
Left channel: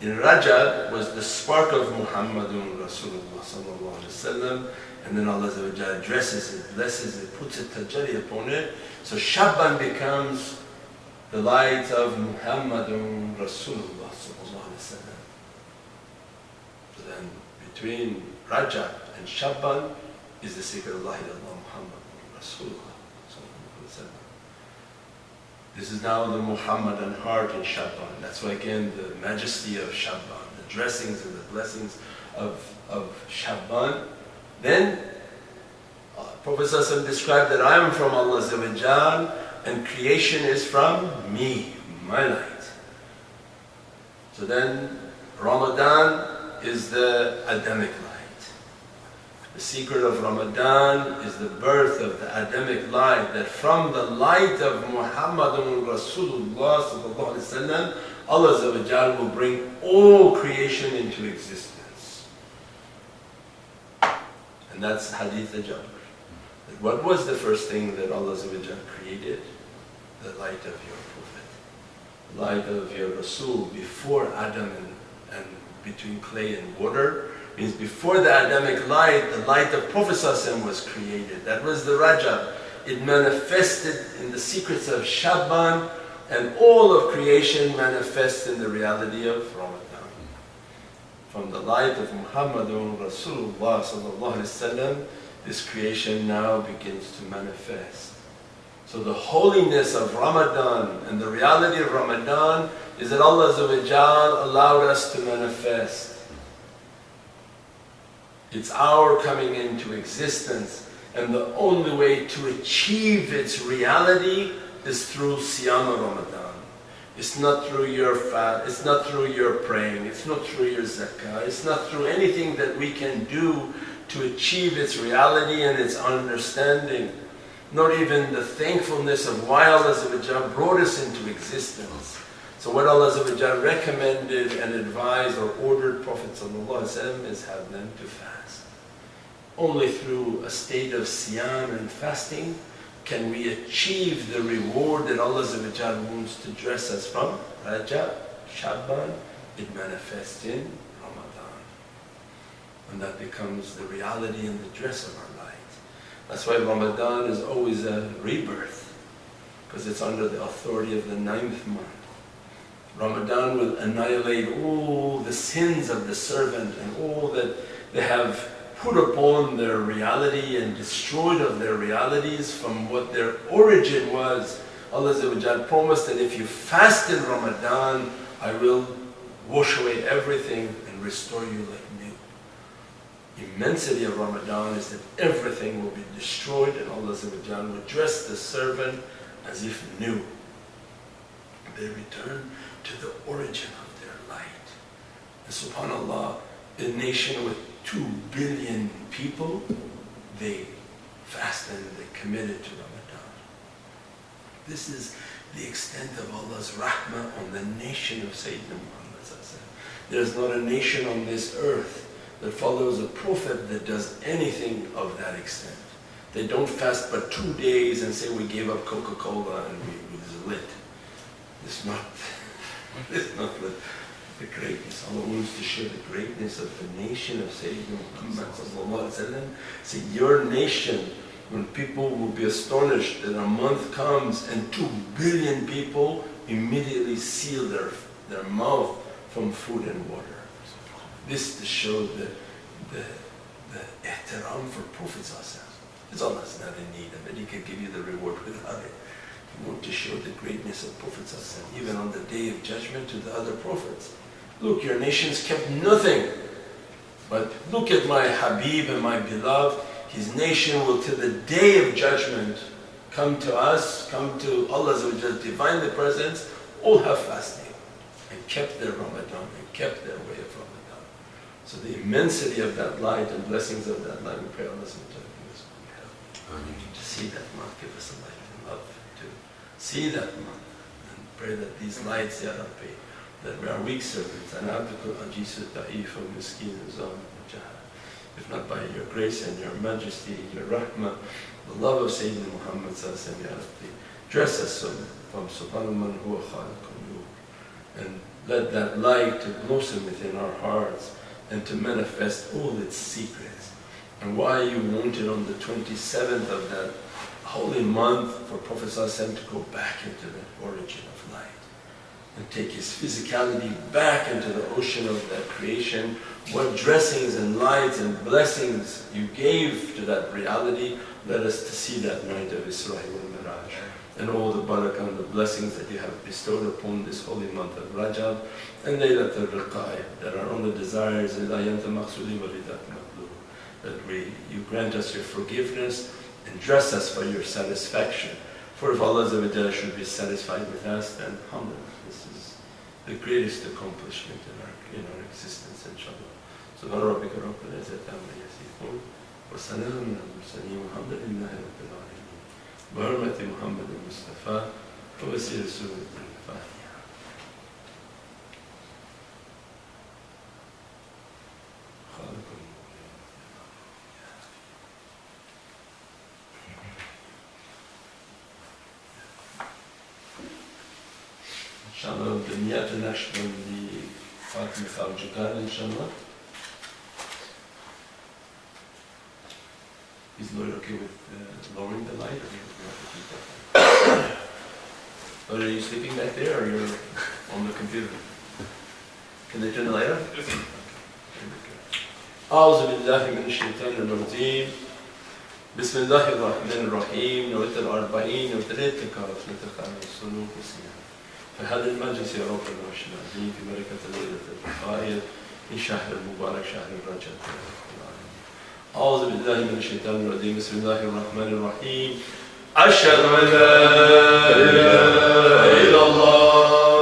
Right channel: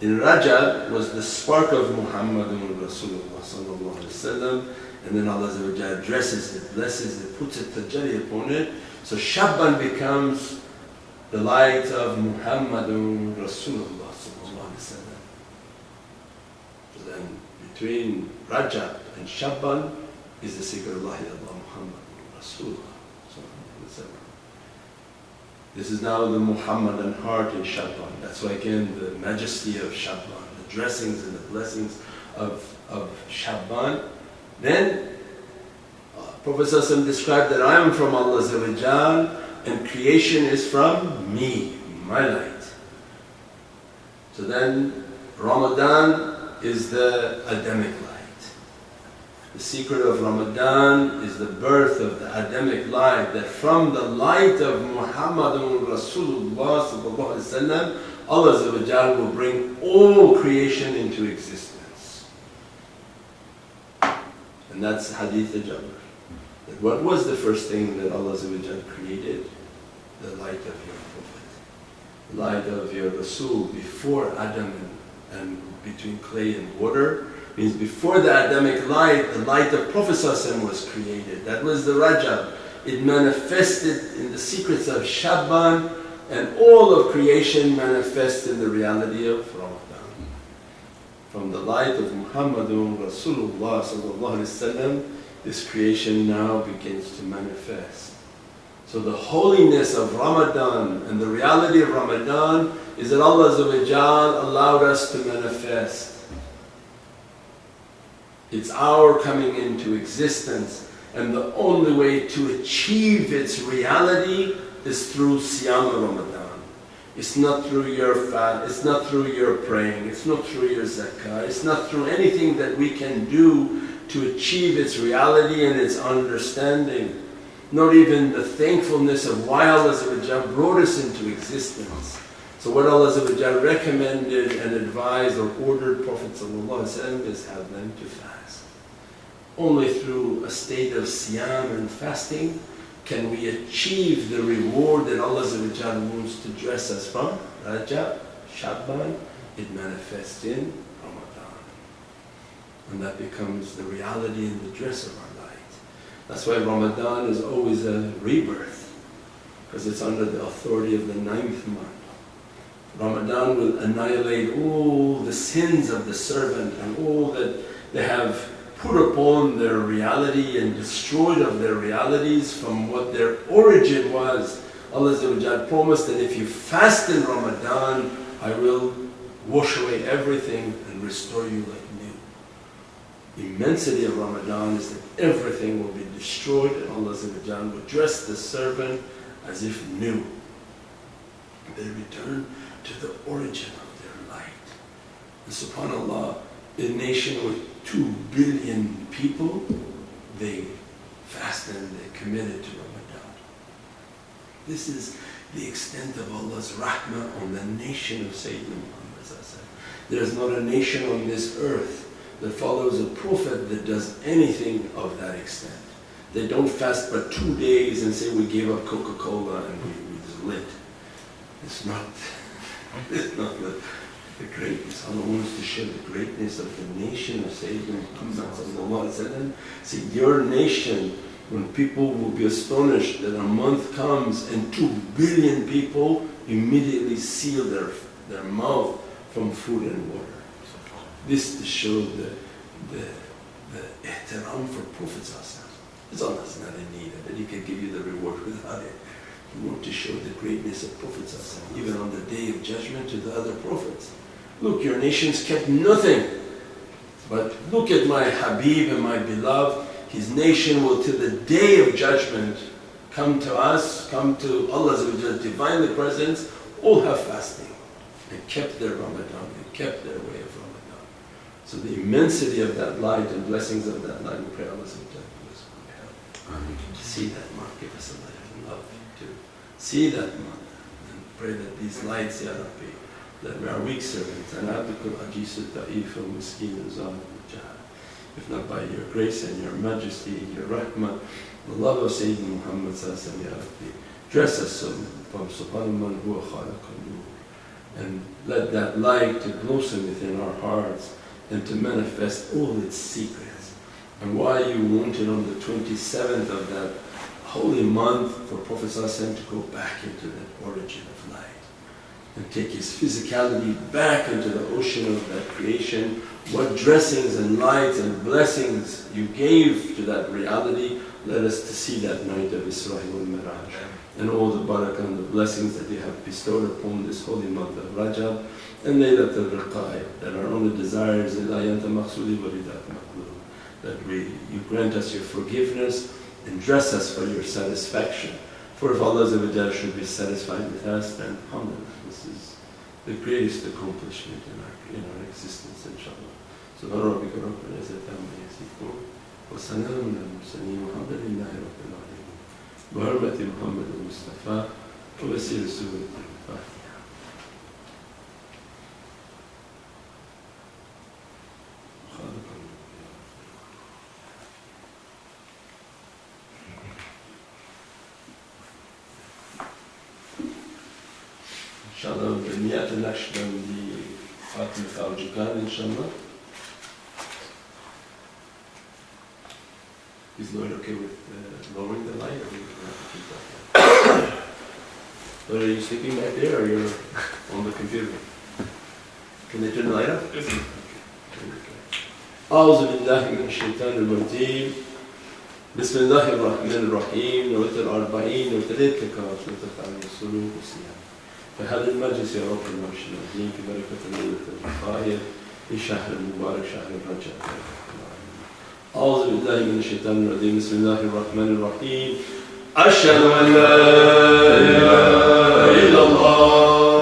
in Rajab was the spark of Muhammadun Rasulullah sallallahu alaihi wasallam, and then Allah addresses it, blesses it, puts a tajalli upon it. So Shaban becomes the light of Muhammadun Rasulullah sallallahu alaihi wasallam. So then between Rajab and Shaban is the secret of La ilaha illallah Muhammadun Rasulullah sallallahu alaihi wasallam. This is now the Muhammadan heart in Shaban. That's why again the majesty of Shaban, the dressings and the blessings of Shaban. Then Prophet ﷺ described that I am from Allah and creation is from me, my light. So then Ramadan is the Adamic light. The secret of Ramadan is the birth of the Adamic light, that from the light of Muhammadun Rasulullah sallallahu alaihi wasallam, Allah will bring all creation into existence. And that's Hadith Jabr. That what was the first thing that Allah created? The light of your Prophet, the light of your Rasul, before Adam and between clay and water. Means before the Adamic light, the light of Prophet ﷺ was created. That was the Rajab. It manifested in the secrets of Shaban, and all of creation manifests in the reality of Ramadan. From the light of Muhammadun Rasulullah sallallahu alaihi wasallam, this creation now begins to manifest. So the holiness of Ramadan and the reality of Ramadan is that Allah allowed us to manifest. It's our coming into existence, and the only way to achieve its reality is through Siyam Ramadan. It's not through your fast, it's not through your praying, it's not through your zakah, it's not through anything that we can do to achieve its reality and its understanding. Not even the thankfulness of why Allah brought us into existence. So what Allah recommended and advised or ordered Prophet ﷺ is have them to fast. Only through a state of siyam and fasting can we achieve the reward that Allah wants to dress us from. Rajab, Shaban, it manifests in Ramadan. And that becomes the reality and the dress of our light. That's why Ramadan is always a rebirth, because it's under the authority of the 9th month. Ramadan will annihilate all the sins of the servant and all that they have put upon their reality and destroyed of their realities from what their origin was. Allah promised that if you fast in Ramadan, I will wash away everything and restore you like new. Immensity of Ramadan is that everything will be destroyed and Allah will dress the servant as if new. They return to the origin of their light. And subhanAllah, a nation with 2 billion people, they fasted and they committed to Ramadan. This is the extent of Allah's rahmah on the nation of Sayyidina Muhammad. There is not a nation on this earth that follows a prophet that does anything of that extent. They don't fast but 2 days and say we gave up Coca-Cola and we just lit. It's not the greatness. Allah wants to show the greatness of the nation of Sayyidina Muhammad. See, your nation, when people will be astonished that a month comes and 2 billion people immediately seal their mouth from food and water. This to show the ihtiram for Prophet. It's Allah's not in need of it. He can give you the reward without it. He wants to show the greatness of Prophet even on the day of judgment to the other prophets. Look, your nations kept nothing. But look at my Habib and my beloved. His nation will till the day of judgment come to us, come to Allah's divinely presence, all have fasting and kept their Ramadan and kept their way of Ramadan. So the immensity of that light and blessings of that light, we pray Allah to give us good help. To see that month, give us a light and love to see that month and pray that these lights, Ya Rabbi, that we are weak servants, and abdukul ajisu ta'if and miskin and zalim and jahad. If not by your grace and your majesty, your rahmah, the love of Sayyidina Muhammad Ya Rabbi, dress us from subhanahu man huwa khalaqun nur, and let that light to blossom within our hearts and to manifest all its secrets. And why you wanted on the 27th of that holy month for Prophet to go back into that origin of light and take his physicality back into the ocean of that creation. What dressings and lights and blessings you gave to that reality, let us to see that night of Isra wal Miraj and all the barakah and the blessings that you have bestowed upon this holy month of Rajab and Laylat al-Riqaya, that our only desire is that you grant us your forgiveness and dress us for your satisfaction. For if Allah should be satisfied with us, then alhamdulillah, this is the greatest accomplishment in our existence, inshaAllah. Subhana rabbika rabbil izzati amma yasifun wa salamun ala al-mursaleen walhamdulillahi rabbil alameen. Bi hurmati Muhammad al-Mustafa wa wasila Surah al-Fatiha. Inshallah, the Chant Naqshbandi Fatima al-Jukan, inshallah. Is Lloyd okay with lowering the light, or do we have to keep that on? Lloyd, are you sleeping back there, or you're on the computer? Can they turn the light up? Yes. Okay. أعوذ بالله من الشيطان الرجيم. بسم الله الرحمن الرحيم. نوتر 40 نوتريت كاف نتقى السلوك والصيام. فهذا المجلس يا رب العرش العظيم في بركة الليلة الرفاعية في شهر المبارك شهر الرجب. أعوذ بالله من الشيطان الرجيم. بسم الله الرحمن الرحيم. أشهد أن لا إله إلا الله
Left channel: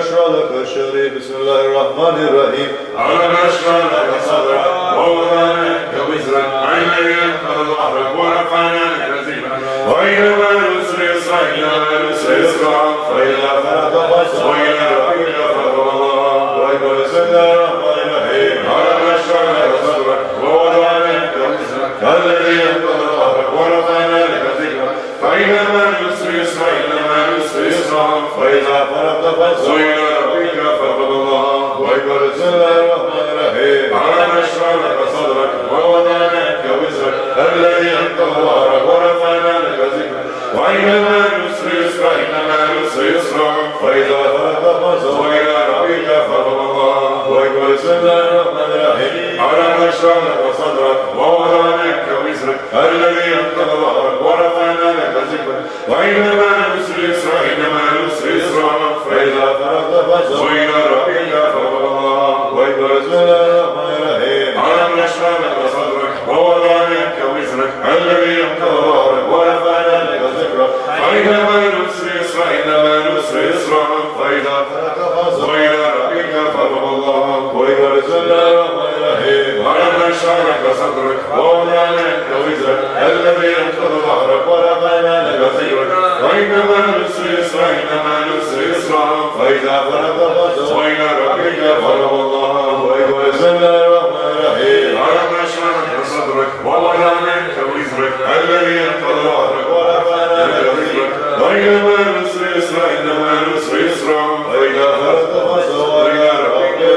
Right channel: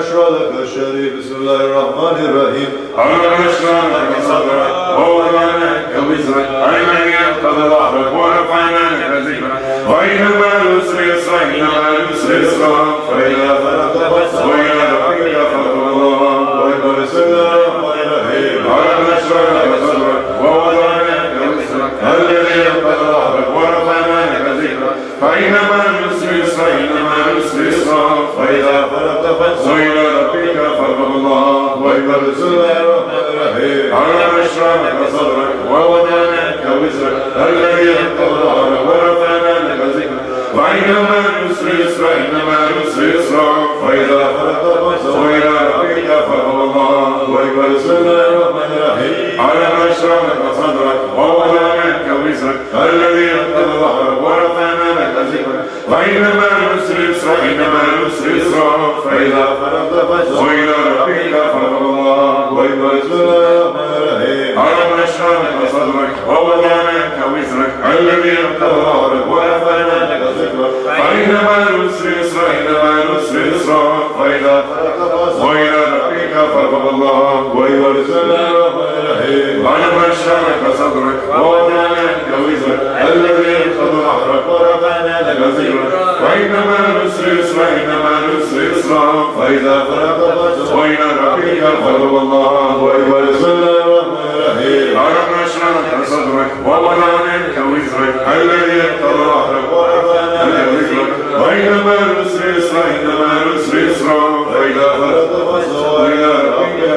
نشرح لك الشريف بسم الله الرحمن الرحيم ألم نشرح لك صدرك ووضعنا عنك وزرك الذي أنقض ظهرك ورفعنا لك ذكرك وإن مع العسر يسرا إن مع العسر يسرا فإذا فرغت فانصب وإلى ربك فارغب الله أكبر بسم الله الرحمن الرحيم ألم نشرح لك صدرك ووضعنا عنك وزرك الذي أنقض ظهرك ورفعنا لك ذكرك فإن مع العسر يسرا إن مع العسر يسرا فإذا فرغت فانصب وإلى ربك فارغب الله أكبر بسم الله الرحمن الرحيم ألم نشرح لك صدرك ووضعنا عنك وزرك الذي أنقض ظهرك ورفعنا لك ذكرك فإن مع العسر يسرا إن مع العسر يسرا فإذا فرغت فانصب وإلى ربك فارغب الله أكبر بسم الله الرحمن الرحيم ألم نشرح لك صدرك ووضعنا عنك وزرك الذي أنقض ظهرك ورفعنا لك ذكرك فإن مع العسر يسرا إن مع العسر يسرا فإذا فرغت فانصب وإلى ربك فارغب الله أكبر بسم الله الرحمن الرحيم ألم نشرح لك صدرك ووضعنا عنك وزرك الذي أنقض ظهرك ورفعنا لك ذكرك فإن مع العسر يسرا إن مع العسر يسرا فإذا فرغت فانصب وإلى ربك فارغب الله أكبر بسم الله الرحمن الرحيم ألم نشرح لك صدرك ووضعنا عنك وزرك الذي أنقض ظهرك ورفعنا لك ذكرك فإن مع العسر يسرا إن مع العسر يسرا فإذا فرغت فانصب وإلى ربك فارغب الله أكبر بسم الله الرحمن الرحيم ألم نشرح لك صدرك ووضعنا عنك وزرك الذي أنقض ظهرك ورفعنا لك ذكرك فإن مع العسر يسرا إن مع العسر يسرا فإذا فرغت فانصب وإلى ربك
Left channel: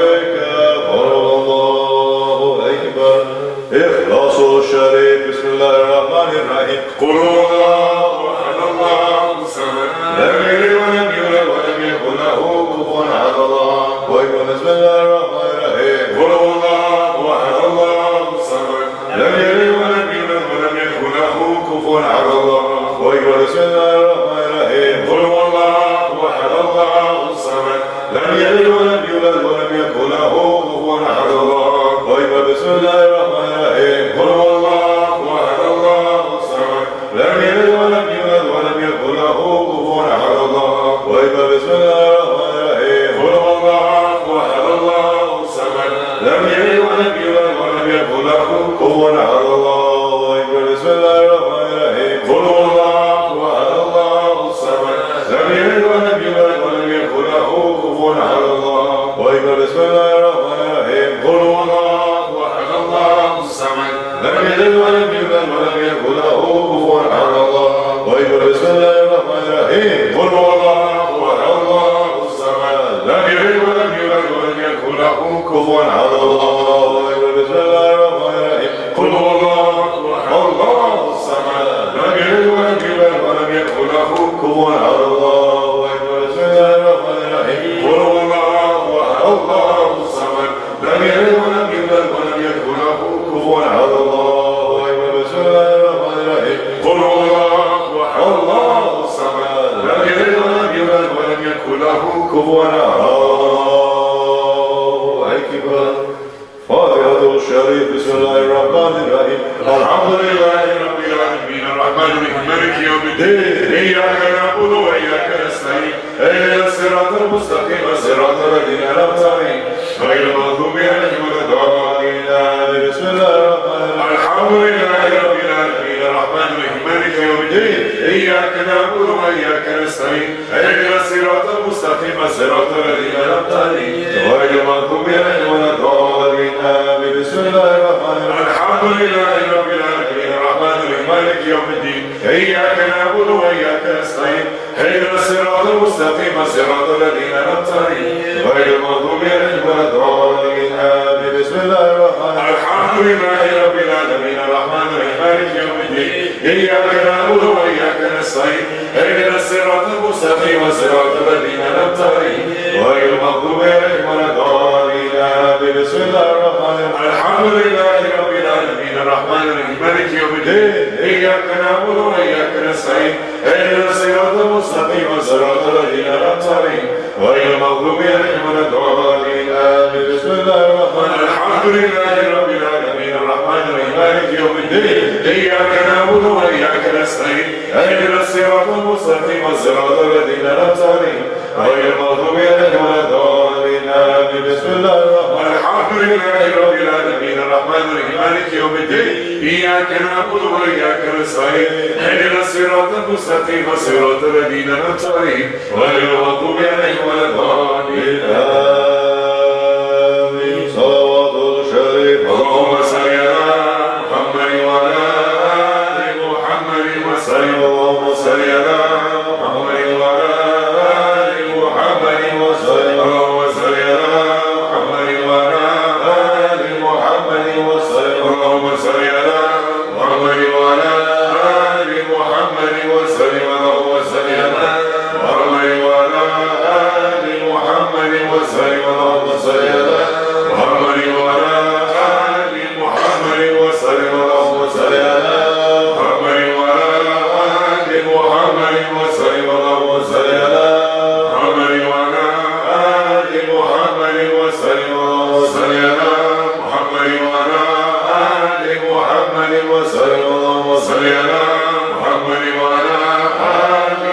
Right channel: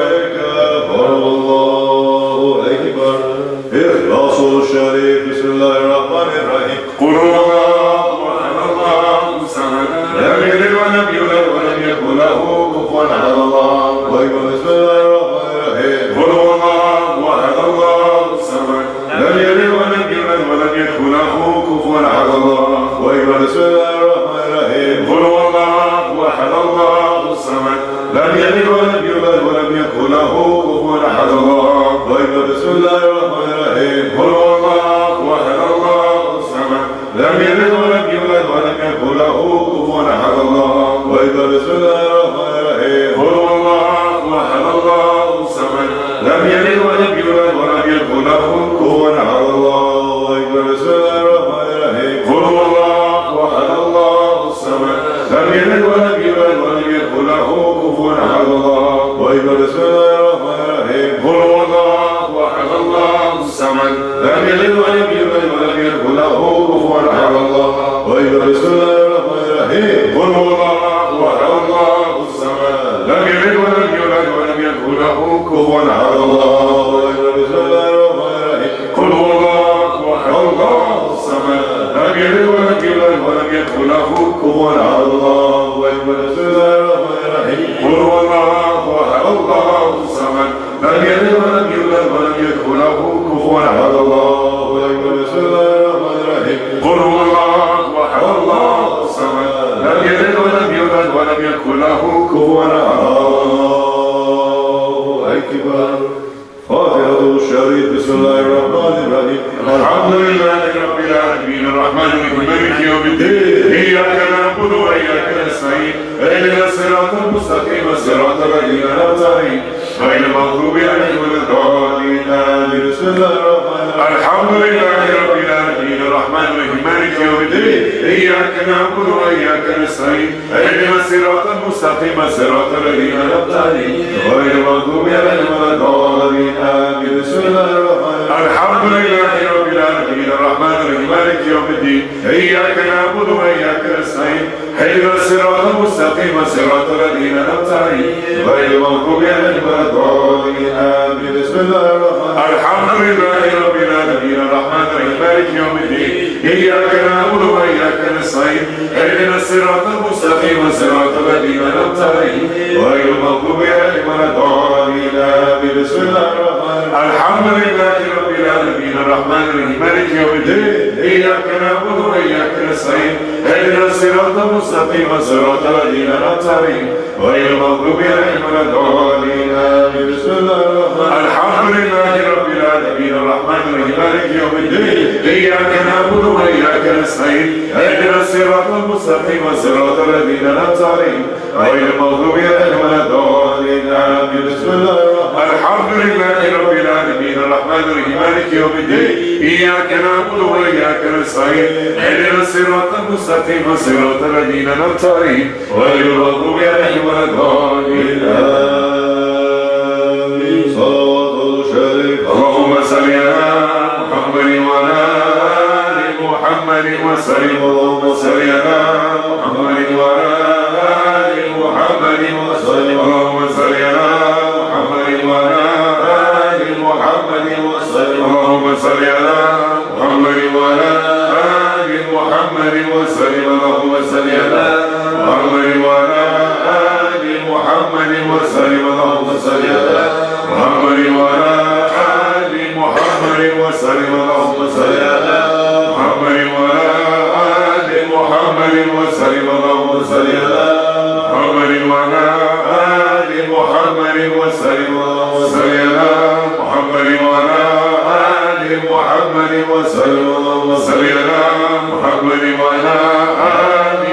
فارغب الله أكبر إخلاص الشريف بسم الله الرحمن الرحيم قل هو الله أحد الله الصمد لم يلد ولم يولد ولم يكن له كفوا أحد الله أكبر بسم الله الرحمن الرحيم قل هو الله أحد الله الصمد لم يلد ولم يولد ولم يكن له كفوا أحد الله أكبر بسم الله الرحمن الرحيم قل هو الله أحد الله الصمد لم يلد ولم يولد ولم يكن له كفوا أحد الله أكبر بسم الله الرحمن الرحيم قل هو الله أحد الله الصمد لم يلد ولم يولد ولم يكن له كفوا أحد الله أكبر بسم الله الرحمن الرحيم قل هو الله أحد الله الصمد لم يلد ولم يولد ولم يكن له كفوا أحد الله أكبر بسم الله الرحمن الرحيم قل هو الله أحد الله الصمد لم يلد ولم يولد ولم يكن له كفوا أحد الله أكبر بسم الله الرحمن الرحيم قل هو الله أحد الله الصمد لم يلد ولم يولد ولم يكن له كفوا أحد الله أكبر بسم الله الرحمن الرحيم قل هو الله أحد الله الصمد لم يلد ولم يولد ولم يكن له كفوا أحد الله أكبر بسم الله الرحمن الرحيم قل هو الله أحد الله الصمد لم يلد ولم يولد ولم يكن له كفوا أحد الله أكبر بسم الله الرحمن الرحيم قل هو الله أحد الله الصمد لم يلد ولم يولد ولم يكن له كفوا أحد الله أكبر بسم الله الرحمن الرحيم قل هو الله أحد الله الصمد لم يلد ولم يولد ولم يكن له كفوا أحد الله أكبر فاتحة الشريف بسم الله الرحمن الرحيم الحمد لله رب العالمين الرحمن الرحيم مالك يوم الدين إياك نعبد وإياك نستعين اهدنا الصراط المستقيم صراط الذين أنعمت عليهم غير المغضوب عليهم ولا الضالين آمين بسم الله الرحمن الرحيم الحمد لله رب العالمين الرحمن الرحيم مالك يوم الدين إياك نعبد وإياك نستعين اهدنا الصراط المستقيم صراط الذين أنعمت عليهم غير المغضوب عليهم ولا الضالين آمين بسم الله الرحمن الرحيم الحمد لله رب العالمين الرحمن الرحيم مالك يوم الدين إياك نعبد وإياك نستعين اهدنا الصراط المستقيم صراط الذين أنعمت عليهم غير المغضوب عليهم ولا الضالين آمين بسم الله الرحمن الرحيم الحمد لله رب العالمين الرحمن الرحيم مالك يوم الدين إياك نعبد وإياك نستعين اهدنا الصراط المستقيم صراط الذين أنعمت عليهم غير المغضوب عليهم ولا الضالين آمين بسم الله الرحمن الرحيم الحمد لله رب العالمين الرحمن الرحيم مالك يوم الدين إياك نعبد وإياك نستعين اهدنا الصراط المستقيم صراط الذين أنعمت عليهم غير المغضوب عليهم ولا الضالين آمين بسم الله الرحمن الرحيم الحمد لله رب العالمين الرحمن الرحيم مالك يوم الدين إياك نعبد وإياك نستعين اهدنا الصراط المستقيم صراط الذين أنعمت عليهم غير المغضوب عليهم ولا الضالين آمين بسم الله الرحمن الحمد لله رب العالمين الرحمن الرحيم مالك يوم الدين إياك نعبد وإياك نستعين اهدنا الصراط المستقيم صراط الذين أنعمت عليهم غير المغضوب عليهم ولا الضالين آمين صلوات الشريف اللهم صل على محمد وعلى آل محمد وسلم اللهم صل على محمد وعلى آل محمد وسلم اللهم صل على محمد وعلى آل محمد وسلم اللهم صل على محمد وعلى آل محمد وسلم اللهم صل على محمد وعلى آل محمد وسلم اللهم صل على محمد وعلى آل محمد وسلم اللهم صل على محمد وعلى آل محمد وسلم اللهم صل على محمد وعلى آل محمد وسلم اللهم صل على محمد وعلى آل محمد وسلم اللهم صل على محمد وعلى آل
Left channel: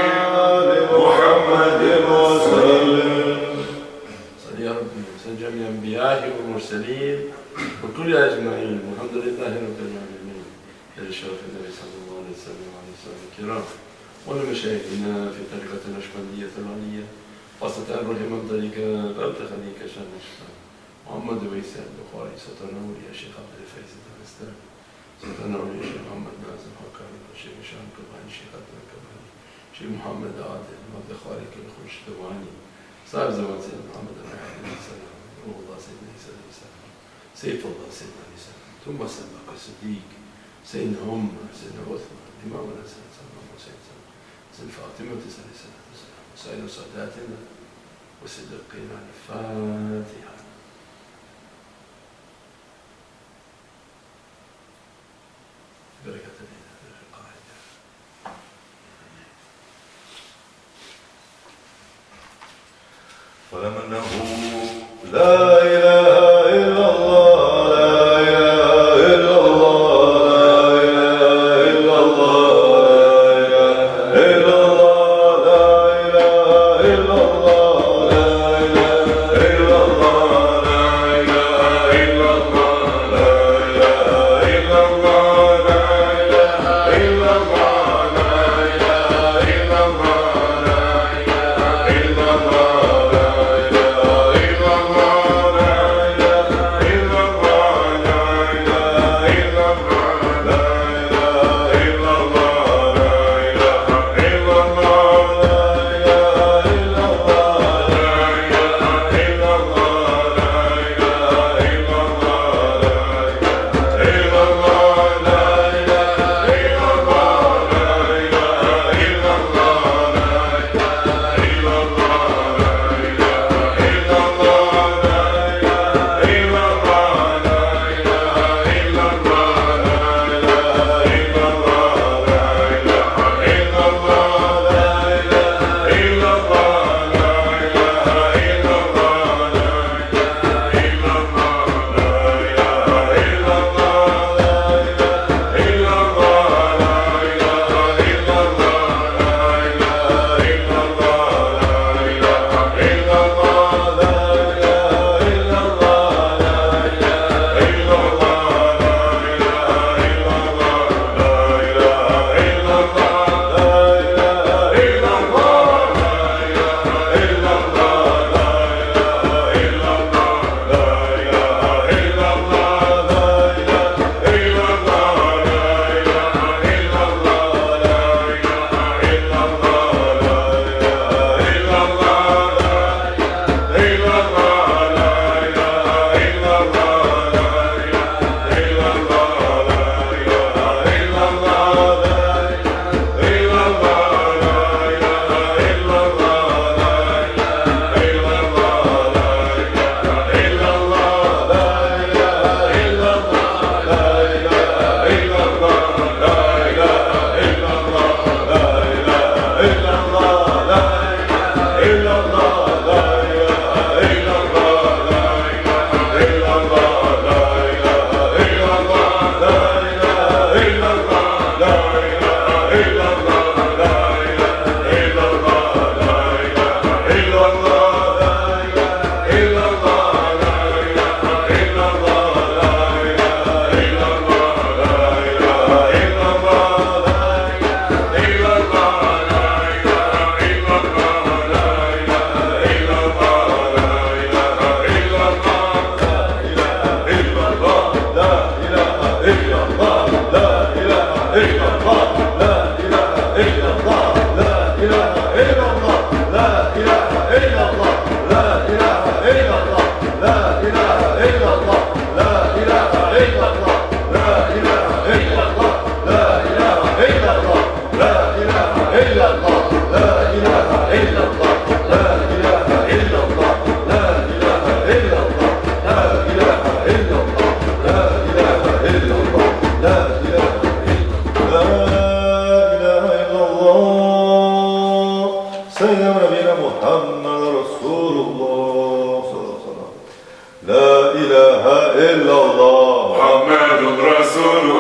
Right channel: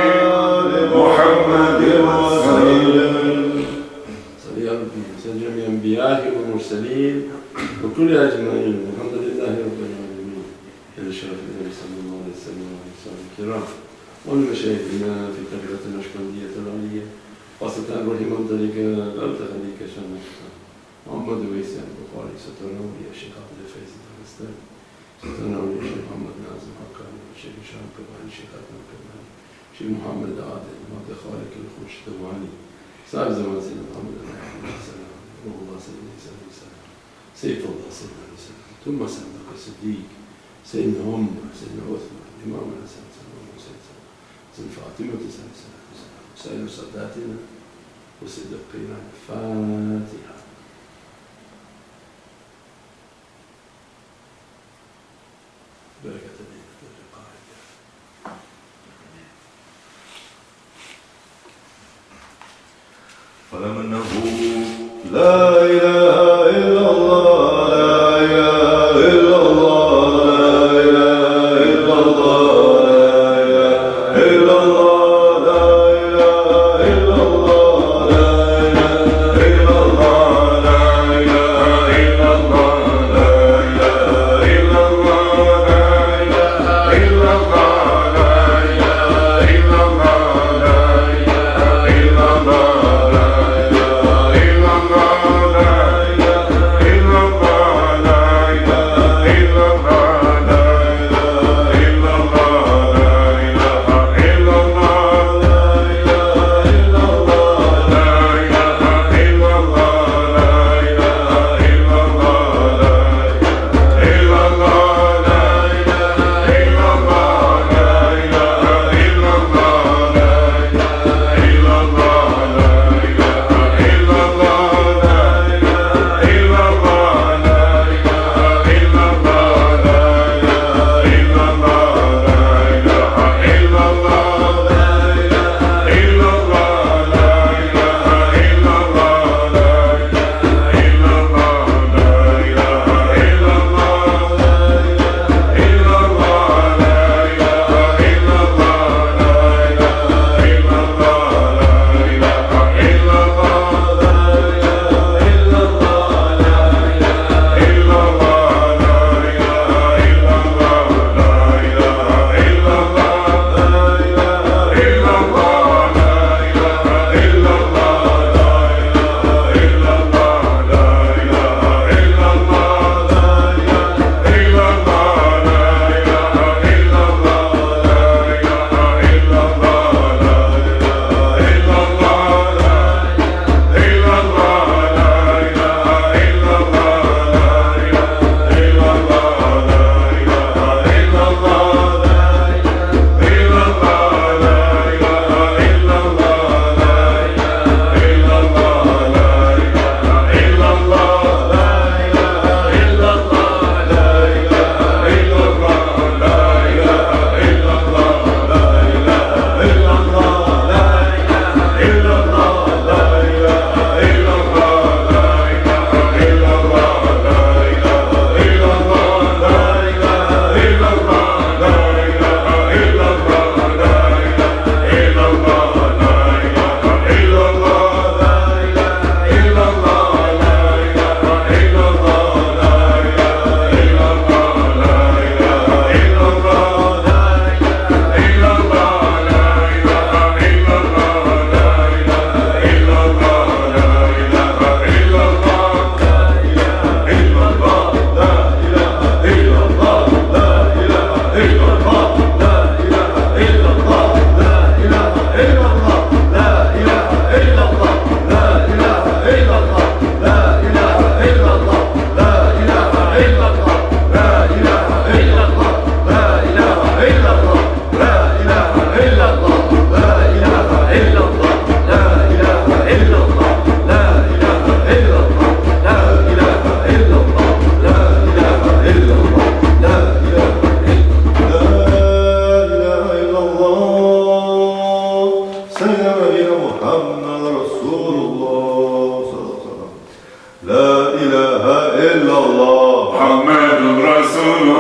محمد وسلم صل يا ربي وسلم جميع أنبيائه والمرسلين وكل أجمعين والحمد لله رب العالمين إلى الشرف النبي صلى الله عليه وسلم وعلى آله الكرام ولمشايخنا في الطريقة النقشبندية العلية خاصة أبو الإمام طريقة غلط خليك شان نقشبند محمد ويسع البخاري سترنا ولي الشيخ عبد الفايز الدغستاني سترنا ولي الشيخ محمد نازم حقاني والشيخ هشام كباني الشيخ عبد الكباني الشيخ محمد عادل عبد الخالق الخوش دواني صاحب زمان سيدنا محمد عليه السلام روح الله سيدنا عيسى عليه السلام سيف الله سيدنا عليه السلام ثم سلمك الصديق سيدنا عمر سيدنا عثمان الإمام الحسن سلمان حسين سيدنا فاطمة عليه الصلاة والسلام وسائر صلاتنا وصدقنا الفاتحة بركة الليلة في الرقائد فلم أنه لا إله إلا الله لا إله إلا الله لا إله إلا الله لا إله إلا الله لا إله إلا الله لا إله إلا الله لا إله إلا الله لا إله إلا الله لا إله إلا الله لا إله إلا الله لا إله إلا الله لا إله إلا الله لا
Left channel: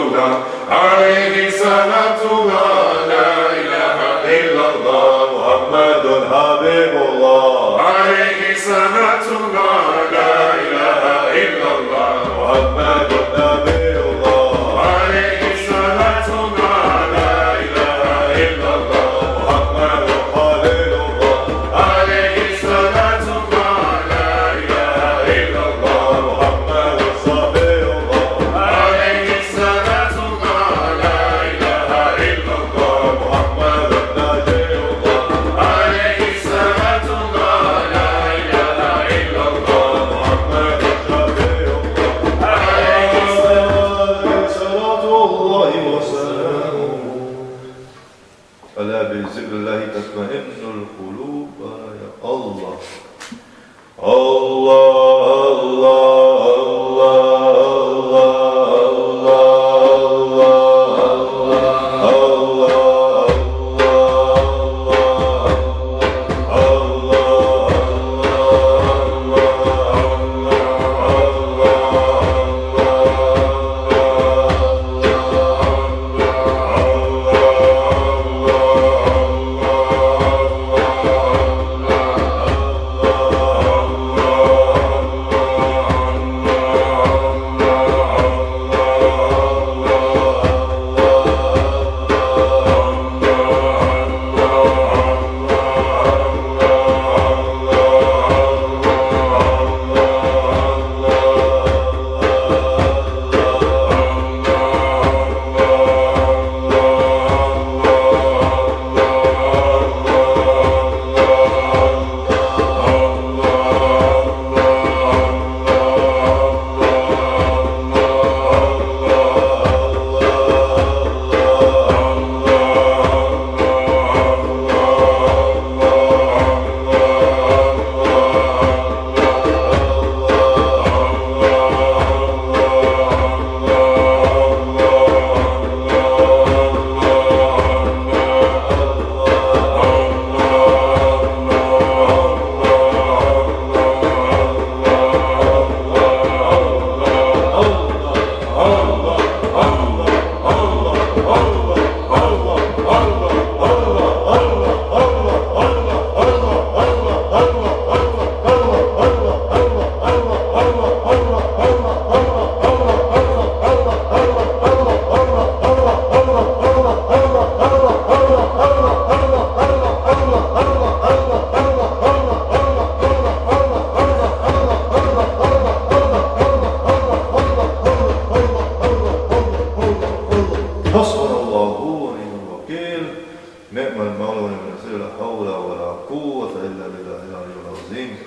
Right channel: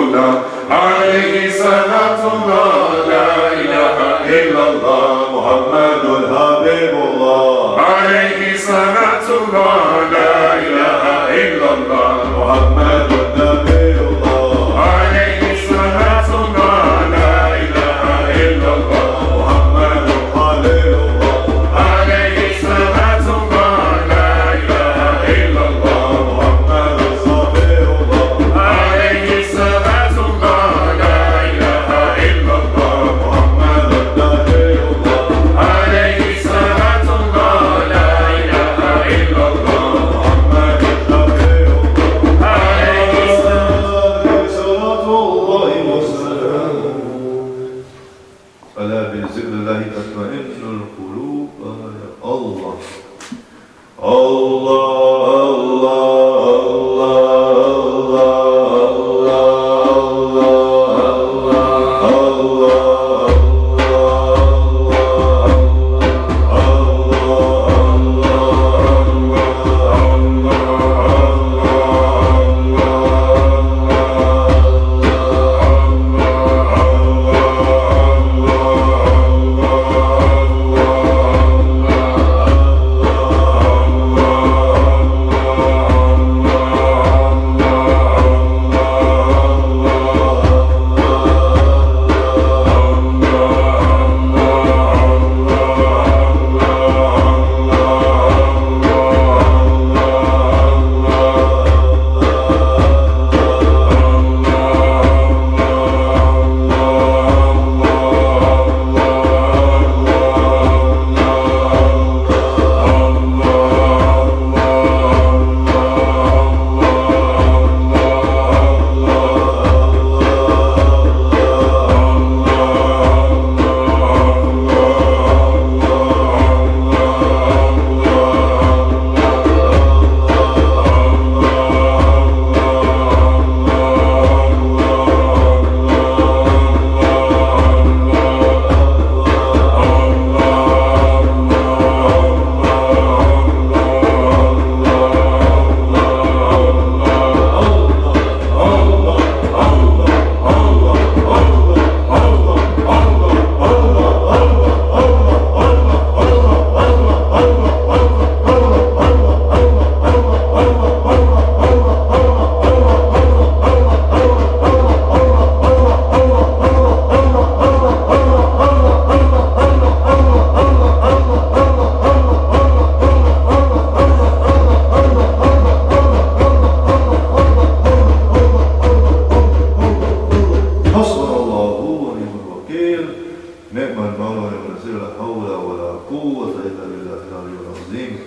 الله عليه صلاة الله لا إله إلا الله محمد حبيب الله عليه صلاة الله لا إله إلا الله محمد نبي الله عليه صلاة الله لا إله إلا الله محمد خليل الله عليه صلاة الله لا إله إلا الله محمد صفي الله عليه صلاة الله لا إله إلا الله محمد نبي الله عليه صلاة الله لا إله إلا الله محمد نبي الله عليه صلاة الله وسلامه ألا بذكر الله تطمئن القلوب يا الله حسبنا الله ونعم الوكيل نعم المولى ونعم النصير لا حول ولا قوة إلا بالله العلي العظيم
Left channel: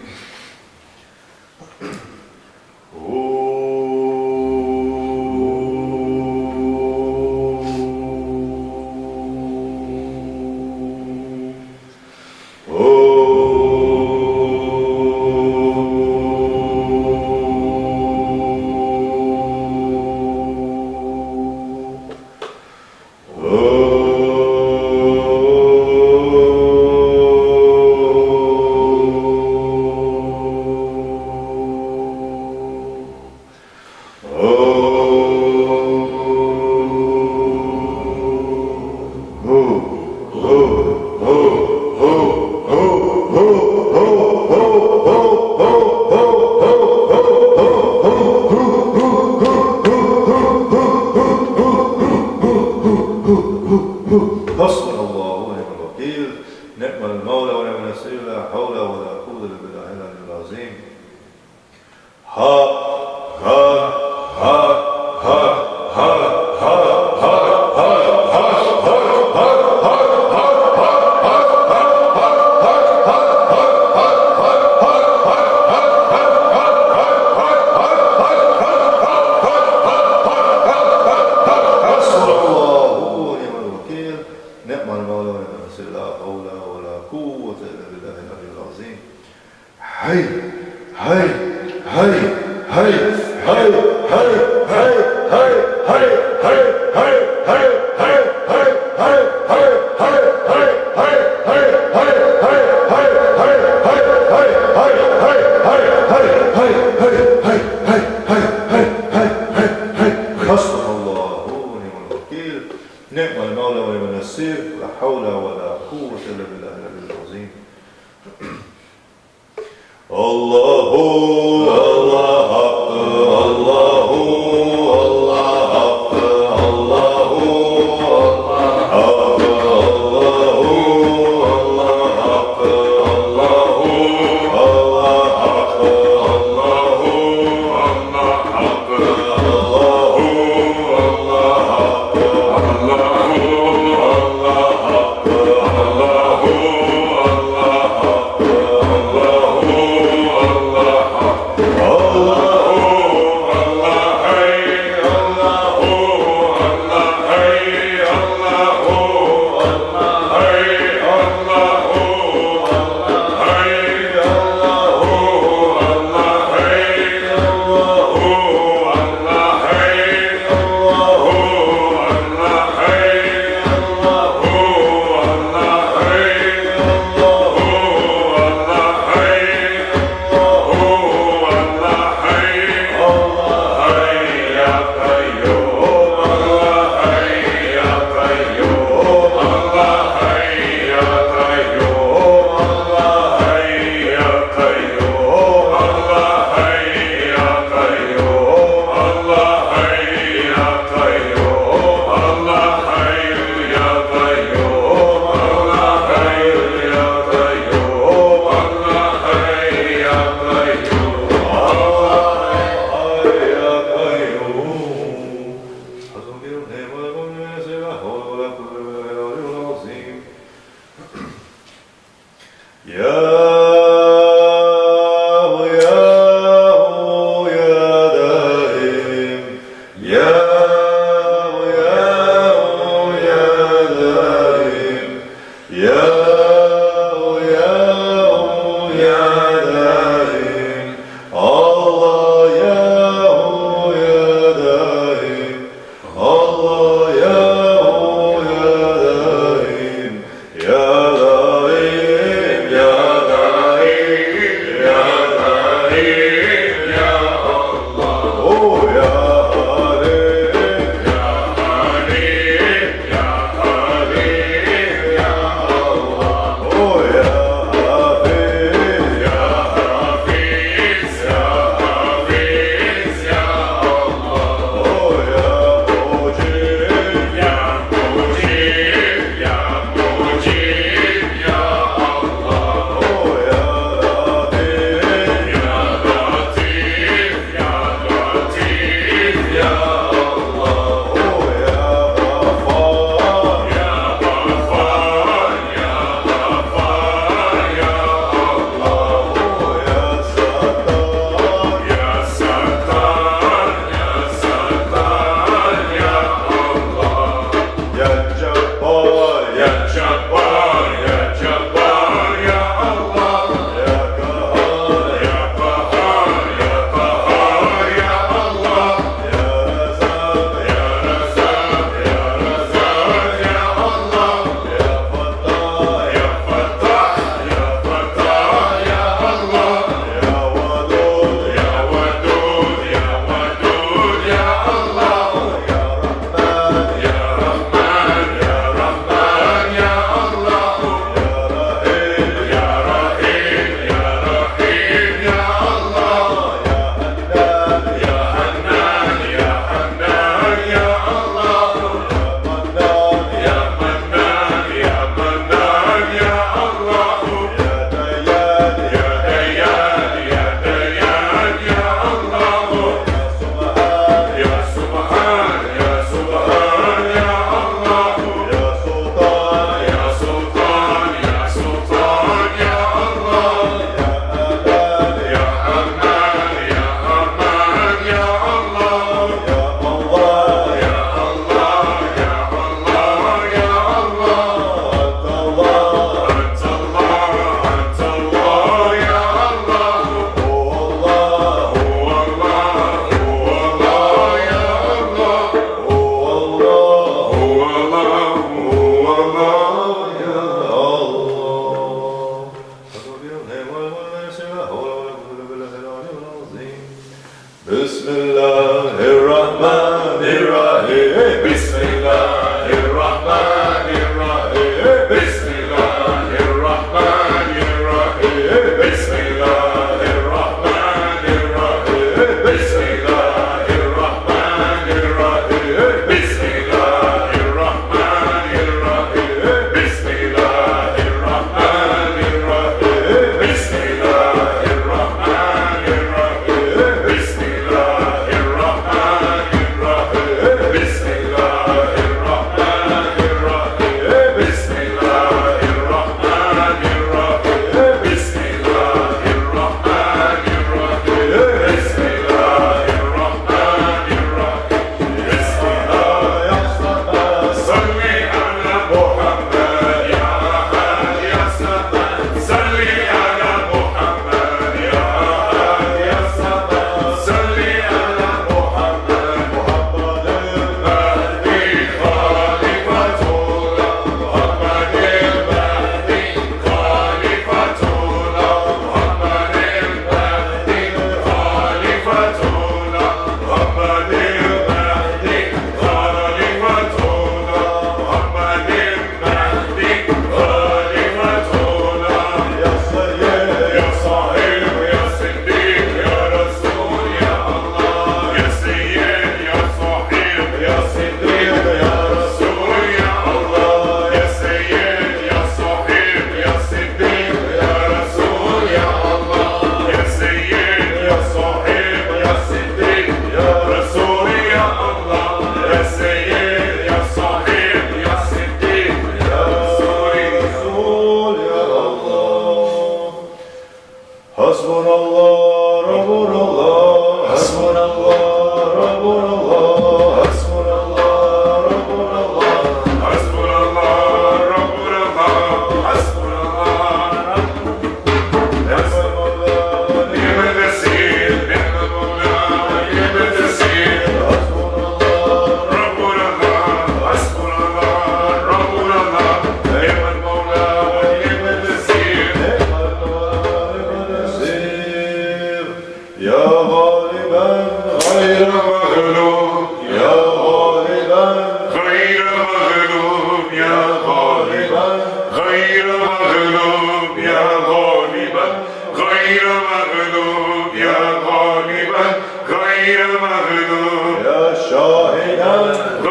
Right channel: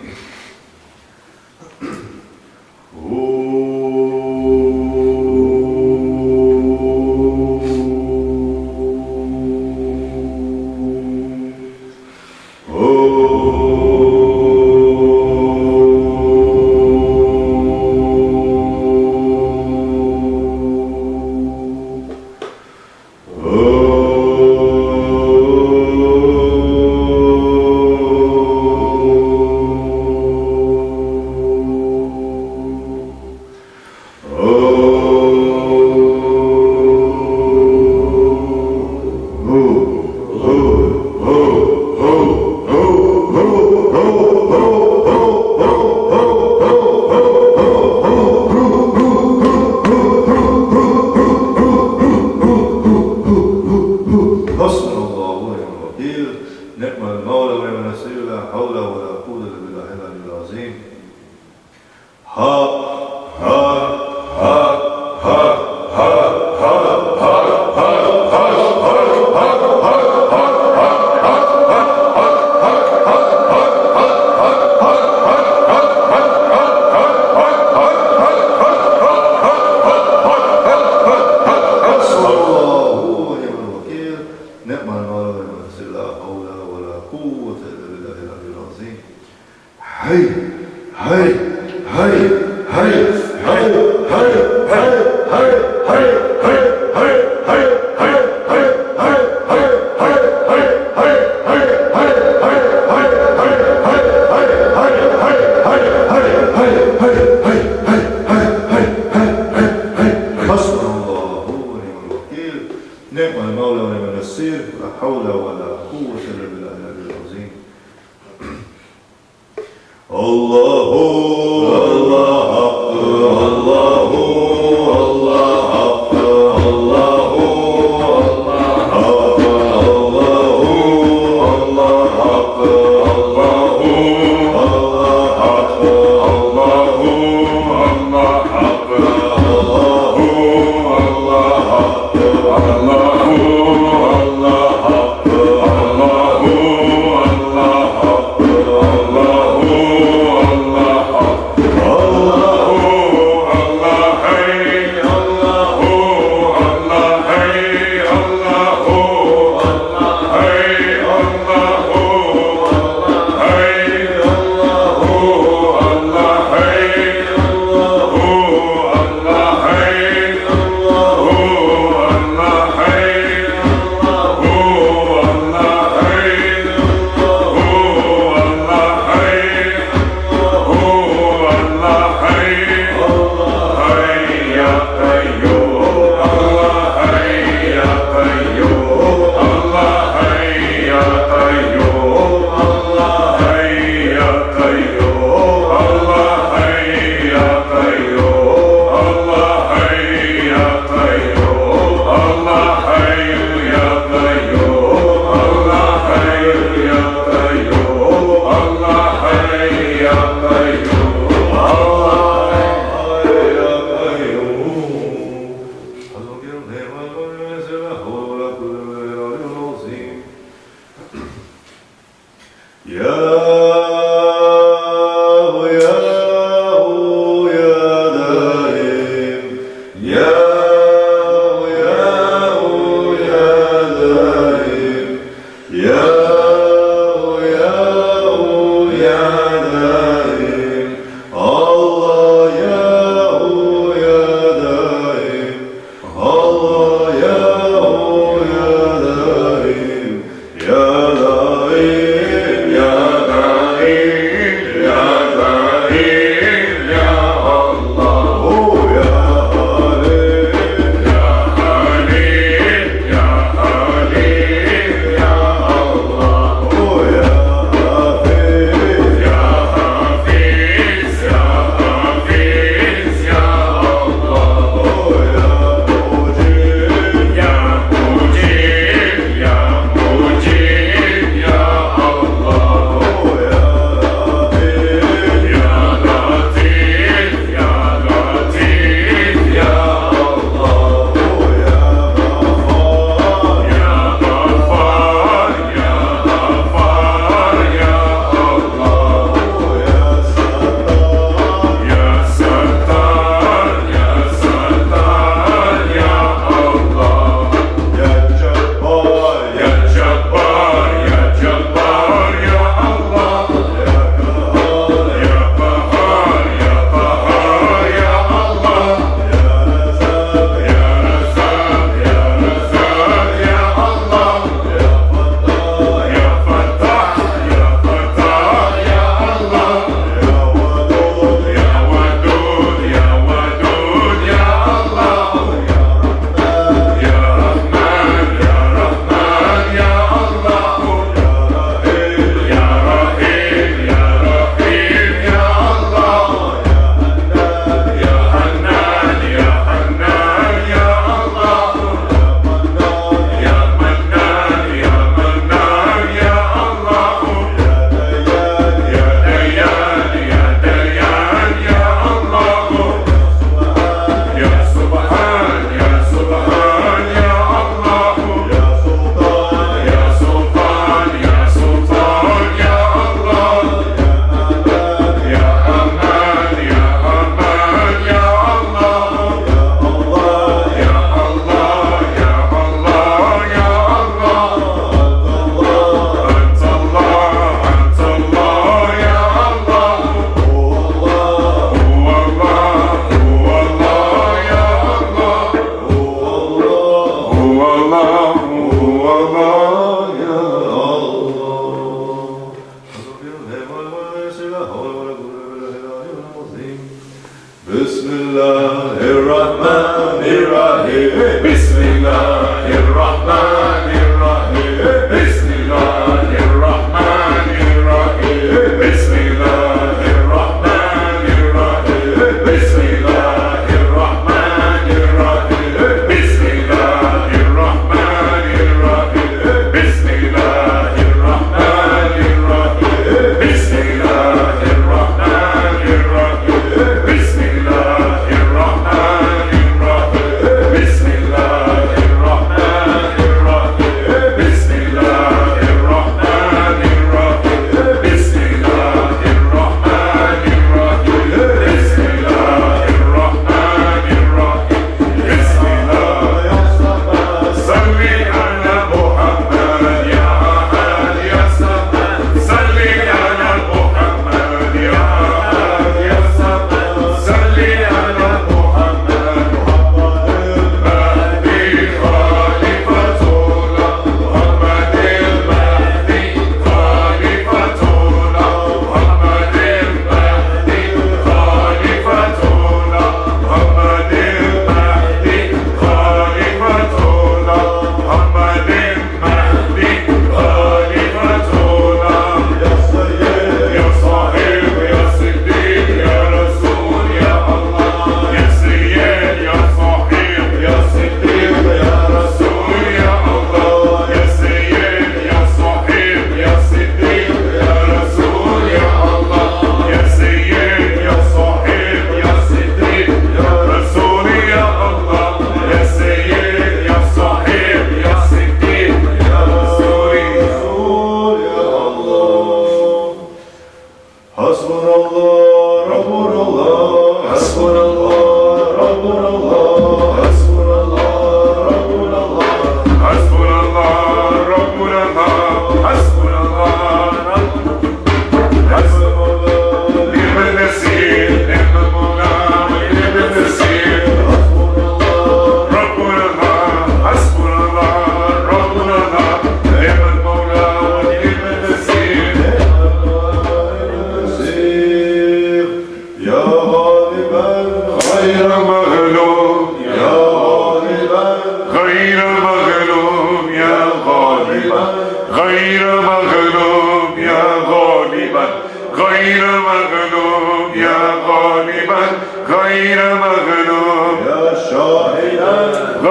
حسبنا الله ونعم الوكيل نعم المولى ونعم النصير لا حول ولا قوة إلا بالله العلي العظيم ها ها ها ها ها حسبنا الله ونعم الوكيل نعم المولى ونعم النصير لا حول ولا قوة إلا بالله العلي العظيم هاي هاي هاي هاي هاي هاي هاي هاي هاي هاي نعم المولى ونعم النصير لا حول ولا قوة إلا بالله العلي العظيم الله الله حق الله الله حق الله حق الله الله حق الله حق الله حق الله حق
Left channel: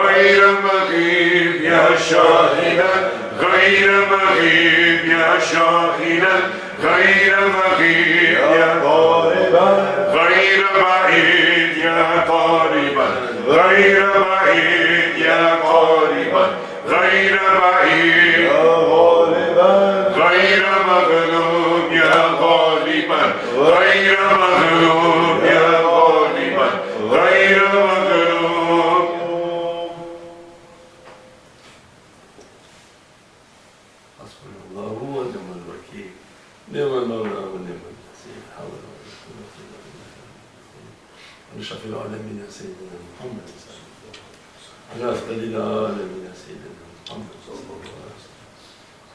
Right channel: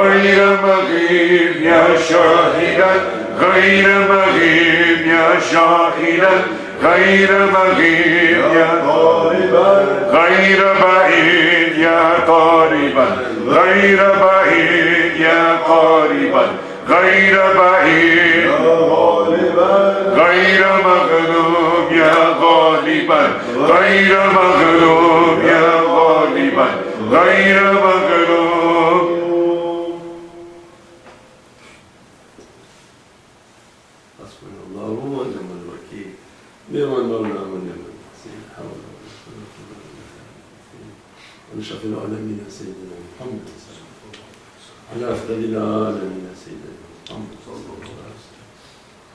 غير مغيب يا شاهدا غير مغيب يا شاهدا غير مغيب يا قاربا غير بعيد يا قاربا غير بعيد يا قاربا غير بعيد يا غالبا غير مغلوب يا غالبا غير مغلوب يا غالبا غير مغلوب. حسبنا الله ونعم الوكيل نعم المولى ونعم النصير حول ولا قوة إلا بالله ونشرف العالمين سيدنا محمد صلى الله عليه وسلم على أفضل العالمين سيدنا محمد صلى الله عليه وسلم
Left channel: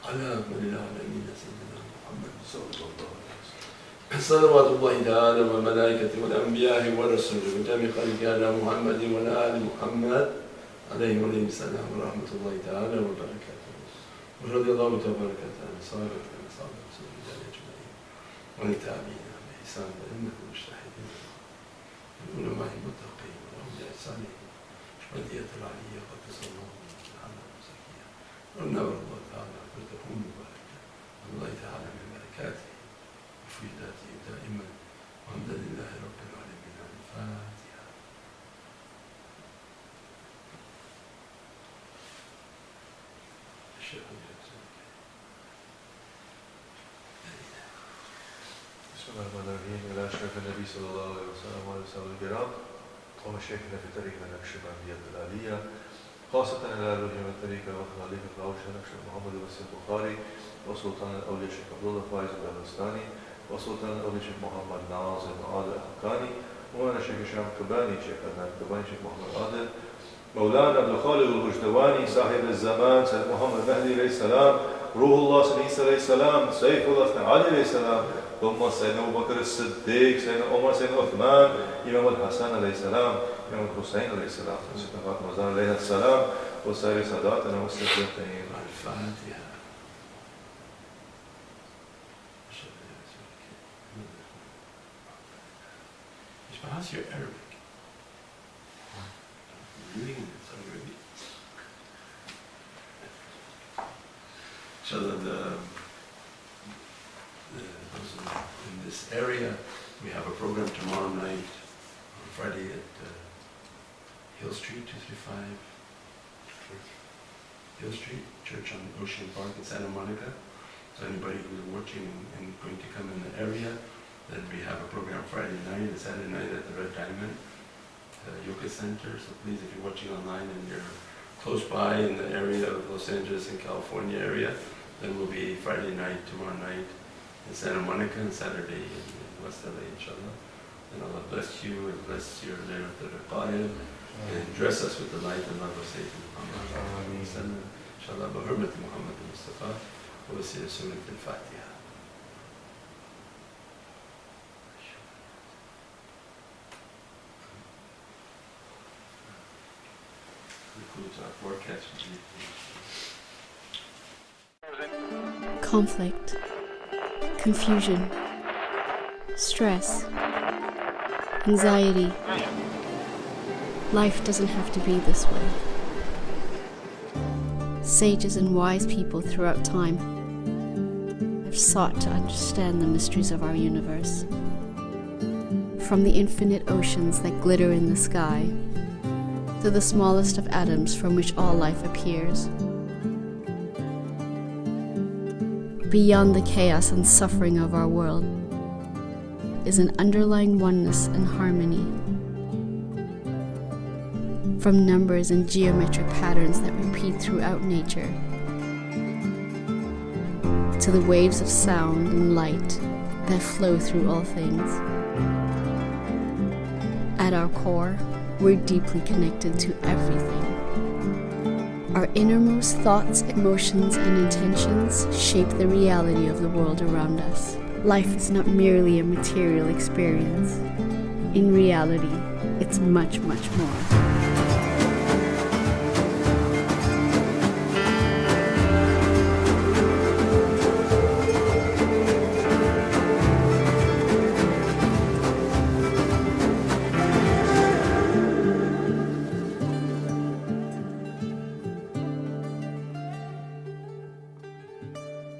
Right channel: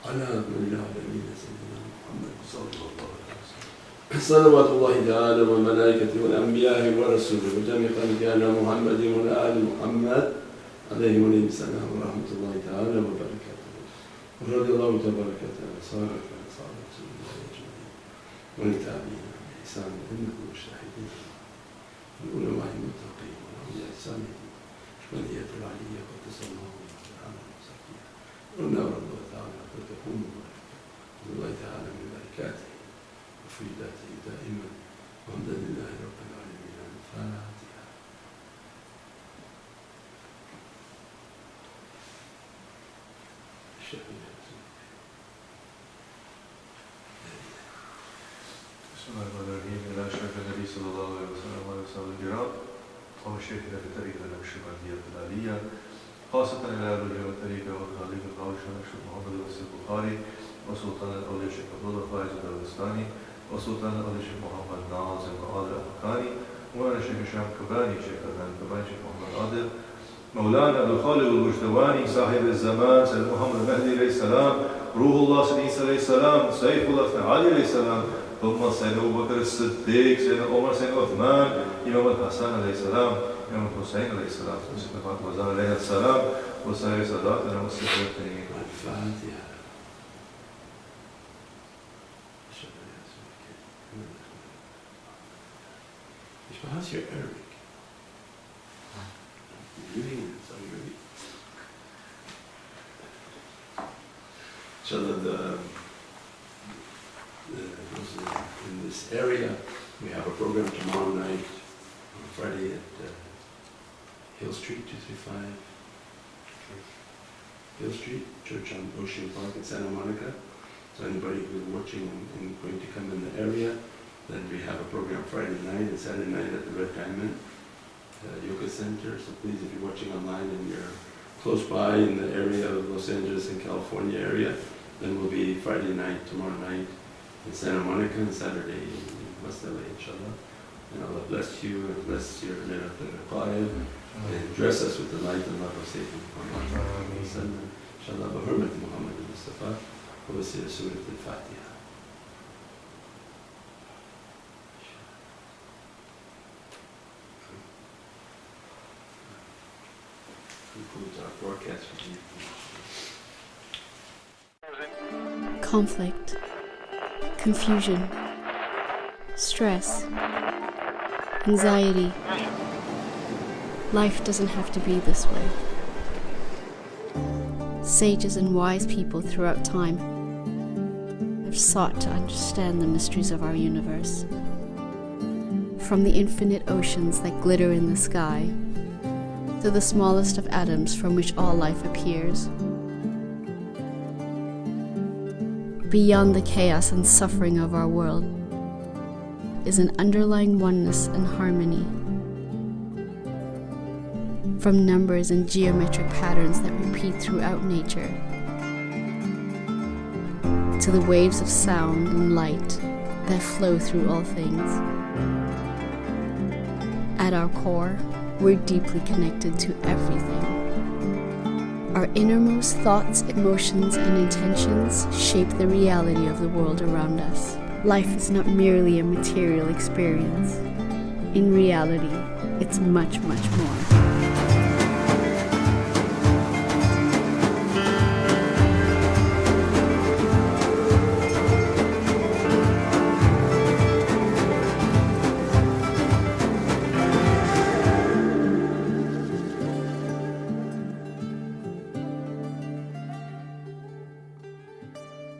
على أكمل العالمين سيدنا محمد صلى الله عليه وسلم صلوات الله تعالى والملائكة والأنبياء والرسل وجميع خلقنا محمد وعلى آل محمد عليه السلام ورحمة الله تعالى وبركاته. ورضي الله تبارك وتعالى عن أصحاب رسول الله أجمعين وللتابعين بإحسان أئمة المجتهدين والعلماء المتقين والأولياء الصالحين شمالية العلية قدس الله تعالى وزكيها ونور الله تعالى بركته مباركة والله تعالى من بركاته وفيداته دائما والحمد لله رب العالمين. الفاتحة. بسم الله الرحمن الرحيم. إلى أشرف النبي صلى الله عليه وسلم وعلى أصحابه الكرام وشيخنا في طريقة النقشبندية العالية خاصة إلى الوجه والطريقة وكذلك الخالق نقشبند محمد الوسيط البخاري وسلطان الأولياء الشيخ عبد الله فايز البستاني وسلطان الأولياء الشيخ محمد ناصر عادل الحقاني ومن الشيخ هشام كباني شيخ عدنان كباني شيخ محمد عادل مولانا عبد الخالق البجدواني صاحب الزمان سيد محمد المهدي عليه السلام روح الله سيدنا عيسى عليه السلام سيف الله سيدنا علي عليه السلام ثم سيدنا أبو بكر الصديق سيدنا عمر سيدنا عثمان إمام الحسن عليه السلام إمام الحسين عليه السلام سيدنا فاطمة الزهراء عليه السلام وسائر ساداتنا والصديقين. الفاتحة. How's your Arabic? Reading it, sorry, ready? Inshallah, in this area, we have a program tomorrow night, on Friday at Hill Street, 235 Hill Street, Church on Ocean Park in Santa Monica. So anybody who's watching and going to come in the area, then we have a program Friday night and Saturday night at the Red Diamond Yoga Center. So please, if you're watching online and you're close by in the area of Los Angeles and California area, then we'll be Friday night, tomorrow night in Santa Monica, and Saturday in West LA, inshallah. And Allah bless you and bless your Laylatul Qadr and dress us with the light and love of Sayyidina Muhammad. Inshallah, بحرمة Muhammad al-Mustafa, وبسير سورة الفاتحة. Concludes our forecast for you. Conflict, confusion, stress, anxiety. Life doesn't have to be this way. Sages and wise people throughout time have sought to understand the mysteries of our universe. From the infinite oceans that glitter in the sky, to the smallest of atoms from which all life appears. Beyond the chaos and suffering of our world is an underlying oneness and harmony. From numbers and geometric patterns that repeat throughout nature, to the waves of sound and light that flow through all things. At our core, we're deeply connected to everything. Our innermost thoughts, emotions, and intentions shape the reality of the world around us. Life is not merely a material experience. In reality, it's much, much more.